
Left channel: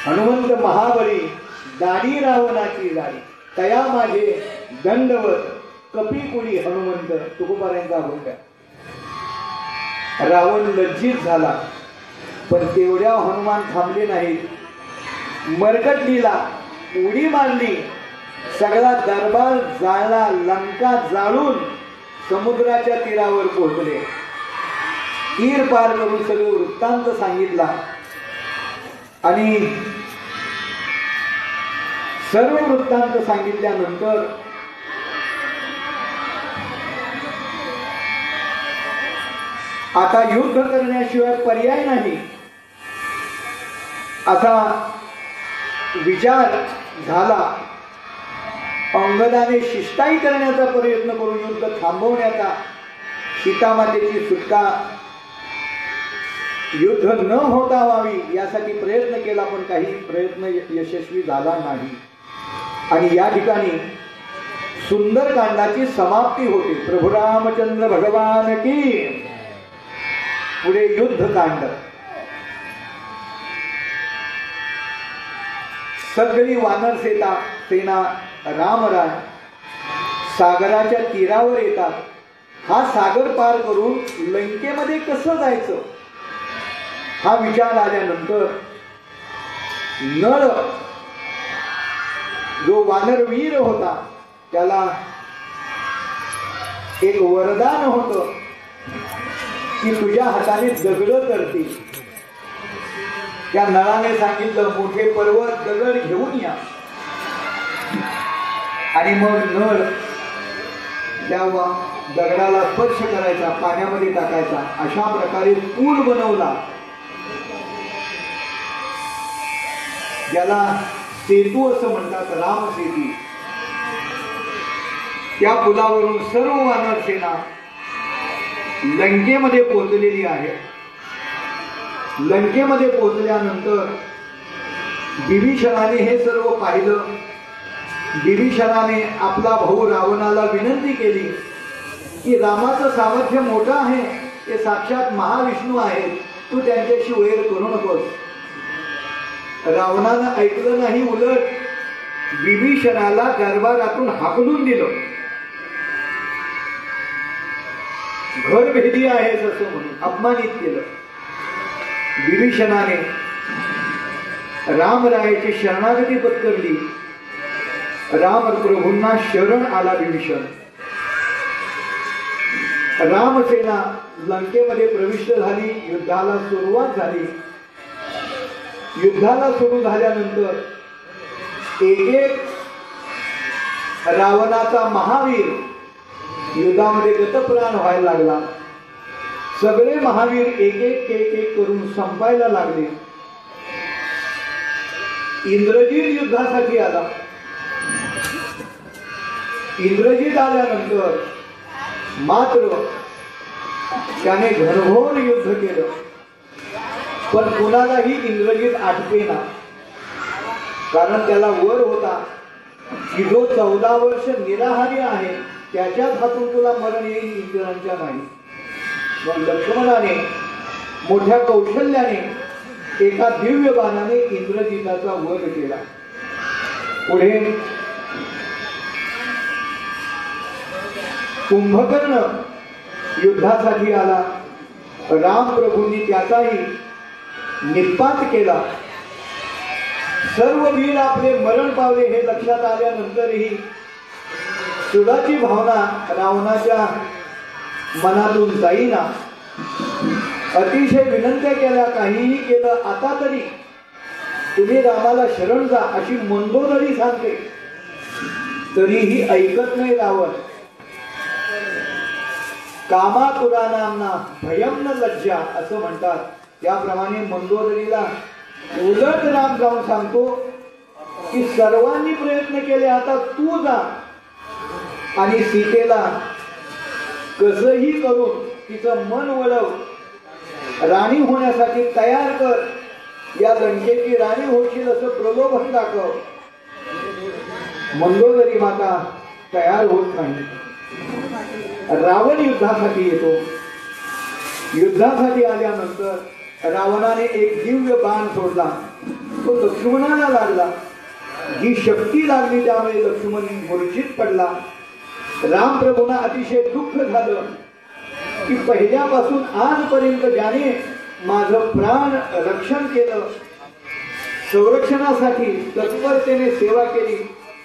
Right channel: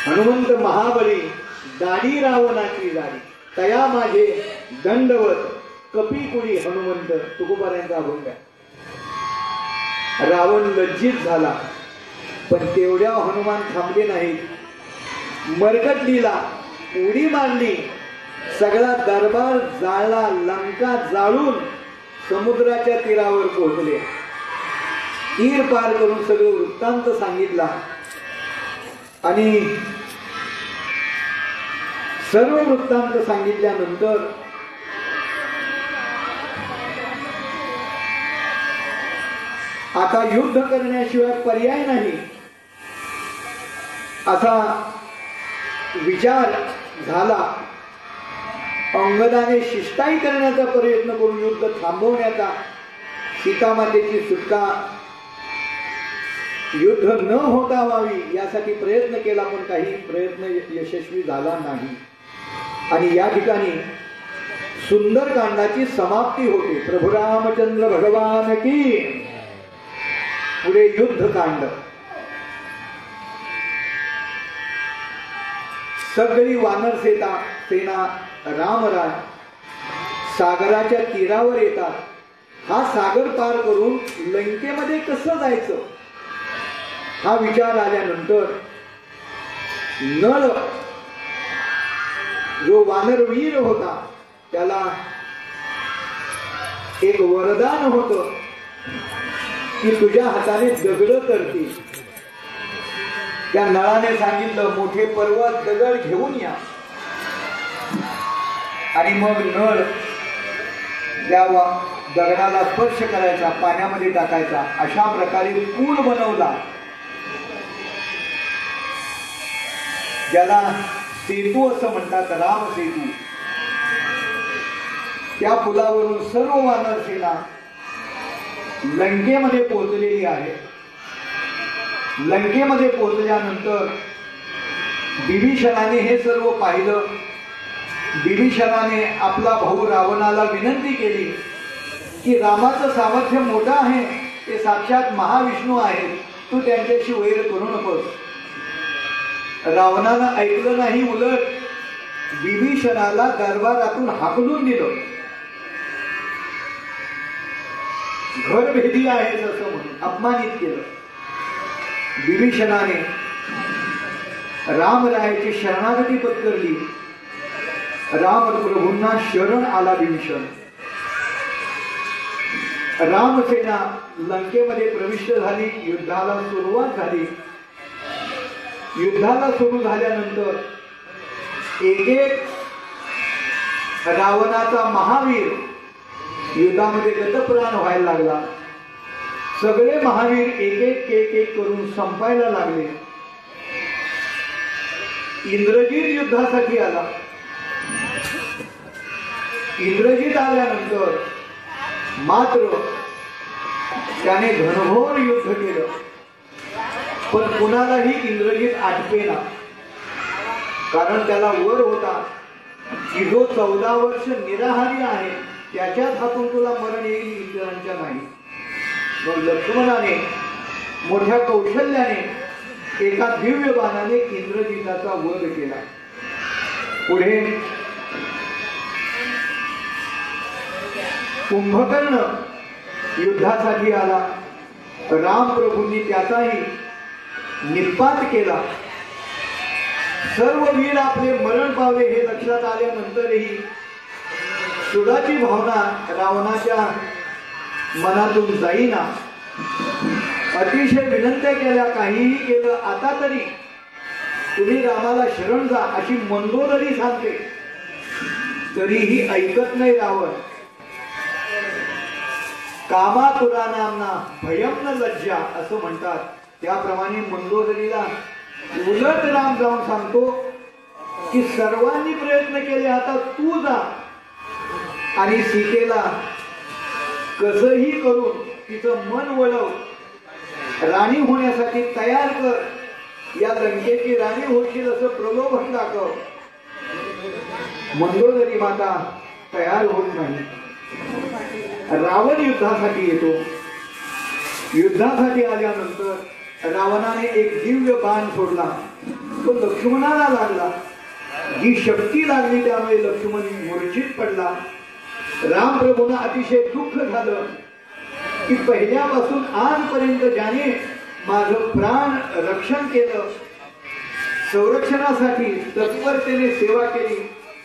हनुमंत महाबली, दाढी रावणाची दाढी, तया माझे दंडवत कपीकुळी हनुमंत. तुकोबाऱ्यांचा अभंग आहे. रावण लज्जित झाला. पण तेवढ्या हनुमान थांबले नाहीत. मरकटलीला उडी मारली. सगळा दरबार जाळला. लंका जाळून समुद्राच्या तीरावर पोहोचले. तीर पार करून सगळं वृत्तांत सांगितला. आणि सर्व वृत्तांत सांगितल्यानंतर आता युद्ध करण्याशिवाय पर्याय नाही असा विचार झाला. अंगदाने शिष्टाई करण्याचा प्रयत्न करून युद्ध थांबवण्याचा, सीतामातेची सुटका युद्ध न होता व्हावी यासाठी प्रयत्न केला. पण काही प्रयत्न यशस्वी झाला नाही. आणि या ठिकाणी सुंदरकांडाची समाप्ती होते. प्रभू रामचंद्र भगवान की. पुढे युद्धकांड. सगळी वानर सेना रामराय सागराच्या तीरावर येतात. हा सागर पार करून लंकेमध्ये कसं जायचं हा विचार आल्यानंतर नळ जो वानरवीर होता त्याला एक वरदान होतं की तुझ्या हाताने दगड करतील. त्या नळाने सांगितलं मोठे पर्वत दगड घेऊन या. आणि मग नळ त्या दगडाला स्पर्श करायचा, पाण्यामध्ये टाकायचा. अशा प्रकारे पूल बनवला ज्याला सेतू असं म्हणतात, राम सेतू. त्या पुलावरून सर्व वानर सेना लंकेमध्ये पोहोचलेली आहे. लंकेमध्ये पोहोचल्यानंतर विभीषणाने हे सर्व पाहिलं. विभीषणाने आपला भाऊ रावणाला विनंती केली की रामाचं सामर्थ्य मोठं आहे, ते साक्षात महाविष्णू आहेत, तू त्यांच्याशी वैर करू नकोस. रावणानं ऐकलं नाही, उलट विभीषणाला दरबारातून हाकलून दिलं. घर भेदी आहेस असं म्हणून अपमानित केलं. विभीषणाने रामरायाची शरणागती पत्करली. राम प्रभूंना शरण आला विभीषण. रामसेना लंकेमध्ये प्रविष्ट झाली. युद्धाला सुरुवात झाली. युद्धाला सुरू झाल्यानंतर एक रावणाचा महावीर युद्धामध्ये गतप्राण व्हायला लागला. सगळे महावीर एक एक करून संपायला लागले. इंद्रजित युद्धासाठी आला. इंद्रजित आल्यानंतर मात्र त्याने घनघोर युद्ध केलं, पण कुणालाही इंद्रजित आटपेना. कारण त्याला वर होता की जो 14 वर्ष निराहारी आहे त्याच्याच हातून तुला मरण येईल, इतरांच्या नाही. मग लक्ष्मणाने मोठ्या कौशल्याने एका दिव्य बाणाने इंद्रजिताचा वध केला. पुढे कुंभकर्ण युद्धासाठी आला. राम प्रभूंनी त्याचाही निपात केला. सर्व वीर आपले मरण पावले हे लक्षात आल्यानंतरही सुडाची भावना रावणाच्या मनातून जाईना. अतिशय विनंत्या केल्या, काहीही केलं, आता तरी तुम्ही रामाला शरण जा अशी मंदोदरी सांगते, तरीही ऐकत नाही रावण. कामातुरानांना भयम न लज्जा असं म्हणतात. त्याप्रमाणे मंदोदरीला उलट राम जाऊन सांगतो की सर्वांनी प्रयत्न केले, आता तू जा आणि सीतेला कसंही करून तिचं मन वळव, राणी होण्यासाठी तयार कर, या लंकेची राणी होशील असं प्रलोभन दाखव. मंदोदरी माता तयार होत नाही. रावण युद्धासाठी येतो. युद्धासाठी आल्यानंतर रावणाने एक दिव्य बाण सोडला. तो लक्ष्मणाला लागला. जी शक्ती लागली त्यामुळे लक्ष्मण मूर्छित पडला. रामप्रभूंना अतिशय दुःख झालं की पहिल्यापासून आजपर्यंत ज्याने माझं प्राण रक्षण केलं, संरक्षणासाठी तत्परतेने सेवा केली,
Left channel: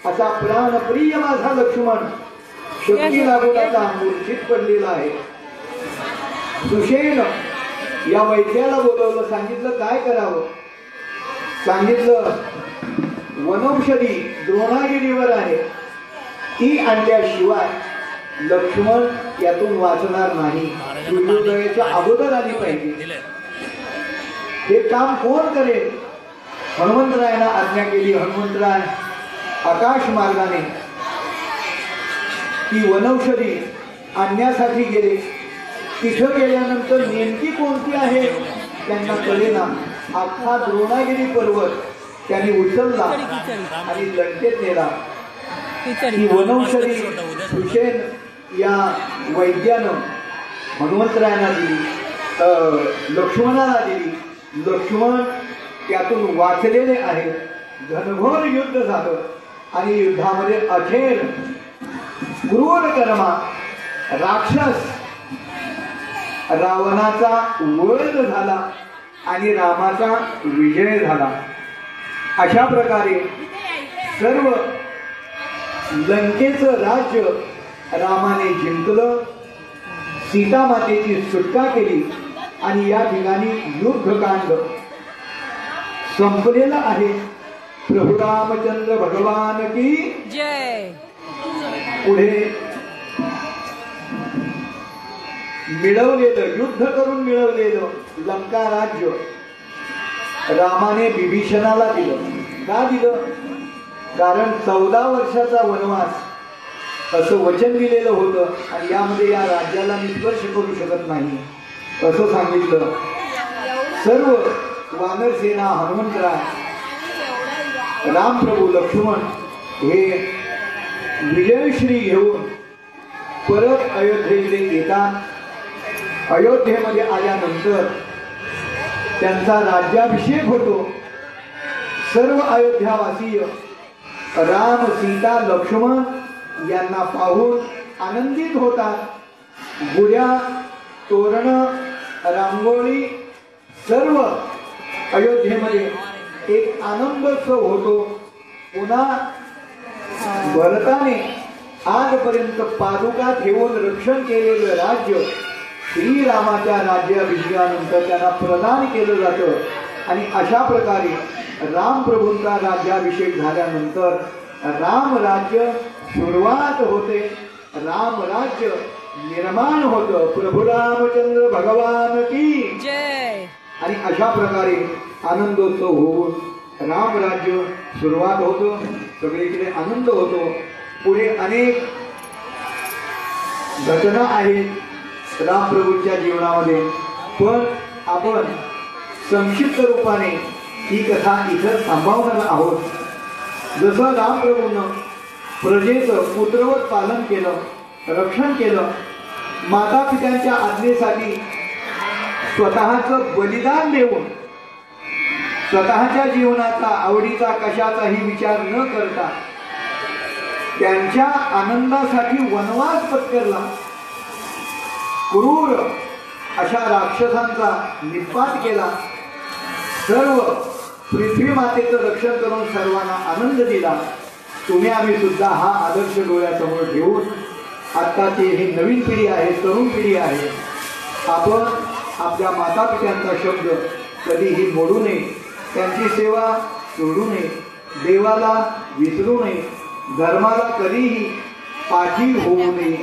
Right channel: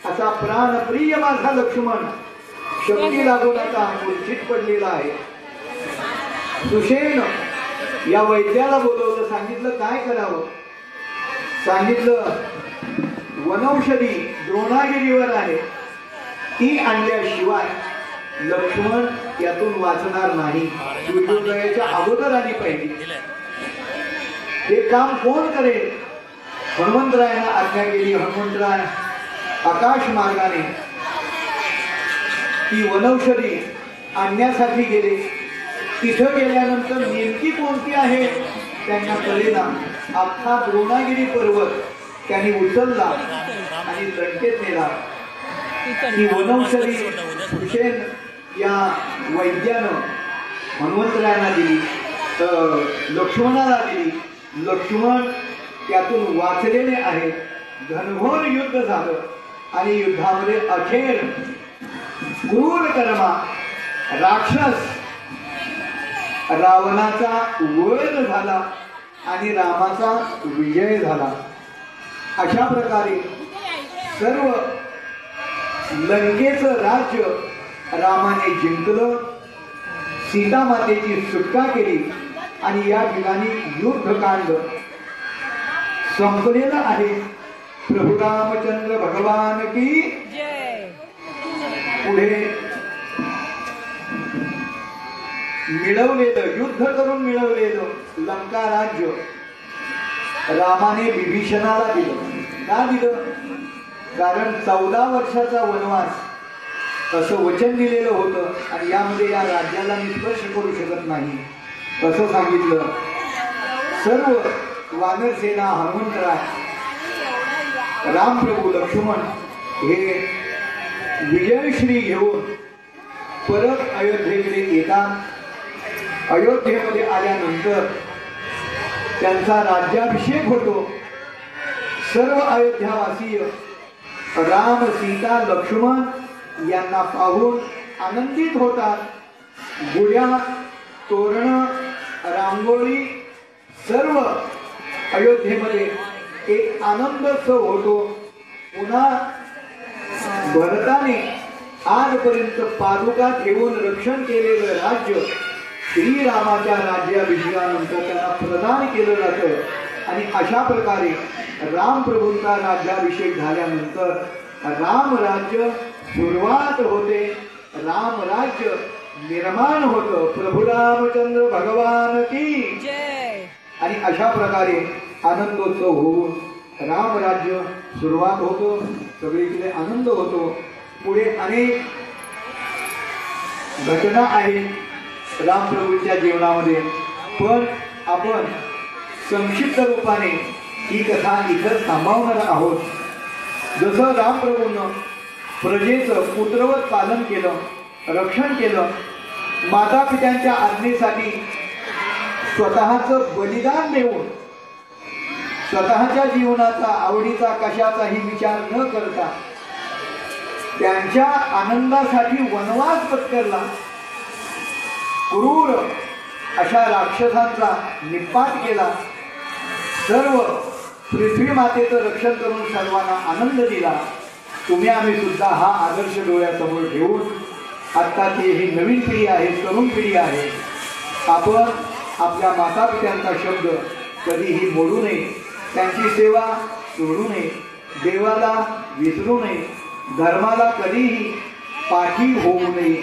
असा प्राणप्रिय माझा लक्ष्मण शक्ती लागून आता मूर्छित पडलेला आहे. सुषेण या वैद्याला बोलवलं. सांगितलं काय करावं. सांगितलं वनौषधी द्रोणागिरीवर आहे, ती आणल्याशिवाय लक्ष्मण यातून वाचणार नाही. सूर्योदयाच्या अगोदर आली पाहिजे. हे काम कोण करेल. हनुमंतरायानं आज्ञा केली. हनुमंतराय आकाश मार्गाने ती वनौषधी आणण्यासाठी गेले. तिथं गेल्यानंतर नेमकी कोणती आहे त्यांना कळेना. अख्खा द्रोणागिरी पर्वत त्यांनी उचलला आणि लंकेत नेला. ती वनौषधी सुषेण या वैद्यानं हनुमंतरायांना दिली. लक्ष्मणाला दिली. लक्ष्मण त्यातून वाचलेले आहे. घनघोर युद्ध झालं आणि युद्धामध्ये अखेर क्रूर कर्मा राक्षस रावणाचा वध झाला आणि रामाचा विजय झाला. अशा प्रकारे सर्व लंकेचं राज्य रामाने जिंकलं. सीतामातेची सुटका केली आणि या ठिकाणी युद्धकांड संपलेलं आहे. प्रभू रामचंद्र भगवान की जय. पुढे मिळवलेलं युद्ध करून मिळवलेलं लंका राज्य रामाने विभीषणाला दिलं. का दिलं? कारण 14 वर्षाचा वनवास असं वचन दिलेलं होतं आणि यामध्ये या राज्याला मी स्पर्श करू शकत नाही असं सांगितलं. सर्व वानरसेना, हनुमंतराय, रामप्रभू, लक्ष्मण हे विजयश्री घेऊन परत अयोध्येकडे येतात. अयोध्येमध्ये आल्यानंतर त्यांचा राज्याभिषेक होतो. सर्व अयोध्यावासीय राम, सीता, लक्ष्मण यांना पाहून आनंदित होतात. गुढ्या, तोरण, रांगोळी सर्व अयोध्येमध्ये एक आनंदोत्सव होतो. पुन्हा भरताने आजपर्यंत पादुका ठेवून रक्षण केलेलं राज्य श्रीरामाच्या राज्याभिषेकानंतर त्यांना प्रदान केलं जातं आणि अशा प्रकारे रामप्रभूंचा राज्याभिषेक झाल्यानंतर राम राज्य सुरुवात होते. राम राज्य निर्माण होतं. प्रभू रामचंद्र भगवान की जय. आणि अशा प्रकारे आनंदोत्सव होऊन राम राज्य सुरुवात होतं. सगळीकडे आनंद होतो. पुढे अनेक घटना आहेत रामप्रभूंच्या जीवनामध्ये, पण आपण संक्षिप्त रूपाने ही कथा इथं थांबवणार आहोत. जसं रामप्रभूंनं प्रजेचं पुत्रवत पालन केलं, रक्षण केलं, माता पित्यांच्या आज्ञेसाठी स्वतःचं बलिदान देऊन स्वतःच्या जीवनाचा, आवडीचा, कशाचाही विचार न करता त्यांच्या आनंदासाठी वनवास पत्करला. क्रूर अशा राक्षसांचा निपात केला. सर्व पृथ्वी मातेचं रक्षण करून सर्वांना आनंद दिला. तुम्ही आम्ही सुद्धा हा आदर्श डोळ्यासमोर ठेवून आत्ताची ही नवीन पिढी आहे, तरुण पिढी आहे, आपण आपल्या माता पित्यांचा शब्द कधीही मोडू नये. त्यांची सेवा सोडू नये. देवाला विसरू नये. धर्माला कधीही पाठी होऊ नये.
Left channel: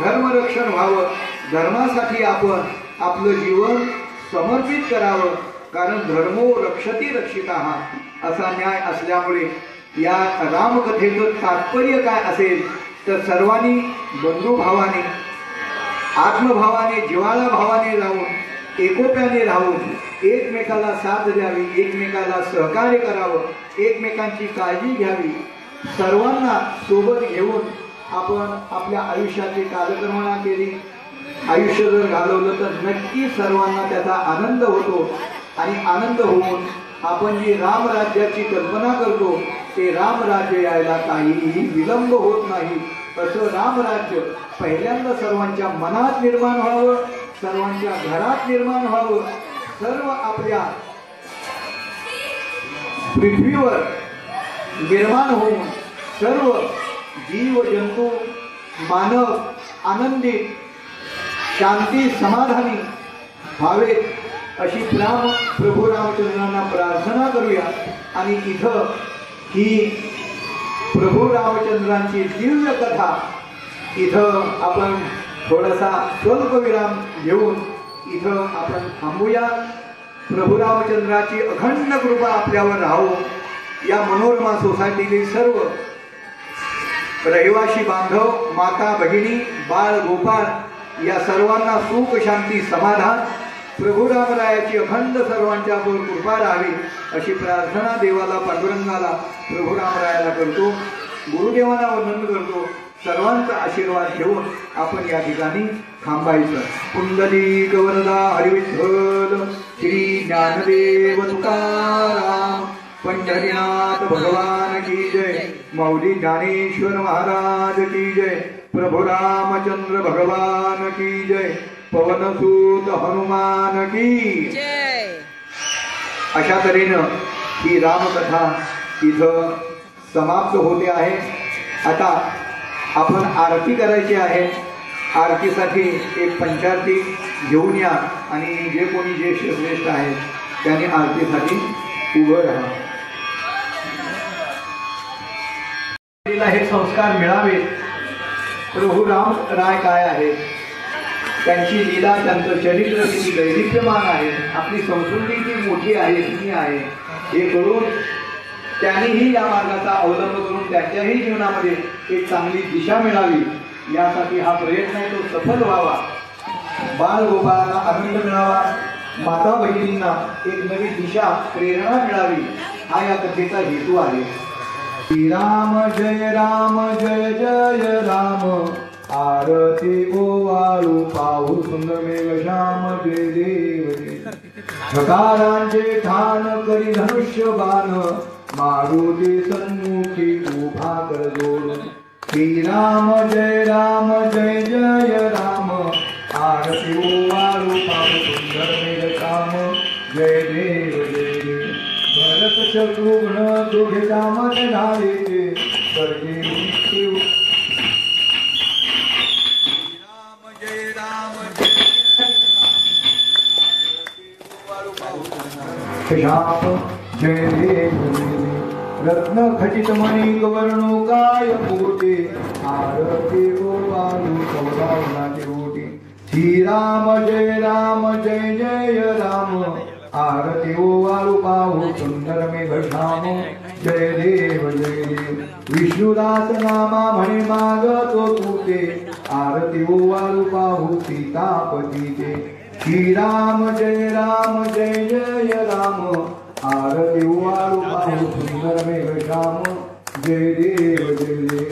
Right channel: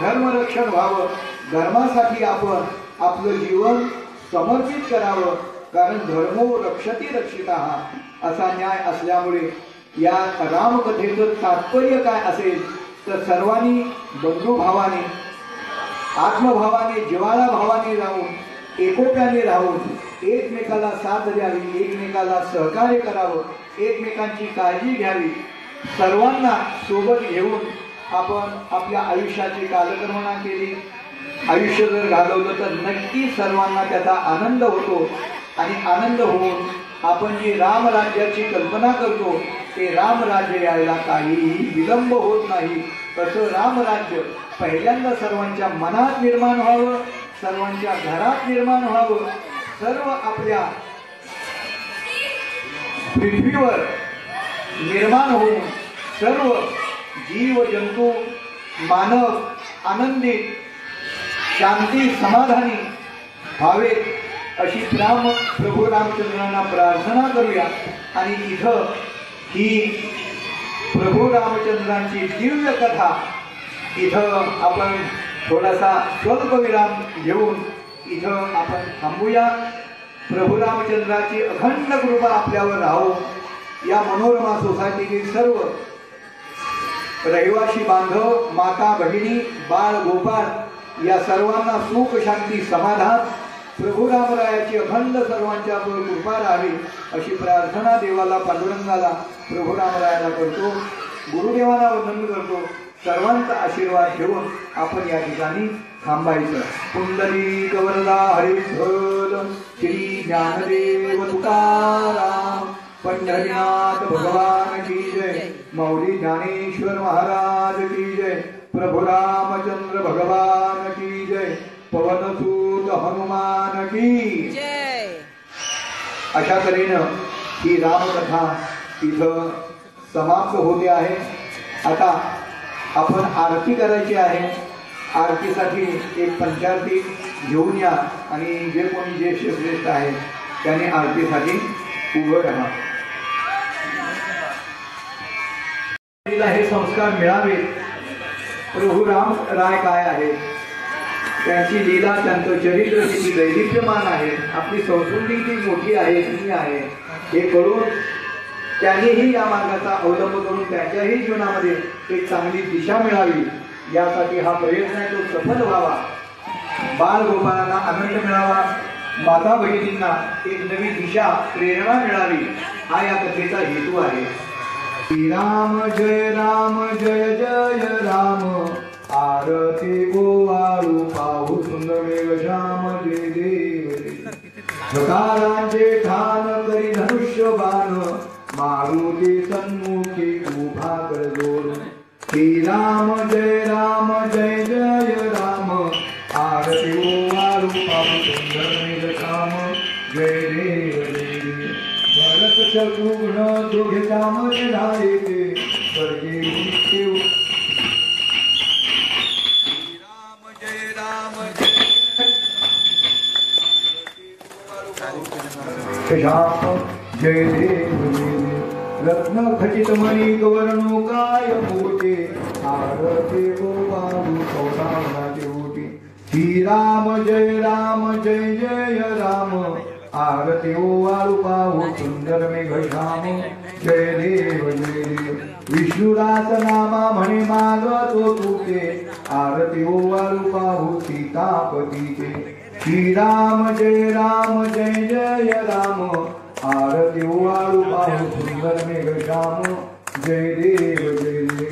धर्मरक्षण व्हावं. धर्मासाठी आपण आपलं जीवन समर्पित करावं. कारण धर्मो रक्षती रक्षितः असा न्याय असल्यामुळे या रामकथेचं तात्पर्य काय असेल तर सर्वांनी बंधुभावाने, आत्मभावाने, जिव्हाळा भावाने राहून, एकोप्याने राहून एकमेकाला साथ द्यावी, एकमेकाला सहकार्य करावं, एकमेकांची काळजी घ्यावी. सर्वांना सोबत घेऊन आपण आपल्या आयुष्याची कालक्रमणा केली. आयुष्य जर घालवलं तर नक्की सर्वांना त्याचा आनंद होतो आणि आनंद होऊन आपण जी रामराज्याची कल्पना करतो ते रामराज्य यायला काहीही विलंब होत नाही. असं रामराज्य पहिल्यांदा सर्वांच्या मनात निर्माण व्हावं, सर्वांच्या घरात निर्माण व्हावं. सर्व आपल्या पृथ्वीवर निर्माण होऊन सर्व जीव जंतू, मानव आनंदित, शांती, समाधानी व्हावेत अशी प्रभू रामचंद्रांना प्रार्थना करूया. आणि इथं ही प्रभू रामचंद्रांची दिव्य कथा इथं आपण थोडासा स्वल्पविराम घेऊन इथं आपण थांबूया. प्रभू रामचंद्राची अखंड कृपा आपल्यावर राहो. या मनोरमा सोसायटीतील सर्व रहिवासी बांधव, माता भगिनी, बाळ गोपाळ या सर्वांना सुख, शांती, समाधान प्रभू रामरायाची अखंड सर्वांच्यावर कृपा राहावी अशी प्रार्थना देवाला, पांडुरंगाला, प्रभू रामरायाला करतो. गुरुदेवांना वंदन करतो. सर्वांचा आशीर्वाद घेऊन आपण या ठिकाणी थांबायचं. पुंडलिक वरदा हरिविठ्ठल श्री ज्ञानदेव तुकाराम पंढरीनाथ भगवान की जय. मौली ज्ञानेश्वर महाराज की जय. प्रभु रामचंद्र भगवान की जय. पवनसूत हनुमान की जय. अशा तऱ्हेनं ही रामकथा इथं समाप्त होते आहे. आता आपण आरती करायची आहे. आरतीसाठी एक पंचारती घेऊन या आणि जे कोणी ज्येष्ठ श्रेष्ठ आहेत त्यांनी आरतीसाठी उभं राहा. हे संस्कार मिळावेत. प्रभू राम राय काय आहे, त्यांची लीला, त्यांचं चरित्र किती दैदिप्यमान आहे, आपली संस्कृती किती मोठी आहे, जुनी आहे, हे करून त्यांनीही या मार्गाचा अवलंब करून त्यांच्याही जीवनामध्ये एक चांगली दिशा मिळावी यासाठी हा प्रयत्न आहे, तो सफल व्हावा. बालगोपाळांना आनंद मिळावा, माता बहिणींना एक नवी दिशा, प्रेरणा मिळावी, हा या कथेचा हेतू आहे. श्रीराम जय जय राम. आरती गोवाळू पाहू सुंदर मेघ श्याम जय देव जय. ठकारांचे ठाण करी धनुष्य बाण, मारुती सन्मुखी उभा कर जोड. श्रीराम जय जय राम. आरती गोवाळू पाहू सुंदर मेघ श्याम जय देव जय देव. भरत शत्रुघ्न दोघे रामाचे धारेचे स्वर्गे मृत्यू. जय देव रत्न खचित मणी गवर्णो काय मोठे. आरती गोवाळू सौदावनाचे ओटे. श्रीराम जय जय राम. आरती गोवाळू पाहू सुंदर मेघ श्याम जय देव जय देव. विष्णुदास नामा म्हणे मागतो तुके. आरती गोवाळू पाहू सीतापतीचे. श्रीराम जय जय राम. आरती गोवाळू पाहू सुंदर मेघ श्याम जय देव जय देव.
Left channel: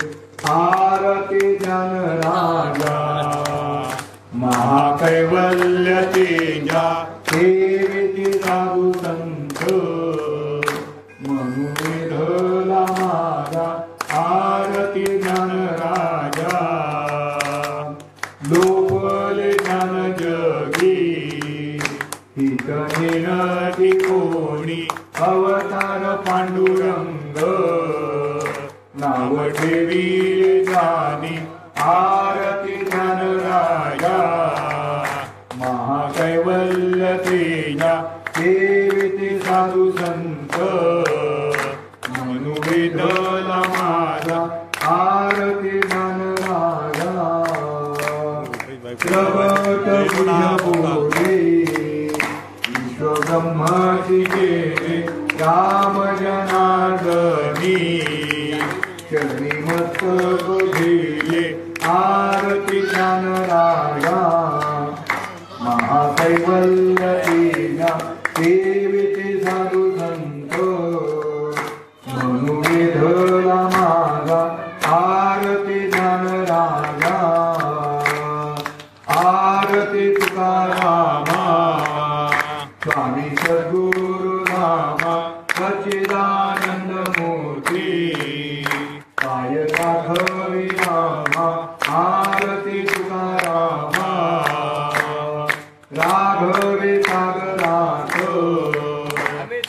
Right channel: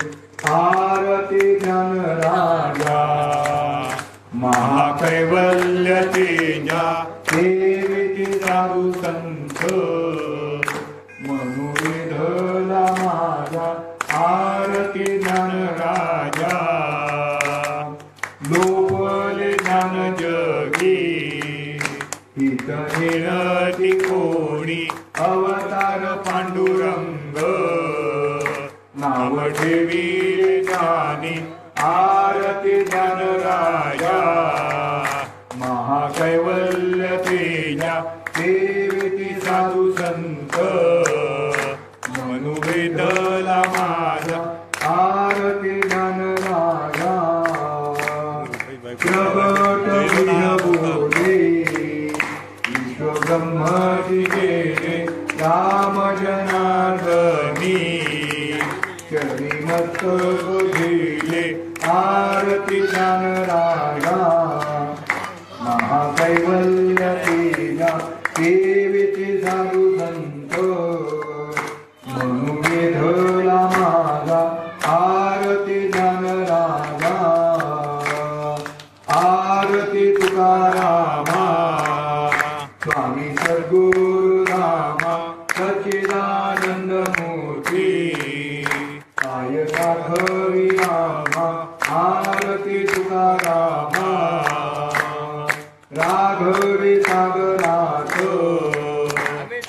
आरती ज्ञान राजा महाकैवल्य तेजा सेविती साधू संत. मनुविधला माझा आरती ज्ञान राजा. लोपले ज्ञान जगी हित विनती कोणी. अवतार पांडुरंग नाम ठेवी जानी. आरती ज्ञान राजा महाकैवल्य तेजा सेविती साधू संत. मनुवेदला माझा आरती ज्ञान राजा. विश्वब्रह्मची गेले राम जनार्दनी. चरणी मस्तक घेले आरती ज्ञान राजा. महाकैवल्य तेजा सेविती साधू संत. मनुवेधला माझा आरती ज्ञान राजा. आरती तुकारामा. स्वामी सद्गुरु रामा सच्चिदानंद मूर्ती. पाय साखरी रामा. आरती तुकारामा. राघवे सागरात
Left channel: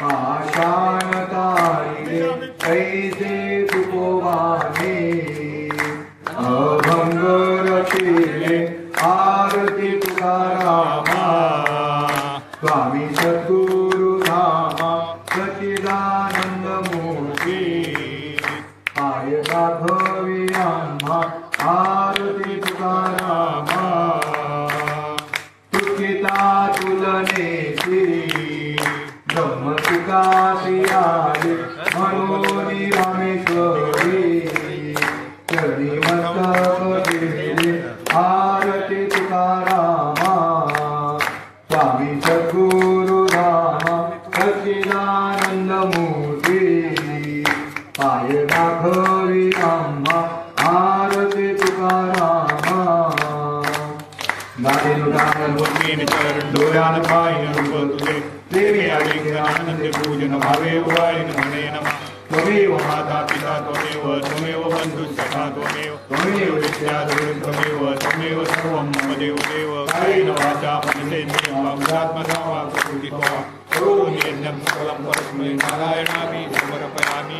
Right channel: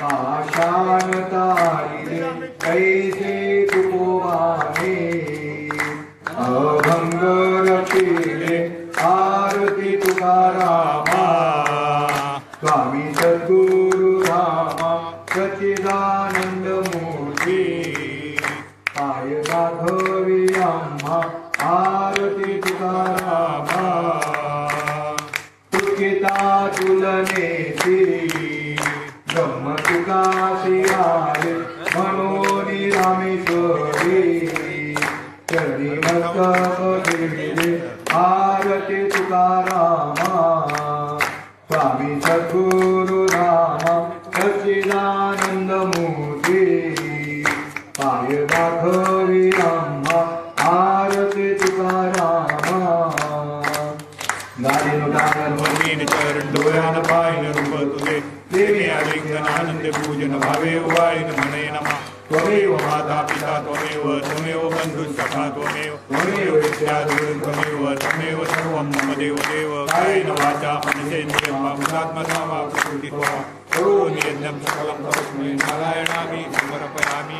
पाषाण तारिले ऐसे तुकोवाने. अभंग रचिले आरती तुकारामा. स्वामी सद्गुरु रामा सच्चिदानंद मूर्ती. पाय राघवी रामा. आरती तुकारामा. तुकिता तुलने श्री ब्रह्म तुकासी आले. मनोनी रामेश्वरी चरणी मस्तक घेले आरती तुकारामा. वंदीन चरण डोळ्यान पाहिन रूप तुझे प्रेमे आलिंगनानंद पूजन भावे वाळीन म्हणे नमा त्वमेव माता पिता त्वमेव बंधु सखा त्वमेव विद्या त्वमेव सर्वं मम देव कायेन वाचा मनसेन्द्रियं वा बुद्धात्मना वा प्रकृति वा करोमि यज्ञं सकलं परस्मै नारायणामि समर्पयामि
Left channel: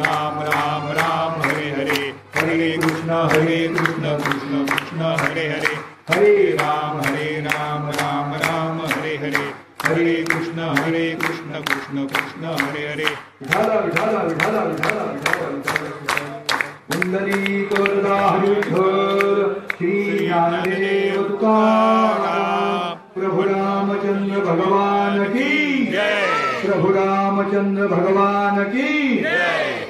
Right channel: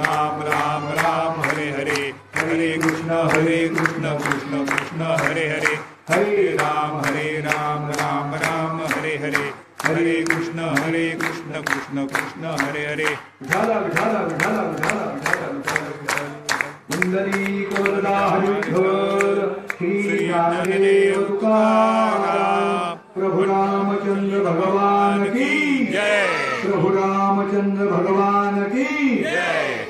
राम राम राम हरे हरे हरे कृष्ण कृष्ण कृष्ण हरे हरे हरे राम राम राम हरे हरे हरे कृष्ण कृष्ण कृष्ण हरे हरे श्री ज्ञानदेव तुकाराम प्रभु रामचंद्र भगवान की जय प्रभु रामचंद्र भगवान की जय।